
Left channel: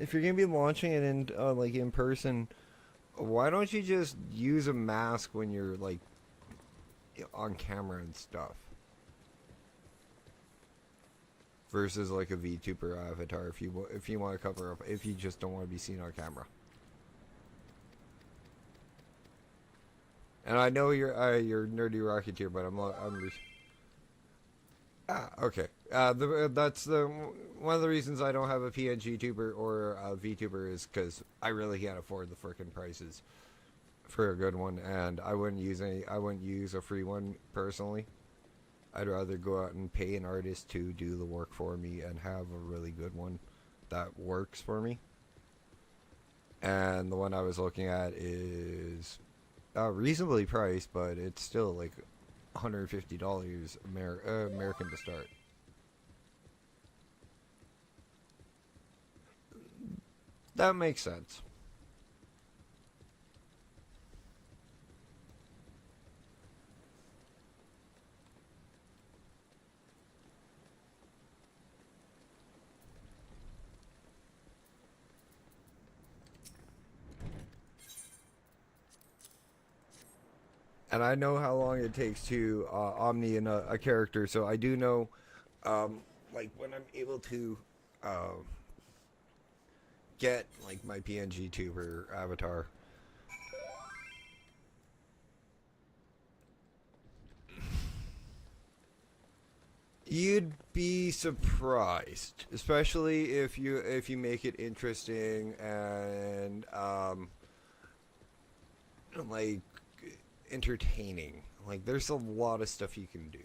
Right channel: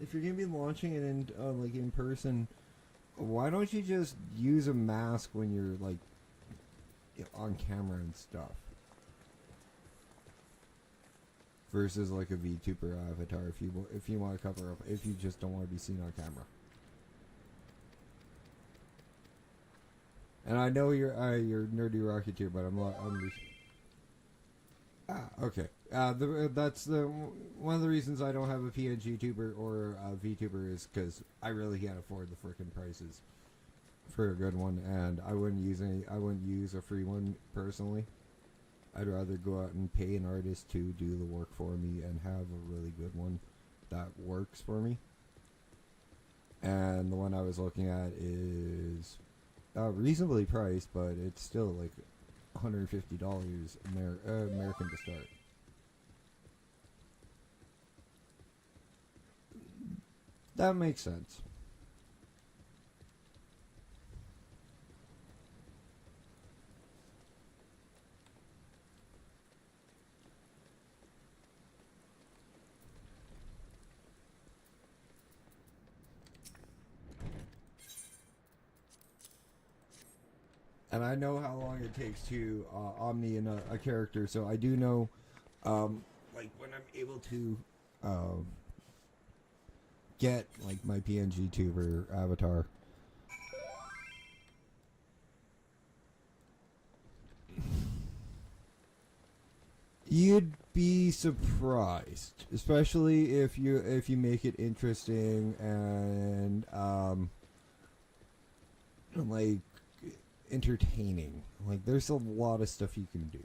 if you're going to be launching it in, like, in person, why don't you just use a mask when you're, like, on camera and stuff? Versus, like, a VTuber avatar if you want to cover up, if you just don't want to be seen on camera. And I know you're Nerdy Rocketeer, but I'm okay. That's one of the reasons I don't have a PNG tuber or a VTuber is because I really can't afford the frickin' prices for a good one, and I wouldn't use a free one personally. I'd rather go out and pay an artist to do the work for me and have a really good one that works for me. And the one I was looking at is reasonably priced, but it's still like $150 American to start. That makes sense. And I know how long it takes to omni in a character, so I do know, like, when I'm able to get, like, my PNG tuber avatar. You'd be surprised, especially if you make it interesting and, like, entertaining. Like, there's a lot of stuff you can do.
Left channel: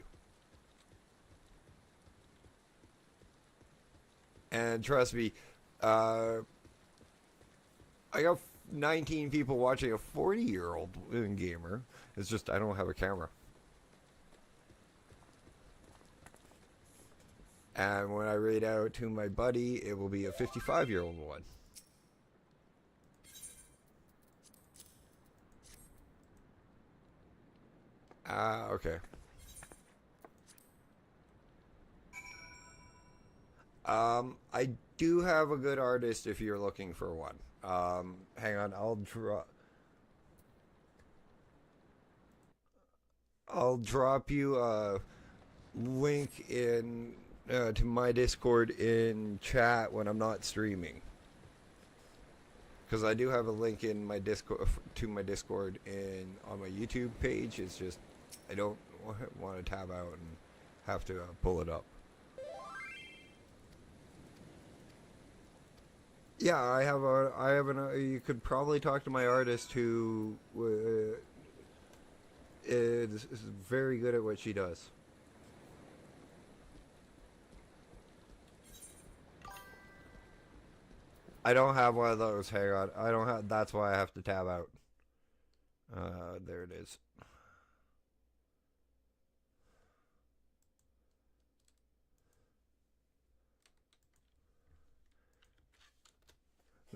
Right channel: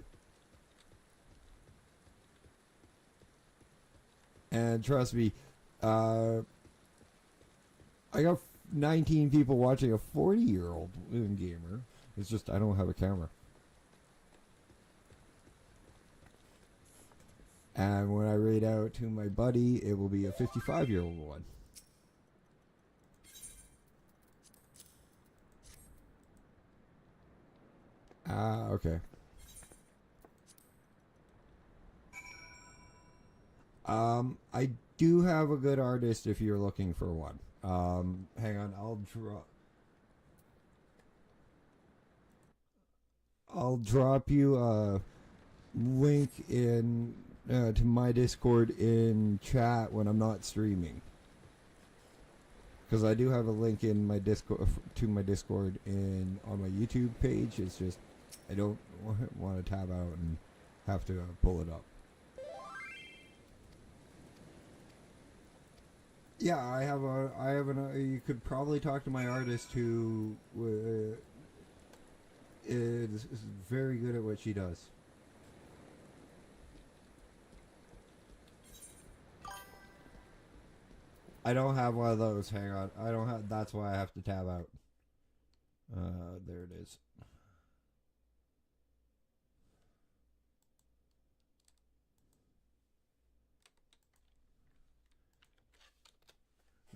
And trust me, I got 19 people watching a 40-year-old gamer. It's just I don't have a camera. And when I raid out to my buddy, it will be a 55-year-old one. Okay. I do have a good artist if you're looking for one. Hang on, I'll drop you a link in to my Discord in chat when I'm not streaming. Because I do have a link in my Discord to my Discord on my YouTube page. It's just I don't want to tab out and have to pull it up. Yeah, I have you could probably talk to my artist who is very good at what she does. I don't have one of those. Hang on. I don't have. That's why I have to tab out. There it is.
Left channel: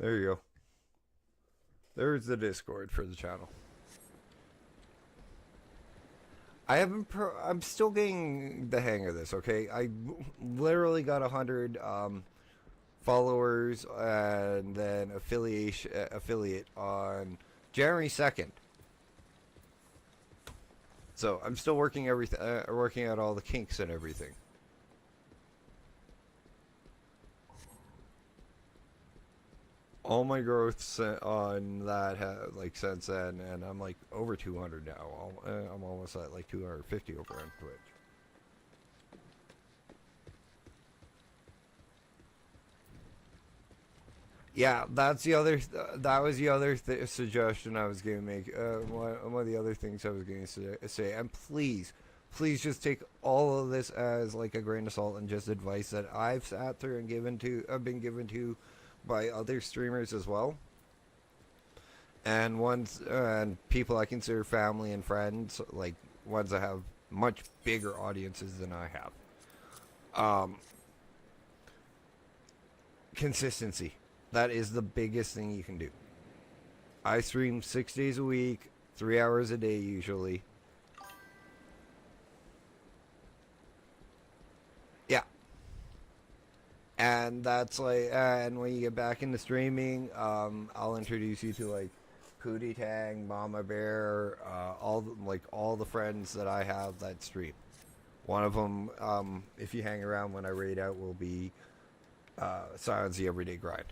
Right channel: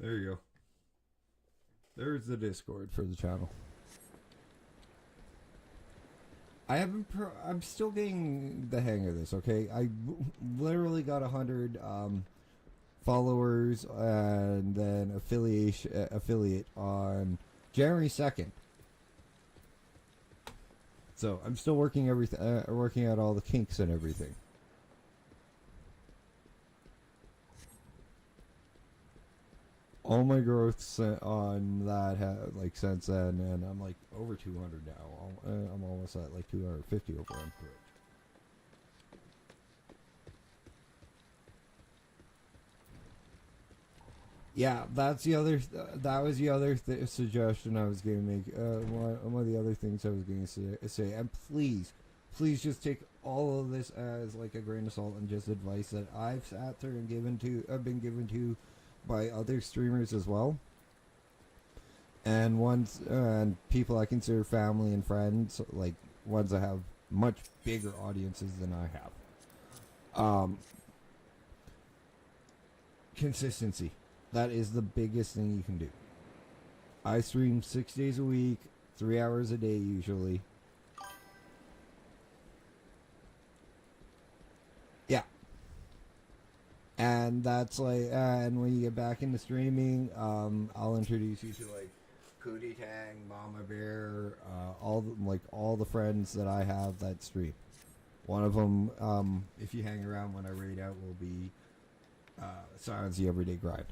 There you go. There's the Discord for the channel. I'm still getting the hang of this, okay? I literally got 100 followers and then affiliate on January 2nd. So I'm still working working out all the kinks and everything. All my growths on that like since then, and I'm like over 200 now. I'm almost at like 250 over on Twitch. Yeah, that's the other. That was the other suggestion I was going to make. One of the other things I was going to say, and please just take all of this as like a grain of salt and just advice that I've sat through and been given to by other streamers as well, and people I consider family and friends, like ones that have much bigger audiences than I have. Consistency. That is the biggest thing you can do. I stream 6 days a week, 3 hours a day usually. Yeah. And that's like, and when you get back into streaming, I'll introduce you to like Pootie Tang, Mama Bear, all the friends that I have that stream. One of them, if you hang around when I raid out, will be Silence the Everyday Grind.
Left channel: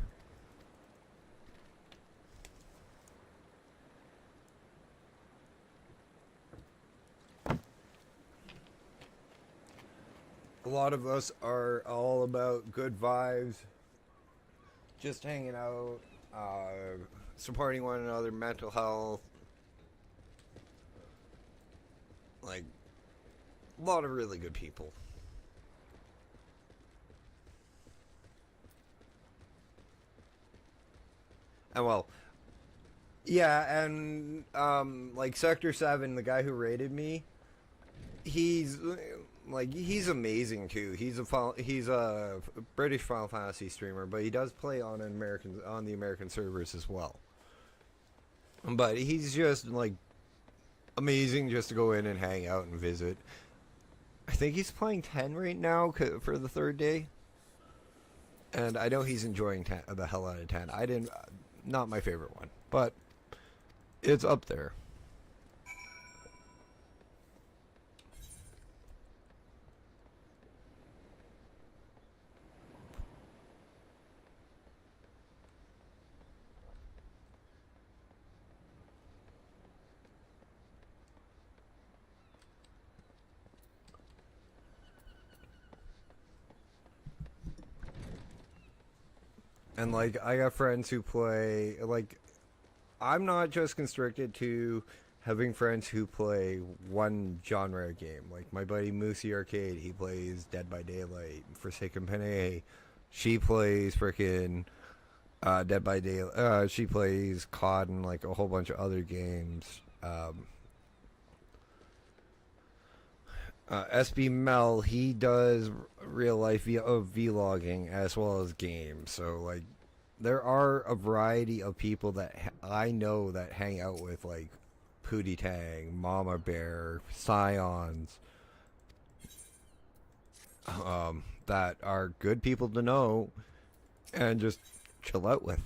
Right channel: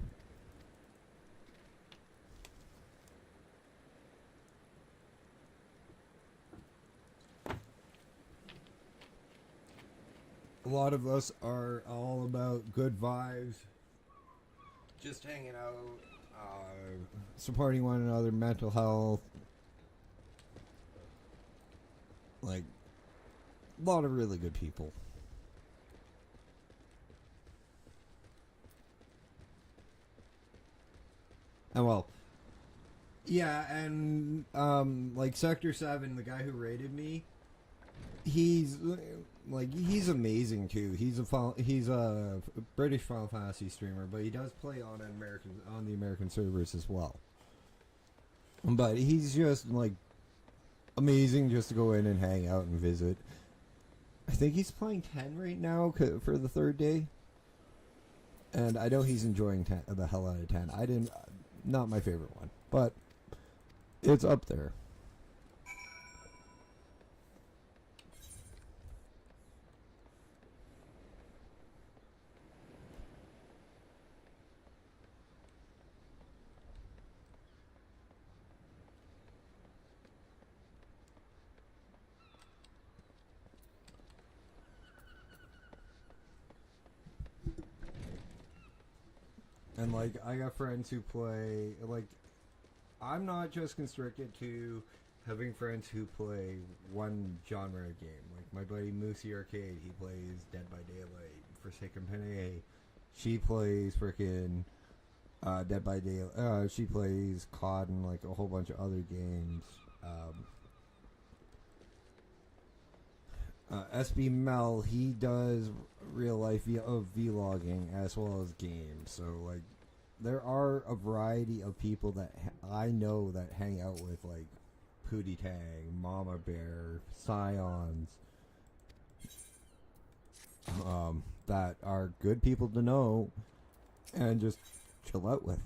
A lot of us are all about good vibes, just hanging out, supporting one another, mental health, like, a lot of really good people. And well, yeah, and, like, Sector 7, the guy who raided me, he's amazing too. He's a British Final Fantasy streamer, but he does play on the American servers as well. But he's just like amazing just to go in and hang out and visit. I think he's playing 10 right now for the third day, and I know he's enjoying the hell out of 10. Not my favorite one, but it's up there. And, like, I got friends who play, like, I'm not just constricted to having friends who play one genre game. Like, my buddy Moosey Arcade, he plays Dead by Daylight. Forsaken Panay, she plays frickin' Dead by Daylight. She plays COD and, like, a whole bunch of other games. SB Mel, he does real life vlogging as well as games. So like there are a variety of people that I know that hang out with, like Pootie Tang, Mama Bear, Scions, that are good people to know and just chill out with.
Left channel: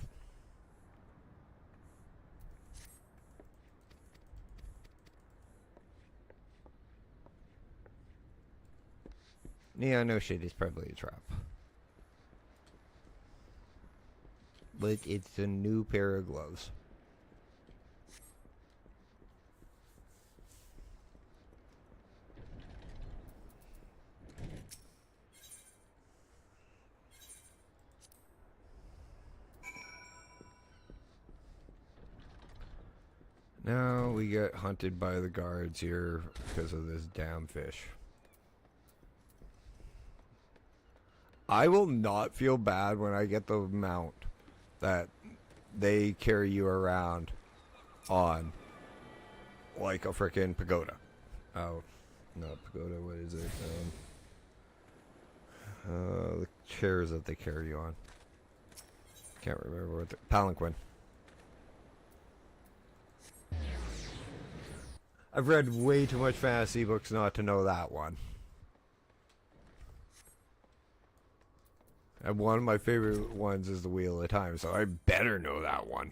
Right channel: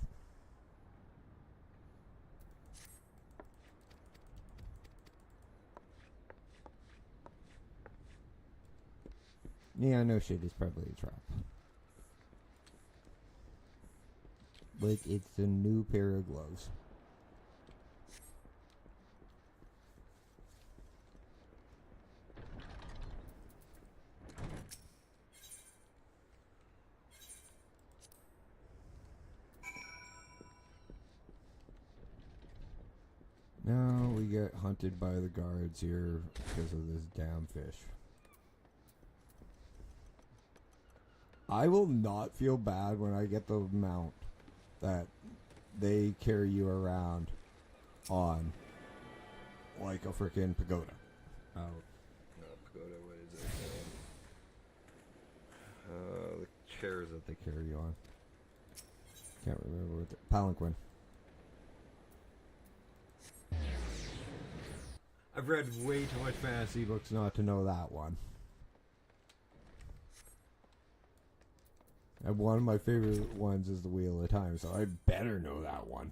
Yeah, no shit, it's probably a trap. But it's a new pair of gloves. Now we get hunted by the guards here because of this damn fish. I will not feel bad when I get the mount that they carry you around on, like a frickin' pagoda. Oh, not pagoda, what is it? The chairs that they carry you on. Can't remember what the palanquin. I've read way too much fantasy books not to know that one. And one of my favorite ones is the Wheel of Time, so I better know that one.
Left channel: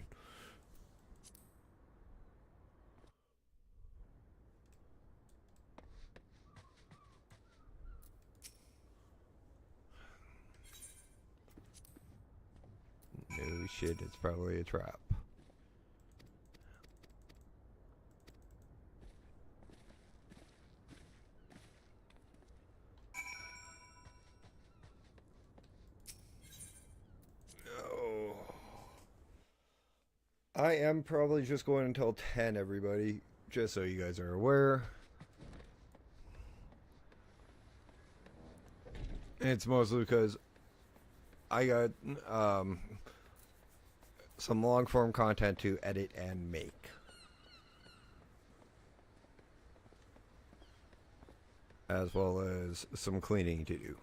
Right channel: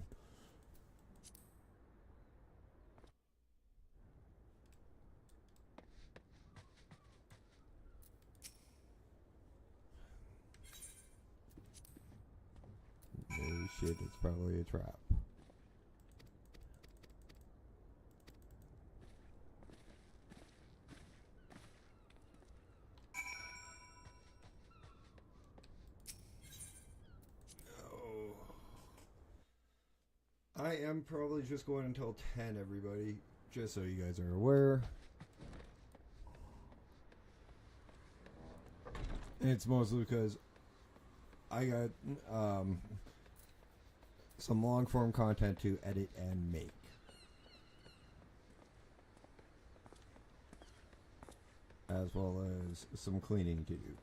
Oh shit, it's probably a trap. I am probably just going until 10, everybody, just so you guys are aware. It's mostly because I got some long form content to edit and make. As well as some cleaning to do.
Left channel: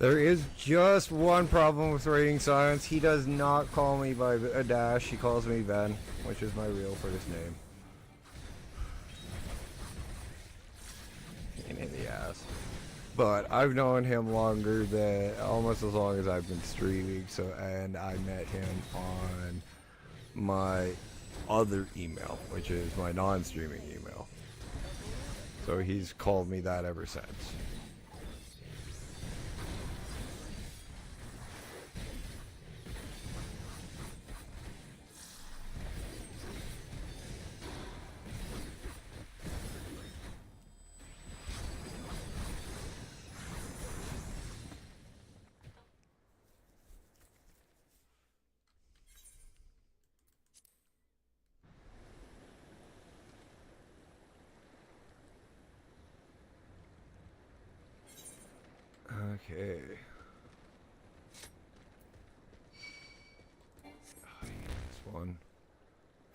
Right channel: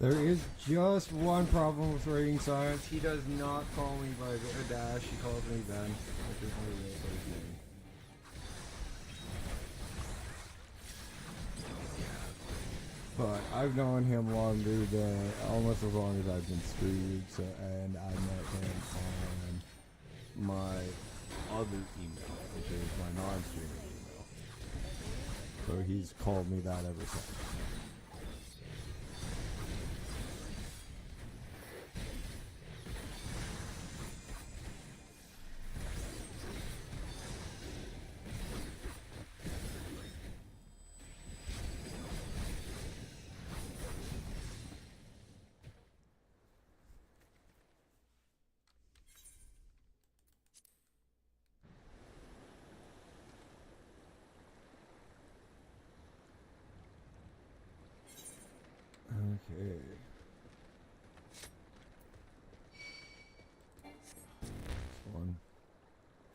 There is just one problem with Rating Science. He does not call me by a dash. He calls me Ben, which is my real first name. Yes. But I've known him longer than, almost as long as I've been streaming, so, and I met him on my other email, which is my non-streaming email. So he's called me that ever since.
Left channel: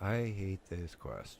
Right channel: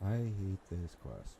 I hate this quest.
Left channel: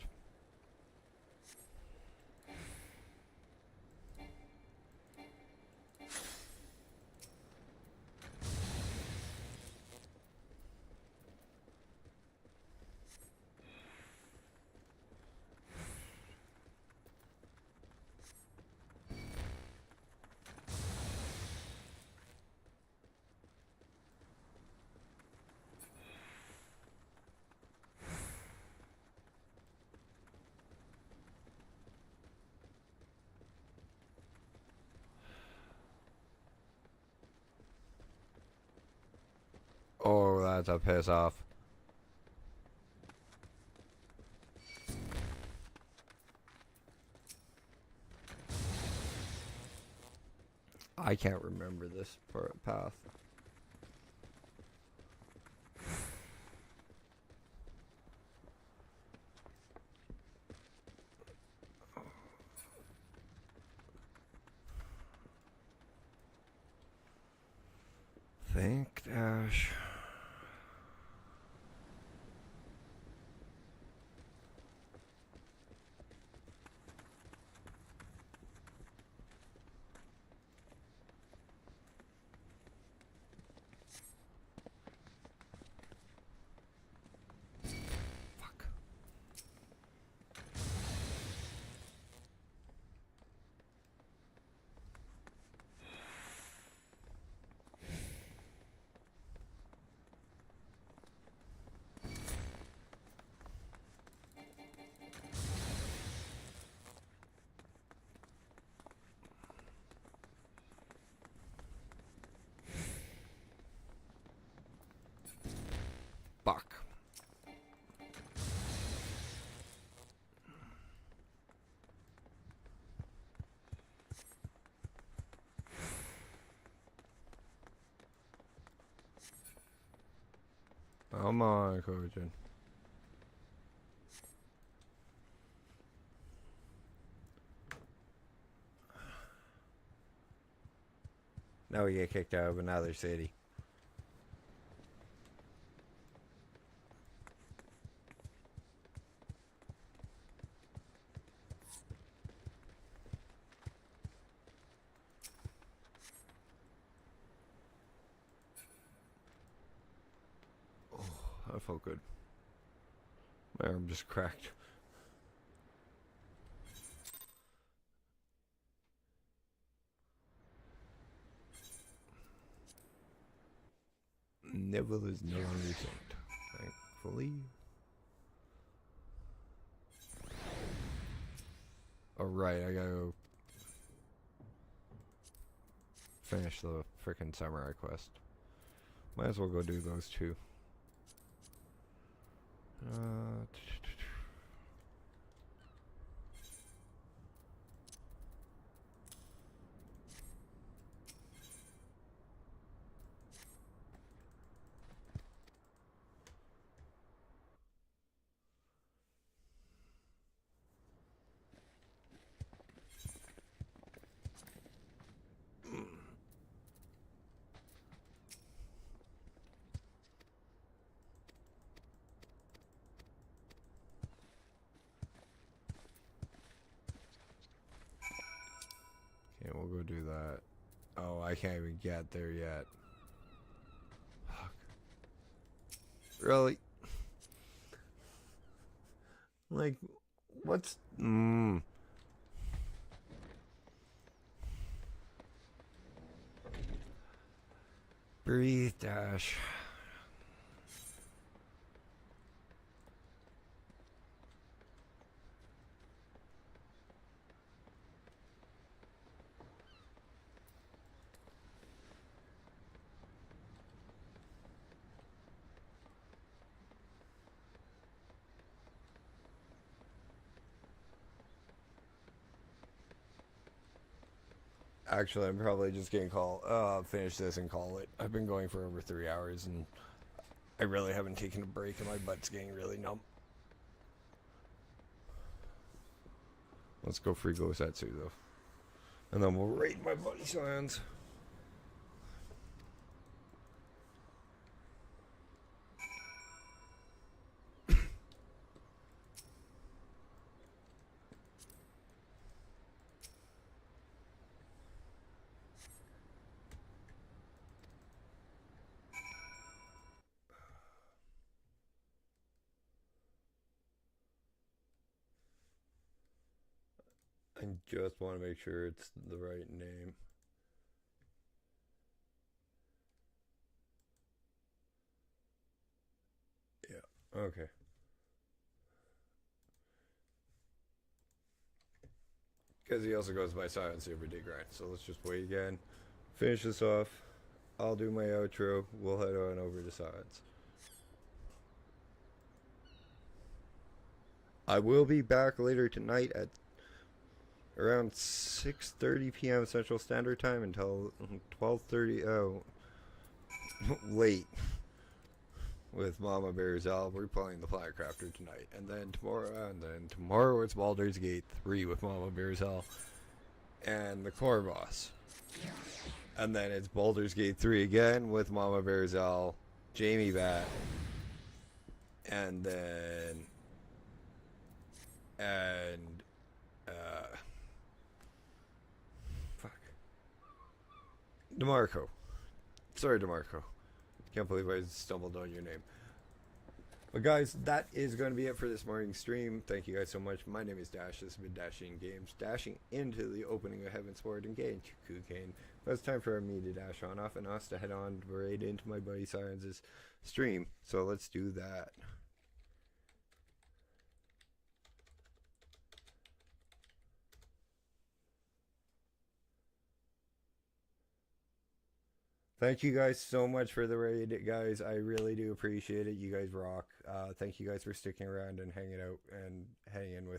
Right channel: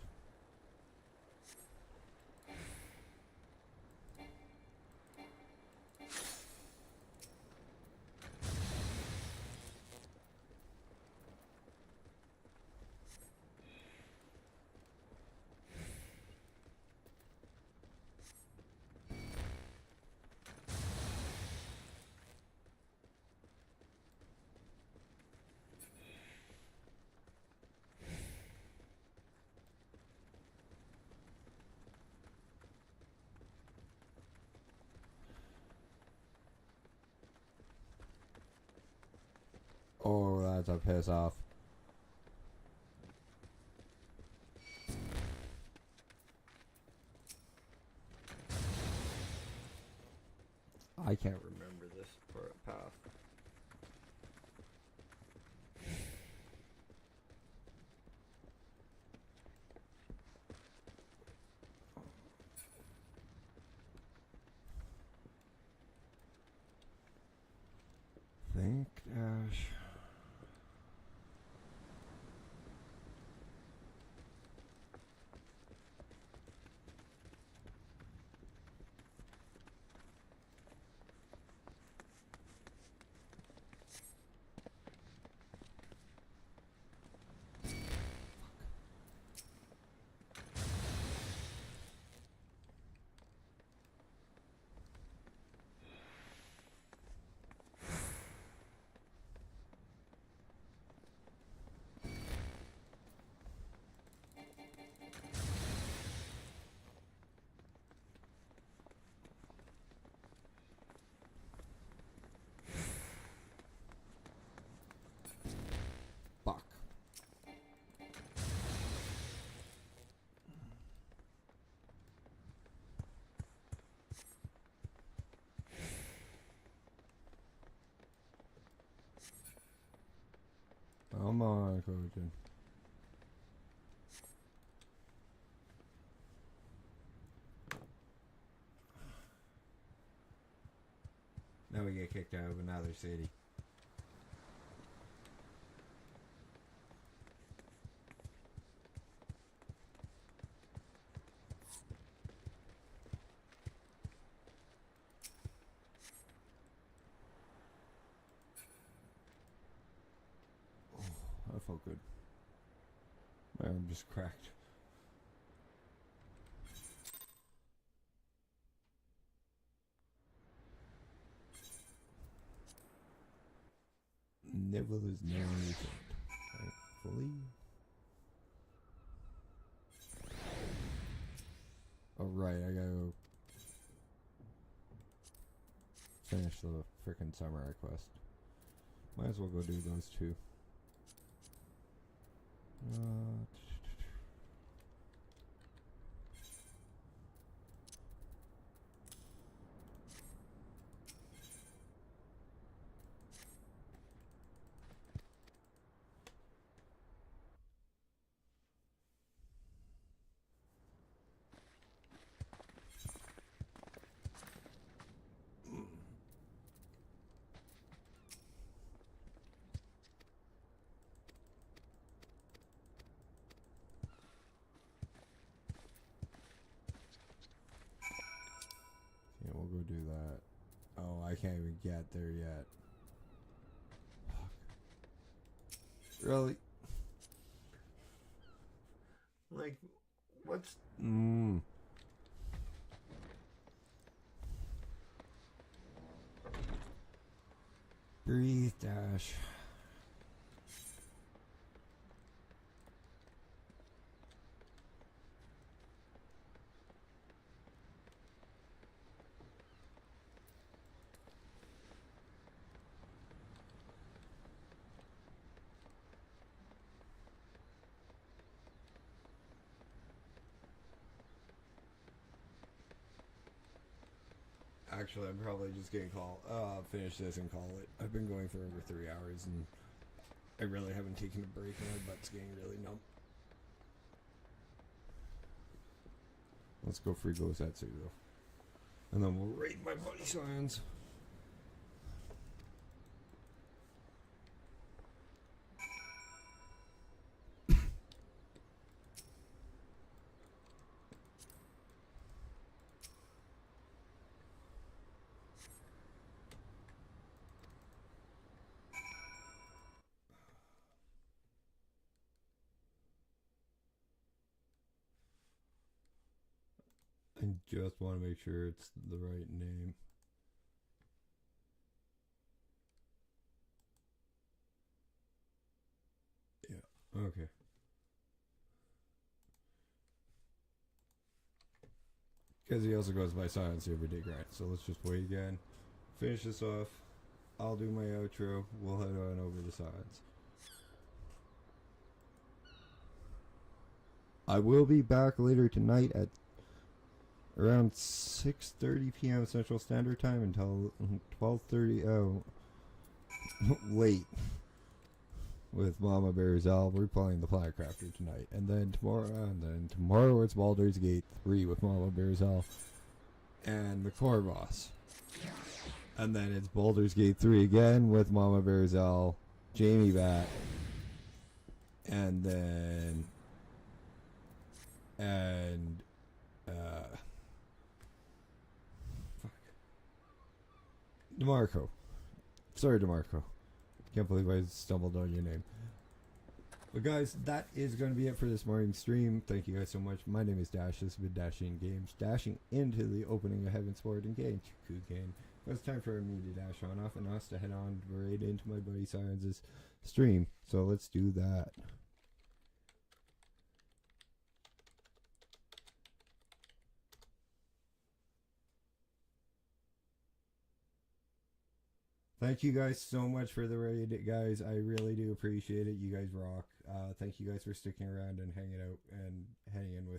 Oh, that's a piss off. I can't remember this path. Think dash. Come on, Kugane. Now we get kicked out of another city. Oh, that felt good. My arm just cracked. Neville is never thankfully. Alright, I gotta go finish the frickin' samurai quest. Might as well go do those two. Okay, we'll go do that. Oh, I can't even get there yet. Really? Like, what's... Breathe, Dash. Actually, I'm probably just gonna finish this and call it. I've been going for over 3 hours and I really haven't taken a break and my butt's getting really numb. Let's go free Gosatsu though. And then we'll rate my buddy Scions. I just want to make sure it's the right name. Yeah, okay. Because he also goes by Silent Super D Grind, so let's just wait again. Finish this off. I'll do my outro. We'll head on over to Silence. I will be back later tonight at around 6:30 p.m. Central Standard Time until 12:30. Oh, late. With Mama Bear's Elf, we're playing the Firecrafter tonight, and then tomorrow it's Baldur's Gate 3 with Mama Bear's Elf and the core boss, and then it's Baldur's Gate 3 again with Mama Bear's Elf, Jamie Bat, and then DeMarco. Sorry, DeMarco. Can't believe I stumbled on your name. But guys, that is going to be it for this morning's stream. Thank you guys so much. My name is Dash. This has been Dashing Games. Dashing into the opening of Heaven's Ward and Gage Kugane. But it's time for me to dash on off and us to head on right into my buddy Science's stream. So let's do that. Thank you guys so much for the raid, guys. I really do appreciate it. You guys rock. Thank you guys for sticking around and hanging out and hanging with